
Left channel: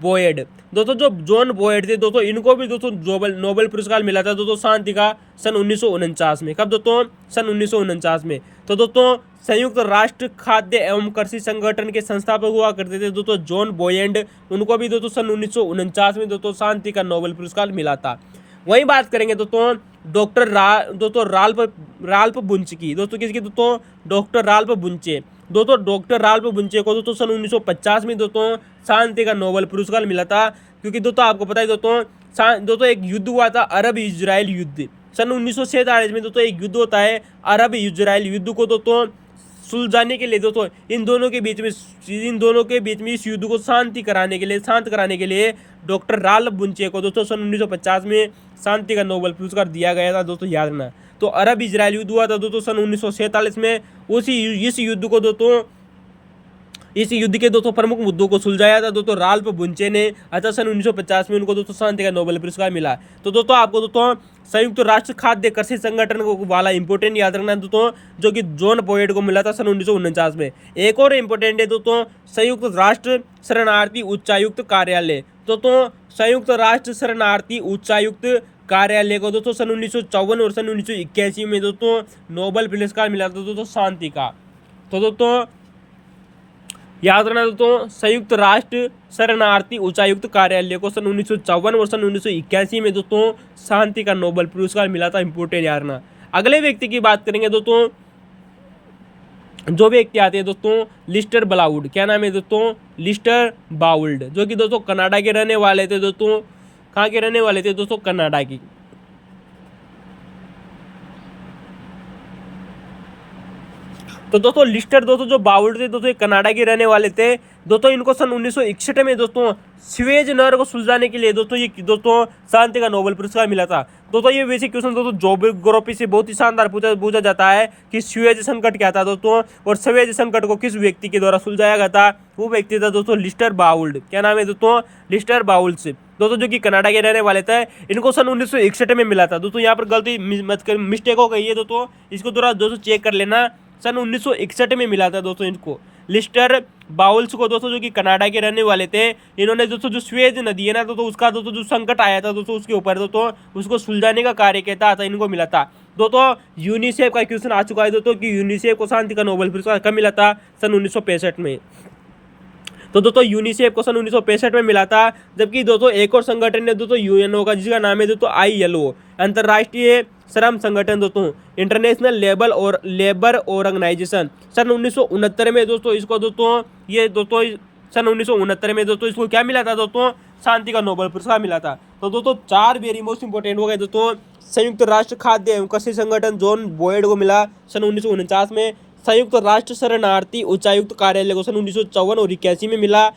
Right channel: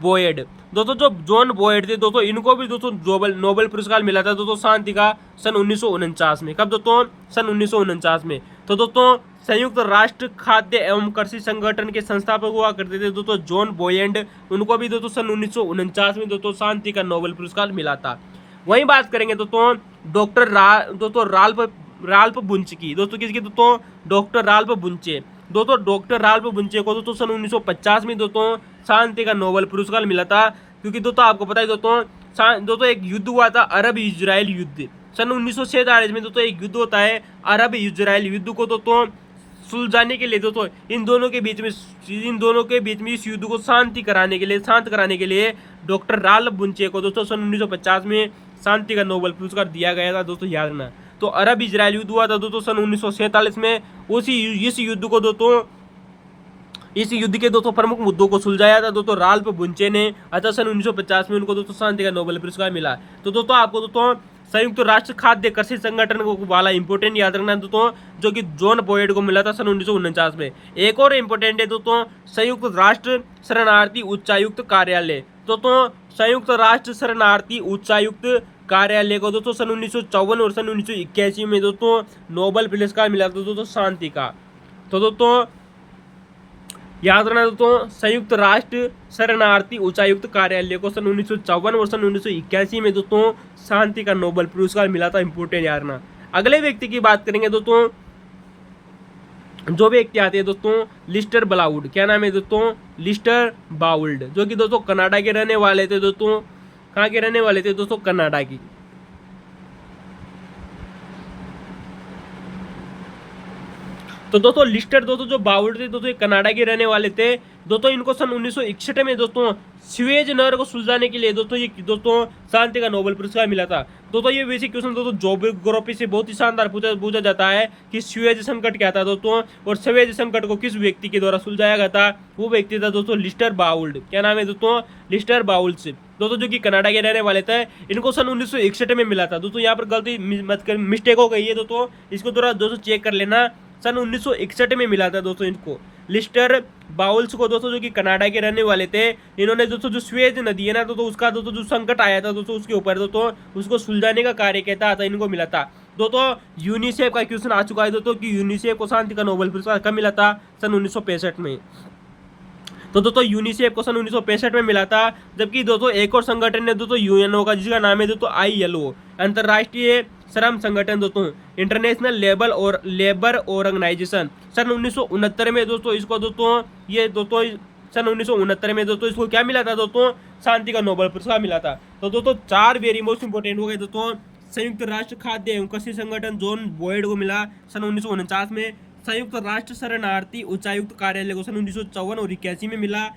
बोयड। दोस्तों जो जॉन बोयड थे दोस्तों इनको भी दोस्तों नोबेल पुरस्कार मिला था दोस्तों शांति का सन 1949 में। कब दोस्तों? सन 1949 में। तो दोस्तों संयुक्त राष्ट्र खाद्य एवं कृषि संगठन के संस्थापक हुआ करते थे दोस्तों जॉन बोयड, उनको भी दोस्तों सन 1949 में दोस्तों शांति का नोबेल पुरस्कार मिला था। वहीं बात करेंगे दोस्तों डॉक्टर राल्फ बुंचे की। दोस्तों किसकी? दोस्तों डॉक्टर राल्फ बुंचे। दोस्तों डॉक्टर राल्फ बुंचे को दोस्तों सन 1950 में दोस्तों शांति का नोबेल पुरस्कार मिला था, क्योंकि दोस्तों आपको पता है दोस्तों एक युद्ध हुआ था अरब इजराइल युद्ध। सन 1947 में दोस्तों एक युद्ध होता है अरब इजराइल युद्ध को दोस्तों सुलझाने के लिए दोस्तों इन दोनों के बीच में इस युद्ध को शांत कराने के लिए डॉक्टर राल्फ बुंचे को दोस्तों सन 1950 में शांति का नोबेल पुरस्कार दिया गया था दोस्तों, याद रखना। तो अरब इजराइल युद्ध हुआ था दोस्तों सन 1947 में। इस युद्ध के दोस्तों प्रमुख मुद्दों को सुलझाया था दोस्तों राल्फ बुंचे ने। अतः सन 1950 में उनको दोस्तों शांति का नोबेल पुरस्कार मिला। तो दोस्तों आपको दोस्तों संयुक्त राष्ट्र खाद्य कृषि संगठन को वाला इंपोर्टेंट याद रखना दोस्तों, जो कि जॉन बोयड को मिला था सन 1949 में। एक और इंपोर्टेंट है दोस्तों संयुक्त राष्ट्र शरणार्थी उच्चायुक्त कार्यालय। दोस्तों संयुक्त राष्ट्र शरणार्थी उच्चायुक्त कार्यालय को दोस्तों सन 1954 और सन 1981 में दोस्तों नोबेल पुरस्कार मिला था दोस्तों शांति का। तो दोस्तों याद रखना दोस्तों संयुक्त राष्ट्र शरणार्थी उच्चायुक्त कार्यालय को सन 1954 और सन 1981 में दोस्तों शांति का नोबेल पुरस्कार मिला था, इंपोर्टेंट याद रखना। अगले व्यक्ति की बात करेंगे दोस्तों, जो व्यक्ति आते हैं दोस्तों लिस्टर बाउल्ड। क्या नाम है दोस्तों? लिस्टर बाउल्ड, जो कि दोस्तों कनाडा के रहने वाले थे दोस्तों। कहाँ के रहने वाले थे दोस्तों? कनाडा की। तो दोस्तों लिस्टर दोस्तों जो बाउल्ड थे दोस्तों कनाडा के रहने वाले थे दोस्तों। इनको सन 1961 में दोस्तों स्वेज नहर को सुलझाने के लिए दोस्तों शांति का नोबेल पुरस्कार मिला था। दोस्तों ये वैसे क्वेश्चन दोस्तों ज्योग्राफी से बहुत ही शानदार पूछा जाता है कि स्वेज संकट क्या था दोस्तों, और स्वेज संकट को किस व्यक्ति के द्वारा सुलझाया गया था? वो व्यक्ति था दोस्तों लिस्टर बाउल्ड। क्या नाम है दोस्तों? लिस्टर बाउल्ड से दोस्तों, जो कि कनाडा के रहने वाले थे। इनको सन 1961 में मिला था दोस्तों। यहाँ पर गलती मिस्टेक हो गई है दोस्तों, इसको दोस्तों चेक कर लेना। सन 1961 में मिला था दोस्तों इनको लिस्टर बाउल्स को दोस्तों, जो कि कनाडा के रहने वाले थे। इन्होंने दोस्तों जो स्वेज नदी है ना दोस्तों, उसका दोस्तों जो संकट आया था दोस्तों उसके ऊपर दोस्तों उसको सुलझाने का कार्य किया था, इनको मिला था दोस्तों। यूनिसेफ का क्वेश्चन आ चुका है दोस्तों कि यूनिसेफ को शांति का नोबेल पुरस्कार कब मिला था? सन 1965 में। तो दोस्तों यूनिसेफ को सन 1965 में मिला था। जबकि दोस्तों एक और संगठन है दोस्तों यूएनओ का, जिसका नाम है दोस्तों ILO। अंतर्राष्ट्रीय श्रम संगठन दोस्तों, इंटरनेशनल लेबर ऑर्गेनाइजेशन, सन 1969 में दोस्तों इसको दोस्तों ये दोस्तों सन 1969 में दोस्तों इसको क्या मिला था दोस्तों, शांति का नोबेल पुरस्कार मिला था। तो दोस्तों 4 वेरी मोस्ट इंपोर्टेंट हो गए दोस्तों। संयुक्त राष्ट्र खाद्य एवं कृषि संगठन जॉन बॉयड को मिला सन 1949 में। संयुक्त राष्ट्र शरणार्थी उच्चायुक्त कार्यालय को सन 1954 और 81 में मिला।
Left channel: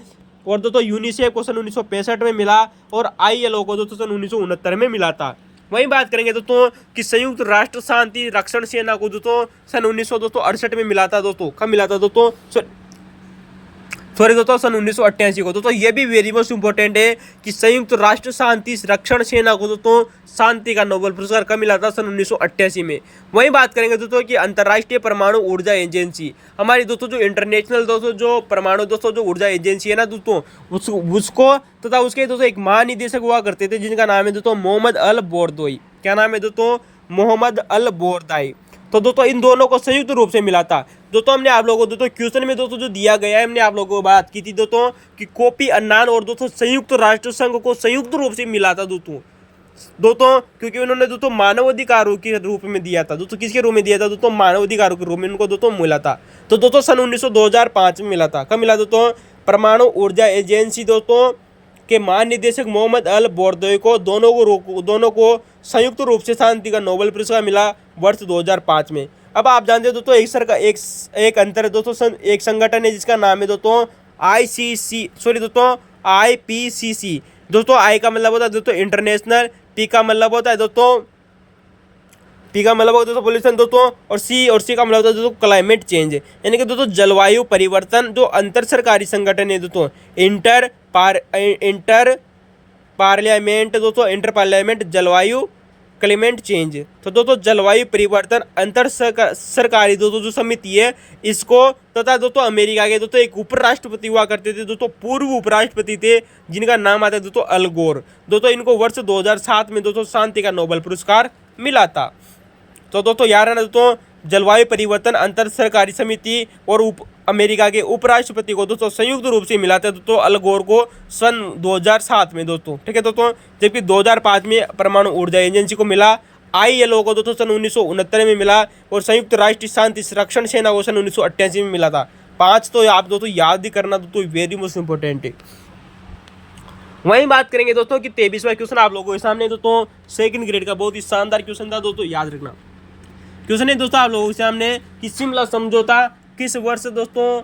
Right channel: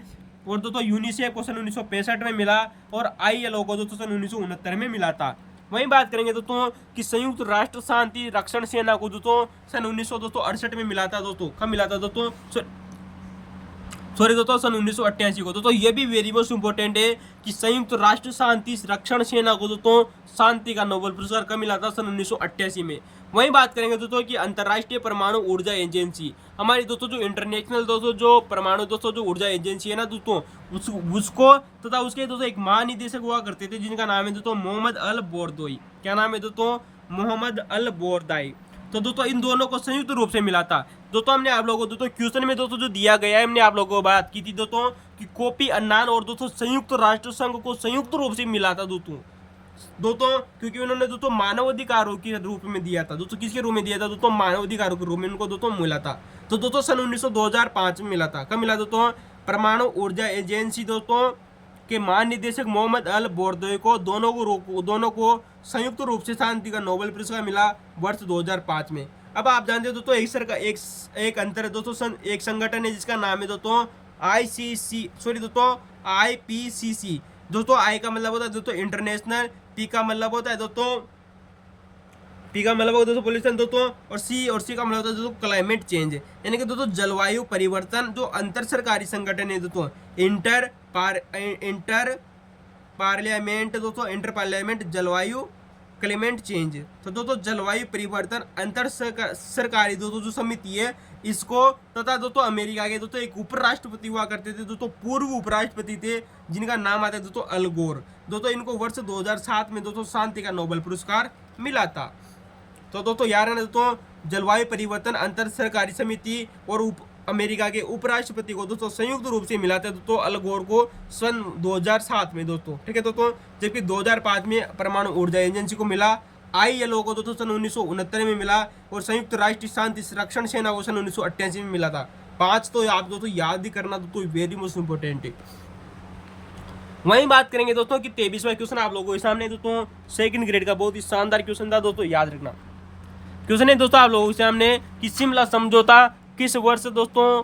और दोस्तों यूनिसेफ को सन 1965 में मिला। और ILO को दोस्तों सन 1969 में मिला था। वहीं बात करेंगे दोस्तों कि संयुक्त राष्ट्र शांति रक्षण सेना को दोस्तों सन 1968 में मिला था दोस्तों। कब मिला था दोस्तों, सॉरी दोस्तों सन 1988 को। दोस्तों ये भी वेरी मोस्ट इंपॉर्टेंट है कि संयुक्त राष्ट्र शांति रक्षण सेना को दोस्तों शांति का नोबेल पुरस्कार कब मिला था, सन 1988 में। वहीं बात करेंगे दोस्तों कि अंतर्राष्ट्रीय परमाणु ऊर्जा एजेंसी, हमारी दोस्तों जो इंटरनेशनल दोस्तों जो परमाणु दोस्तों जो ऊर्जा एजेंसी है ना दोस्तों, उसको तथा उसके दोस्तों एक महानिदेशक हुआ करते थे जिनका नाम है दोस्तों मोहम्मद अल बोरदोई। क्या नाम है दोस्तों, मोहम्मद अल बोरदोई। तो दोस्तों इन दोनों को संयुक्त रूप से मिला था। दोस्तों हमने आप लोगों को दोस्तों क्वेश्चन में दोस्तों जो दिया गया है, हमने आप लोगों को बात की थी दोस्तों कि कोफी अन्नान और दोस्तों संयुक्त राष्ट्र संघ को संयुक्त रूप से मिला था दोस्तों क्योंकि उन्होंने दोस्तों मानवाधिकारों के रूप में दिया था। दोस्तों किसके रूप में दिया था दोस्तों, मानवाधिकारों के रूप में उनको दोस्तों मिला था। तो दोस्तों सन 2005 में मिला था। कब मिला दोस्तों, परमाणु ऊर्जा एजेंसी दोस्तों के महानिदेशक मोहम्मद अल बोरदोई को दोनों को संयुक्त रूप से शांति का नोबेल पुरस्कार मिला वर्ष 2005 में। अब आप जानते हो दोस्तों एक अंतर है दोस्तों, एक संगठन है जिसका नाम है दोस्तों IPCC। दोस्तों आई का मतलब होता है दोस्तों इंटरनेशनल, पी का मतलब होता है दोस्तों पोल्यूशन दोस्तों, और सी का मतलब होता है दोस्तों क्लाइमेट चेंज। यानी कि दोस्तों जलवायु परिवर्तन जो अंतर सरकारी संगठन है दोस्तों, इंटर पार्लियामेंट जलवायु क्लाइमेट चेंज। तो दोस्तों जलवायु परिवर्तन अंतर सरकारी दोस्तों जो समिति है इसको तथा दोस्तों अमेरिका के दोस्तों एक उपराष्ट्रपति हुआ करते थे दोस्तों, पूर्व उपराष्ट्रपति थे जिनका नाम आता है दोस्तों अल गोर। दोस्तों इनको वर्ष 2007 में दोस्तों शांति का नोबेल पुरस्कार मिला था। तो दोस्तों यार है ना दोस्तों, जलवायु परिवर्तन अंतर सरकारी समिति और अमेरिका के उपराष्ट्रपति को दोस्तों संयुक्त रूप से मिला था दोस्तों अल गोर को सन 2007 में दोस्तों, ठीक है दोस्तों। जबकि 2005 में परमाणु ऊर्जा एजेंसी को मिला। ILO को दोस्तों सन 1969 में मिला। और संयुक्त राष्ट्र शांति रक्षण सेना को सन 1988 में मिला था। 5 तो आप दोस्तों याद ही करना दोस्तों, वेरी मोस्ट इंपॉर्टेंट है। वहीं बात करेंगे दोस्तों कि 23वां क्वेश्चन आप लोगों के सामने दोस्तों सेकंड ग्रेड का बहुत ही शानदार क्वेश्चन था दोस्तों, याद रखना। क्वेश्चन है दोस्तों आप लोगों के सामने कि शिमला समझौता किस वर्ष दोस्तों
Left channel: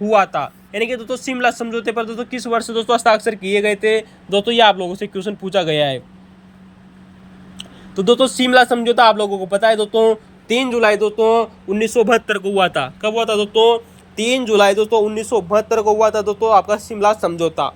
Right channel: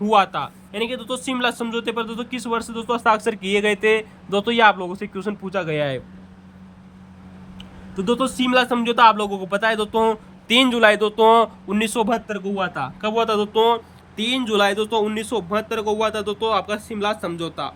हुआ था। यानी कि दोस्तों शिमला समझौते पर दोस्तों किस वर्ष दोस्तों हस्ताक्षर किए गए थे दोस्तों, ये आप लोगों से क्वेश्चन पूछा गया है। तो दोस्तों शिमला समझौता आप लोगों को पता है दोस्तों 3 जुलाई दोस्तों 1972 को हुआ था। कब हुआ था दोस्तों, 3 जुलाई दोस्तों 1972 को हुआ था दोस्तों आपका शिमला समझौता।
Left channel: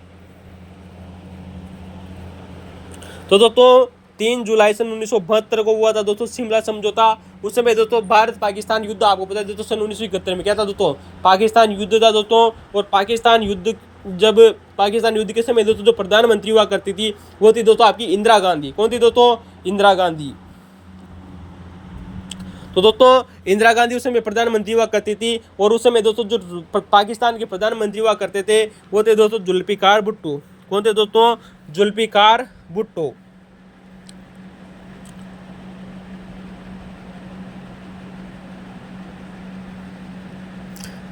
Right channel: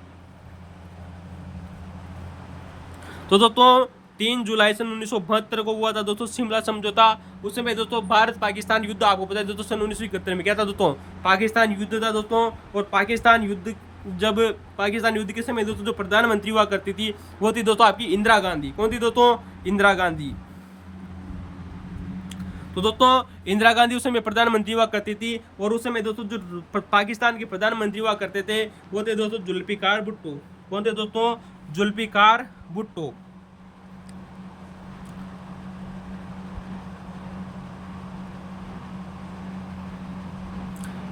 तो दोस्तों 3 जुलाई सन 1972 को हुआ था दोस्तों शिमला समझौता। उस समय दोस्तों भारत पाकिस्तान युद्ध आपको पता है दोस्तों सन 1971 में क्या था दोस्तों, पाकिस्तान युद्ध था दोस्तों। और पाकिस्तान युद्ध के समय दोस्तों जो प्रधानमंत्री हुआ करती थी वो थी दोस्तों आपकी इंदिरा गांधी। कौन थी दोस्तों, इंदिरा गांधी। तो दोस्तों इंदिरा गांधी उस समय प्रधानमंत्री हुआ करती थी। और उस समय दोस्तों जो पाकिस्तान के प्रधानमंत्री हुआ करते थे वो थे दोस्तों जुल्फिकार भुट्टो। कौन थे दोस्तों, जुल्फिकार भुट्टो।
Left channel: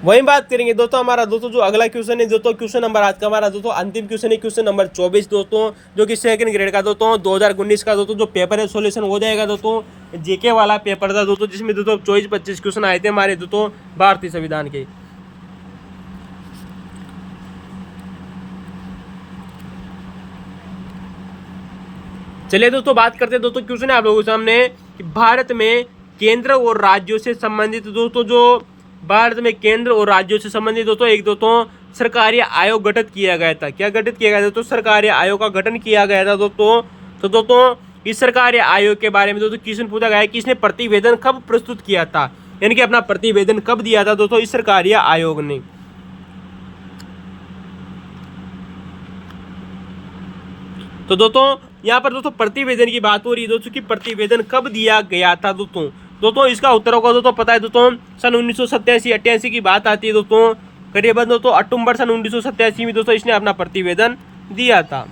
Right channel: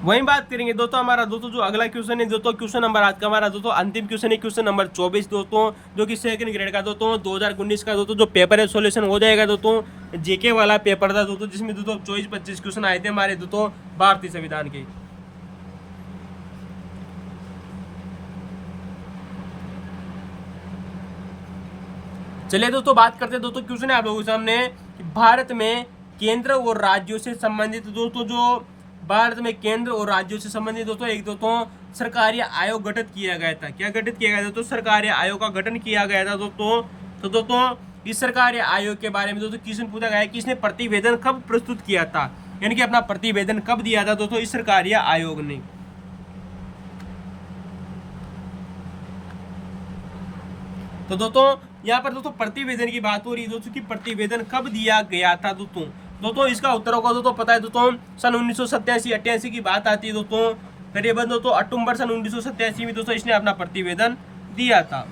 वहीं बात करेंगे दोस्तों हमारा दोस्तों जो अगला क्वेश्चन है दोस्तों, क्वेश्चन नंबर आज का हमारा दोस्तों अंतिम क्वेश्चन है, क्वेश्चन नंबर 24 दोस्तों, जो कि सेकंड ग्रेड का दोस्तों 2019 का दोस्तों जो पेपर है सॉल्यूशन हो जाएगा दोस्तों। जेके वाला पेपर था दोस्तों जिसमें दोस्तों 24-25 क्वेश्चन आए थे हमारे दोस्तों भारतीय संविधान के। चलिए दोस्तों बात करते हैं दोस्तों, क्वेश्चन है आप लोगों के सामने भारत में केंद्र और राज्यों से संबंधित दोस्तों दोस्तों एक दोस्तों सरकारी आयोग गठित किया गया था। क्या गठित किया गया था दोस्तों, सरकारी आयोग का गठन किया गया था दोस्तों। तो दोस्तों इस सरकारी आयोग के बारे में दोस्तों क्वेश्चन पूछा गया है कि इसने प्रतिवेदन कब प्रस्तुत किया था, यानी कि अपना प्रतिवेदन कब दिया था दोस्तों इस सरकारी आयोग ने। तो दोस्तों यहाँ पर दोस्तों प्रतिवेदन की बात हो रही है दोस्तों कि प्रतिवेदन कब दिया गया था दोस्तों इसका उत्तर होगा दोस्तों पता है दोस्तों सन 1987-88 की बात आती है दोस्तों। करीबन दोस्तों अक्टूबर सन 1987 में दोस्तों इसने अपना प्रतिवेदन दिया था।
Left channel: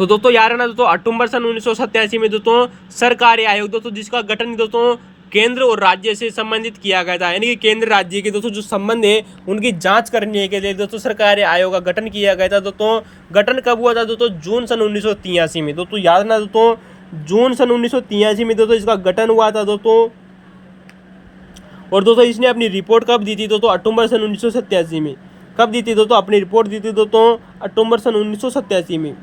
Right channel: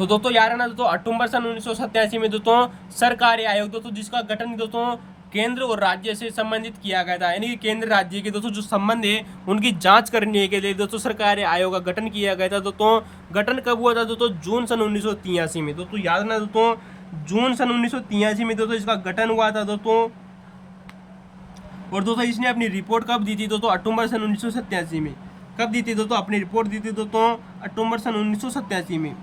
तो दोस्तों याद रखना दोस्तों, अक्टूबर सन 1987 में दोस्तों सरकारी आयोग दोस्तों जिसका गठन दोस्तों केंद्र और राज्य से संबंधित किया गया था, यानी कि केंद्र राज्य के दोस्तों जो संबंध है उनकी जांच करने के लिए दोस्तों सरकारी आयोग का गठन किया गया था। दोस्तों गठन कब हुआ था दोस्तों? जून सन 1983 में। दोस्तों याद रखना दोस्तों, जून सन 1983 में दोस्तों इसका गठन हुआ था दोस्तों। और दोस्तों इसने अपनी रिपोर्ट कब दी थी दोस्तों? अक्टूबर सन 1987 में। कब दी थी दोस्तों? अपनी रिपोर्ट दी थी दोस्तों अक्टूबर सन 1987 में।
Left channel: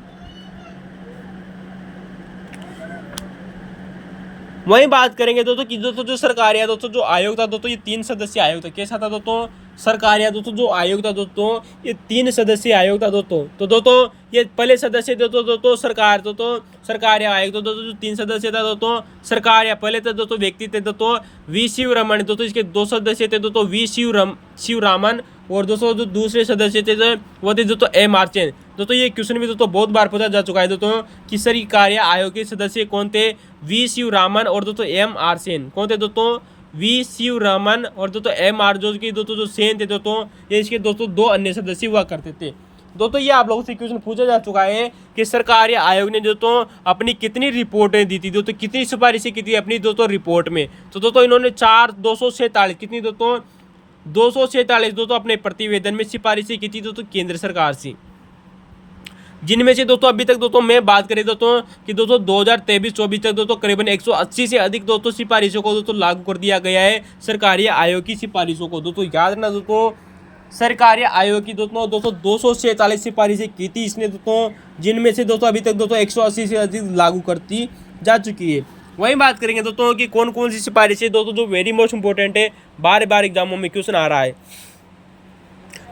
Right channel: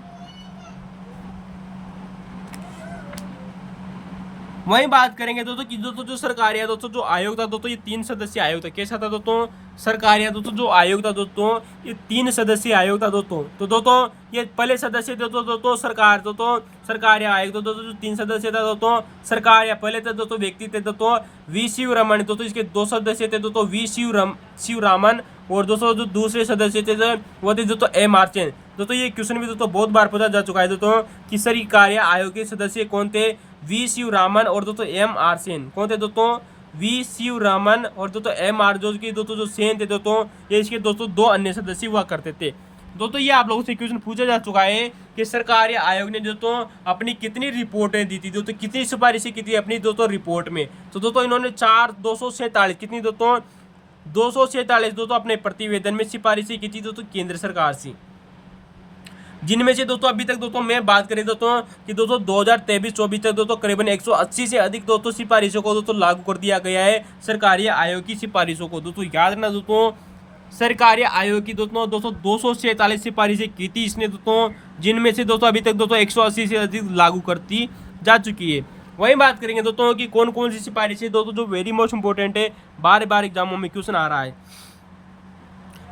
वहीं बात करेंगे दोस्तों कि दोस्तों जो सरकारी दोस्तों जो आयोग था दोस्तों, ये 3 सदस्यीय आयोग था। कैसा था दोस्तों? सरकारी दोस्तों जो आयोग था दोस्तों, ये 3 सदस्यीय आयोग था दोस्तों। तो दोस्तों ये पहले सदस्य दोस्तों सरकार दोस्तों सरकारी आयोग तो दोस्तों जो 3 सदस्य था दोस्तों सरकार, पहले थे दोस्तों व्यक्ति थे दोस्तों वी शिवरमण। दोस्तों इसके 2 सदस्य थे दोस्तों वी शिवरामन, और दोस्तों जो दूसरे सदस्य थे वो थे दोस्तों एम आर्चेन। दोस्तों ये क्वेश्चन भी दोस्तों बहुत बार पूछा जा चुका है दोस्तों कि सरकारी आयोग के सदस्य कौन थे? वी शिवरामन और दोस्तों एम आर सेन। कौन थे दोस्तों? वी शिवरामन और दोस्तों एम आर जो की दोस्तों जो सेन थे दोस्तों, ये इसके दोस्तों 2 अन्य सदस्य हुआ करते थे। दोस्तों ये आप लोगों से क्वेश्चन पूछा जा चुका है कि सरकारी आयोग ने दोस्तों अपनी कितनी रिपोर्टें दी थी दोस्तों, कितनी सिफारिशें की थी अपनी दोस्तों रिपोर्ट में? तो दोस्तों इन्होंने 247 कितनी दोस्तों 247 दोस्तों अपने प्रतिवेदन में सिफारिशें की थी दोस्तों केंद्र सरकार से, जिनमें से दोस्तों अभी तक दोस्तों मैं बात करें दोस्तों कि दोस्तों 2023-24 तक दोस्तों करीबन 180 से अधिक दोस्तों सिफारिशों को दोस्तों लागू कर दिया गया है सरकारी आयोग की सिफारिशों को। दोस्तों याद रखना दोस्तों, सरकारी आयोग की दोस्तों 247 सिफारिशें की थी इसने दोस्तों, जिनमें से दोस्तों अभी तक दोस्तों 180 से अधिक लागू करती जा चुकी है। वहीं बात करेंगे दोस्तों कि कौन कौन सी सिफारिशें दोस्तों जो वेरी मोस्ट इंपॉर्टेंट है, बार बार एग्जामों में क्वेश्चन आ रहा है।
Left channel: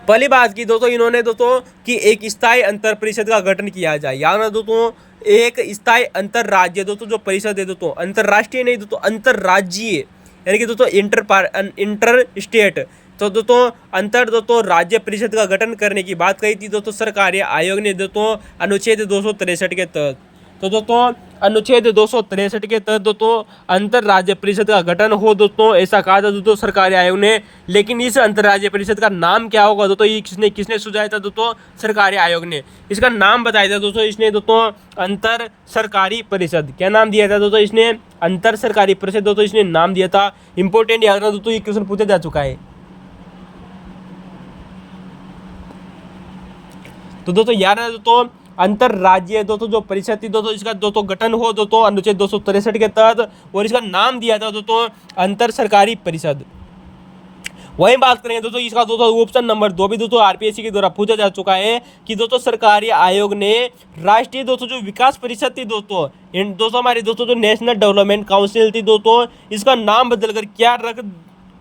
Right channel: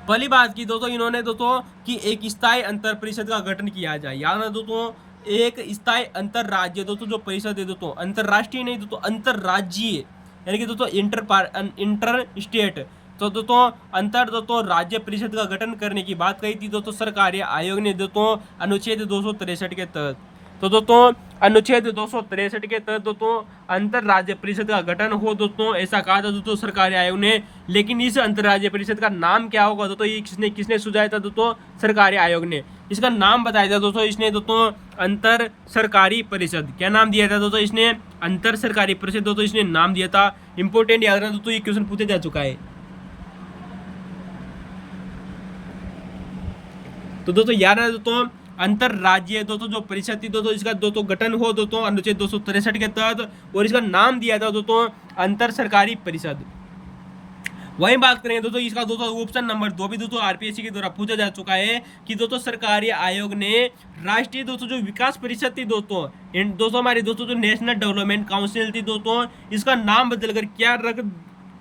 पहली बात की दोस्तों इन्होंने दोस्तों कि एक स्थायी अंतर परिषद का गठन किया जाए। याद रखना दोस्तों, एक स्थायी अंतर राज्य दोस्तों जो परिषद है दोस्तों, अंतरराष्ट्रीय नहीं दोस्तों अंतरराज्यीय, यानी कि दोस्तों इंटर स्टेट, तो दोस्तों अंतर दोस्तों राज्य परिषद का गठन करने की बात कही थी दोस्तों सरकारी आयोग ने दोस्तों अनुच्छेद 263 के तहत। तो दोस्तों अनुच्छेद 263 के तहत दोस्तों अंतर राज्य परिषद का गठन हो दोस्तों, ऐसा कहा था दोस्तों सरकारी आयोग ने। लेकिन इस अंतर राज्य परिषद का नाम क्या होगा दोस्तों, ये किसने सुझाया था दोस्तों? सरकारी आयोग ने। इसका नाम बताया था दोस्तों इसने दोस्तों अंतर सरकारी परिषद। क्या नाम दिया था दोस्तों इसने? अंतर सरकारी परिषद दोस्तों इसने नाम दिया था। इंपॉर्टेंट याद रखना दोस्तों, ये क्वेश्चन पूछा जा चुका है। तो दोस्तों याद रखना दोस्तों अंतरराज्यीय दोस्तों जो परिषद थी दोस्तों, इसका दोस्तों गठन हो दोस्तों अनुच्छेद 263 के तहत, और इसका नाम दिया था दोस्तों अंतर सरकारी परिषद। वहीं बात करेंगे दोस्तों इसका दोस्तों ऑप्शन नंबर 2 भी दोस्तों आरपीएससी के द्वारा पूछा जा चुका है कि दोस्तों सरकारी आयोग ने राष्ट्रीय दोस्तों जो विकास परिषद थी दोस्तों, इन दोस्तों हमारी दोस्तों जो नेशनल डेवलपमेंट काउंसिल थी दोस्तों, इसका नाम बदलकर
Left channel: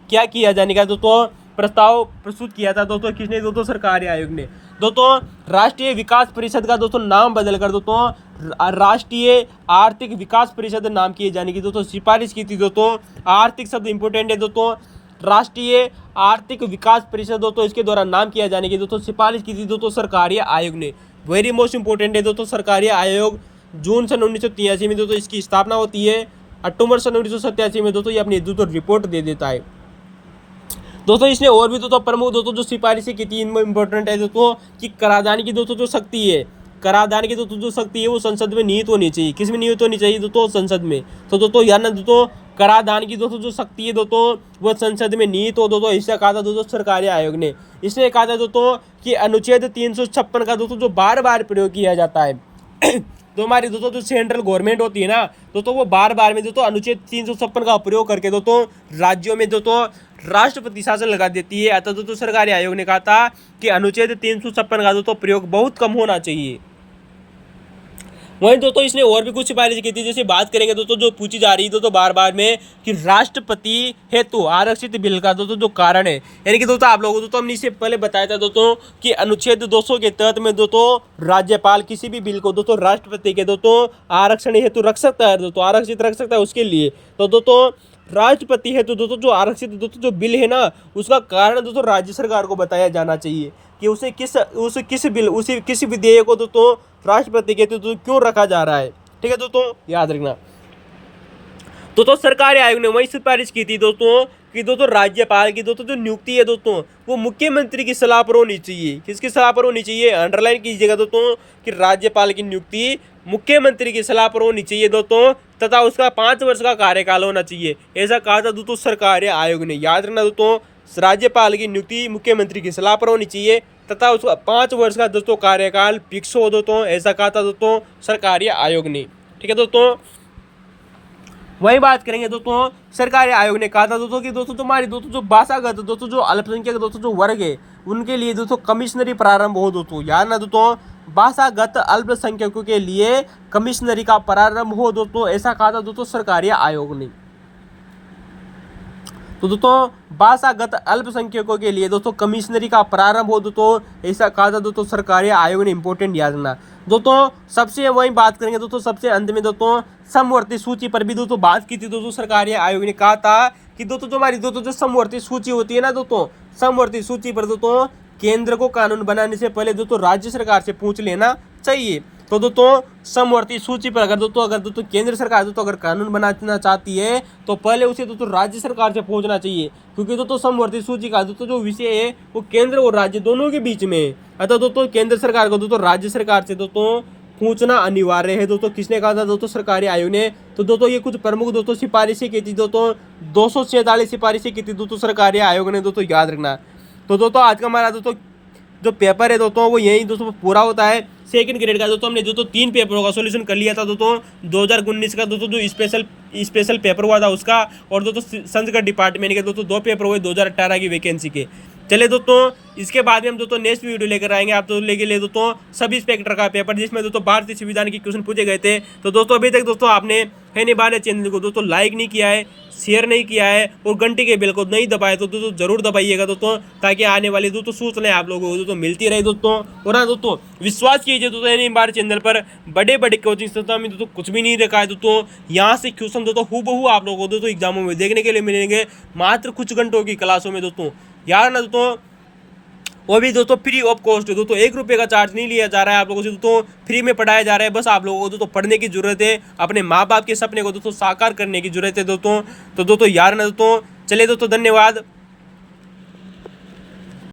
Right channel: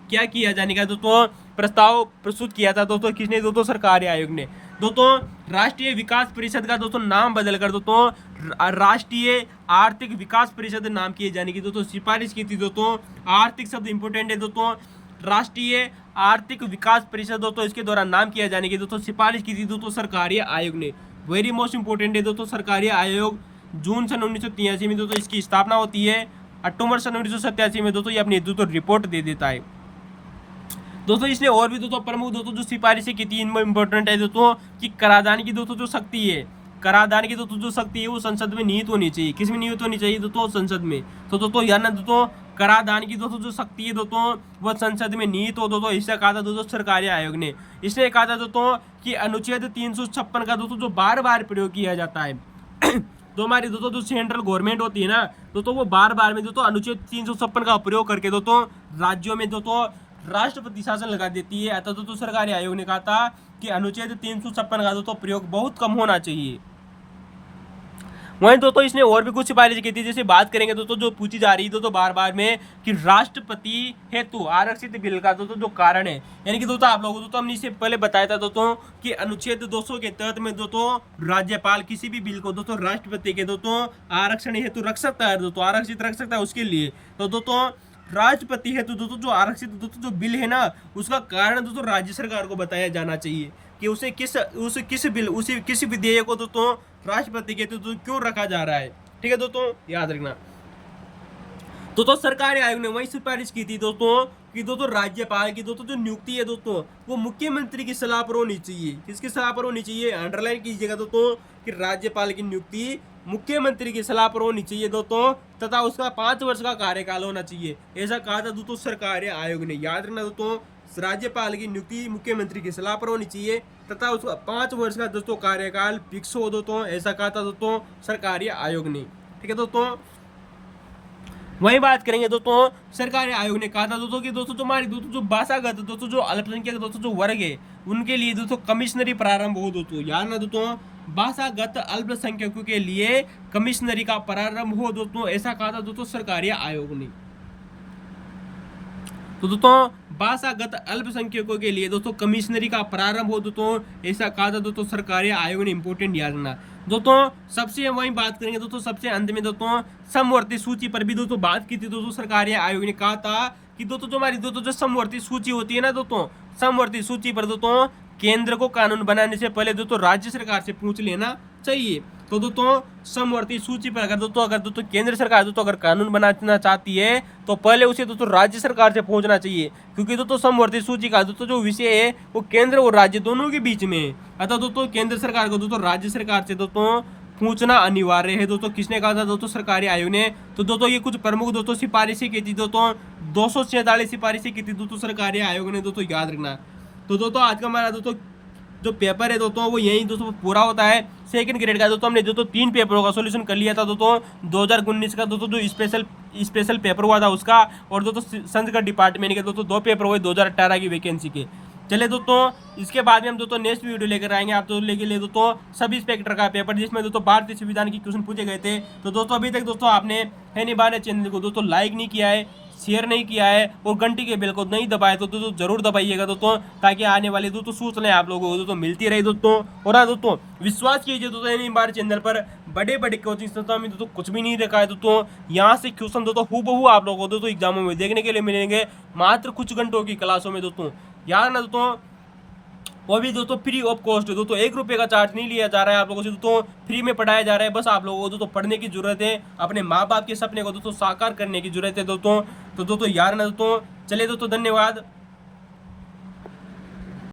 क्या किया जाने का दोस्तों प्रस्ताव प्रस्तुत किया था दोस्तों। किसने? दोस्तों सरकारी आयोग ने। दोस्तों राष्ट्रीय विकास परिषद का दोस्तों नाम बदलकर दोस्तों राष्ट्रीय आर्थिक विकास परिषद नाम किए जाने की दोस्तों सिफारिश की थी दोस्तों। आर्थिक शब्द इंपोर्टेंट है दोस्तों, राष्ट्रीय आर्थिक विकास परिषद दोस्तों इसके द्वारा नाम किया जाने की दोस्तों सिफारिश की थी दोस्तों सरकारी आयोग ने। वेरी मोस्ट इंपोर्टेंट है दोस्तों, सरकारी आयोग जून सन 1983 में दोस्तों इसकी स्थापना होती है। अक्टूबर सन 1987 में दोस्तों ये अपनी दोस्तों रिपोर्ट दे देता है। दोस्तों इसने और भी दोस्तों प्रमुख दोस्तों जो सिफारिशें की थी इनमें इंपॉर्टेंट है दोस्तों कि कराधान की दोस्तों जो शक्ति है, कराधान की दोस्तों जो शक्ति है वो संसद में निहित होनी चाहिए। किस में निहित होनी चाहिए दोस्तों? संसद में। तो दोस्तों याद ना दोस्तों कराधान की दोस्तों जो शक्ति है दोस्तों वो संसद में निहित हो दोस्तों, ऐसा कहा था दोस्तों सरकारी आयोग ने। इसने कहा था दोस्तों कि अनुच्छेद 356 का दोस्तों जो बार बार प्रयोग किया जाता है तो हमारी दोस्तों जो सेंट्रल गवर्नमेंट होती है ना दोस्तों, वो बार बार में दोस्तों अनुच्छेद 356 का प्रयोग करके दोस्तों राज्यों में दोस्तों राष्ट्रपति शासन लगा देती है। अतः दोस्तों सरकारी आयोग ने कहा था कि अनुच्छेद 356 का दोस्तों प्रयोग बहुत कम होना चाहिए। वहीं दोस्तों इसने और भी कुछ सिफारिश की थी, जैसे बात करेंगे दोस्तों जो पूछी जा रही है दोस्तों बार बार में कि राष्ट्रपति हेतु आरक्षित बिल का दोस्तों जो कारण है, यानी कि दोस्तों आप लोगों को दोस्तों हमने इससे पहले बताया था दोस्तों कि अनुच्छेद 200 के तहत में दोस्तों राज्यपाल किसी भी बिल को दोस्तों राष्ट्रपति के दोस्तों आरक्षण हेतु रख सकता है, दोस्तों आरक्षित रख सकता है उसके लिए। तो दोस्तों राष्ट्रपति हेतु दोस्तों जो आरक्षित दोस्तों जो बिल है ना उसका कारण दोस्तों राज्य सरकार को बताया जाना चाहिए कि उसे किस विधेयक को दोस्तों राष्ट्रपति के तो क्यों रखा जा रहा है। ठीक है दोस्तों, याद रखना। तो सरकारी आयोग ने वही सिफारिश की थी दोस्तों कि दोस्तों राज्यपाल की दोस्तों जो नियुक्ति है दोस्तों वो मुख्यमंत्री की सलाह पर होनी चाहिए। किसकी सलाह पर होनी चाहिए, अंडरलाइन कीजिएगा दोस्तों कि राज्यपाल की नियुक्ति मुख्यमंत्री की सलाह पर होनी चाहिए दोस्तों, तथा उसका 5 वर्ष का कार्यकाल होना चाहिए। ऐसा कहा था दोस्तों सरकारी आयोग ने। याद रखना दोस्तों, राज्यपाल की नियुक्ति मुख्यमंत्री की सलाह पर होनी चाहिए तथा उसका 5 वर्ष का दोस्तों कार्यकाल फिक्स हो दोस्तों, ऐसा कहा था दोस्तों सरकारी आयोग ने। ठीक है दोस्तों, वही बात करेंगे दोस्तों, सरकारी आयोग ने कहा था दोस्तों कि दोस्तों तुम्हारी दोस्तों जो भाषागत दोस्तों जो अल्पसंख्यक दोस्तों जो वर्ग है उनके लिए दोस्तों कमिश्नरी प्रारंभ हो दोस्तों। याद ना दोस्तों, भाषागत अल्पसंख्यकों के लिए कमिश्नरी का प्रारंभ हो दोस्तों, ऐसा कहा था दोस्तों सरकारी आयोग ने। तो दोस्तों भाषागत अल्पसंख्यकों के लिए दोस्तों कमिश्नरी का प्रारंभ हो दोस्तों, ऐसा कहा था दोस्तों सरकारी आयोग ने। इंपॉर्टेंट याद रखना दोस्तों। सबसे वही बात करेंगे दोस्तों सबसे अंत में दोस्तों समवर्ती सूची पर भी दोस्तों बात की थी दोस्तों। सरकारी आयोग ने कहा था कि दोस्तों जो हमारी दोस्तों जो समवर्ती सूची होती है ना दोस्तों, समवर्ती सूची पर दोस्तों केंद्र को कानून बनाने से पहले दोस्तों राज्य सरकार से पूछ लेना चाहिए। तो दोस्तों समवर्ती सूची पर अगर दोस्तों केंद्र सरकार दोस्तों अगर कानून बनाना चाहती है तो पहले उसे दोस्तों राज्य सरकार से पूछना चाहिए, क्योंकि दोस्तों समवर्ती सूची का दोस्तों जो विषय है वो केंद्र और राज्य दोनों के बीच में है। अतः दोस्तों केंद्र सरकार को दोस्तों राज्य सरकार से दोस्तों पूछना अनिवार्य है दोस्तों। किसने कहा था दोस्तों सरकारी आयोग ने। तो दोस्तों ये कुछ प्रमुख दोस्तों सिफारिशें की थी दोस्तों, 247 सिफारिशें की थी दोस्तों सरकारी आयोग ने दोस्तों, याद रखना। तो दोस्तों आज का हमारा दोस्तों जो पेपर है दोस्तों वो यही दोस्तों पूरा होता है। सेकंड ग्रेड का दोस्तों हमने दोस्तों 3 पेपरों का सॉल्यूशन कर लिया था दोस्तों। 2019 का दोस्तों जो स्पेशल पेपर हुआ था उसका, और दोस्तों संस्कृत डिपार्टमेंट के दोस्तों 2 पेपर हुए 2018 की वैकेंसी के। चले दोस्तों इसके बाद में हम दोस्तों नेक्स्ट वीडियो लेकर आएंगे आप दोस्तों लेके लिए दोस्तों सब इंस्पेक्टर का पेपर, जिसमें दोस्तों भारतीय संविधान के क्वेश्चन पूछे गए थे। तो दोस्तों अभी तक दोस्तों आपने है नहीं बाने चैनल को दोस्तों लाइक नहीं किया है, शेयर नहीं किया है और घंटी के बेल को नहीं दबाए तो दोस्तों जरूर दबाइएगा दोस्तों, ताकि आने वाली दोस्तों सूचनाएं आप लोगों को दोस्तों मिलती रहे दोस्तों। और हाँ दोस्तों विश्वास कीजिए दोस्तों है नहीं हमारे चैनल पर बड़े बड़े कोचिंग संस्थान में दोस्तों कुछ भी नहीं रखा है दोस्तों। यहाँ से क्वेश्चन दोस्तों हूबहू आप लोगों को दोस्तों एग्जामों में देखने के लिए मिलेंगे, मात्र कुछ घंटों की क्लासों में दोस्तों। यार ना दोस्तों वो भी दोस्तों फ्री ऑफ कॉस्ट है दोस्तों, 1 रुपये का चार्ज नहीं लिया जा रहा है आप लोगों से दोस्तों, फ्री में पढ़ाया जा रहा है। बस आप लोगों को दोस्तों पढ़ने की जरूरत है, अपने माँ बाप के सपने को दोस्तों साकार करने की जरूरत है दोस्तों। तो दोस्तों यार ना दोस्तों, चलिए दोस्तों धन्यवाद।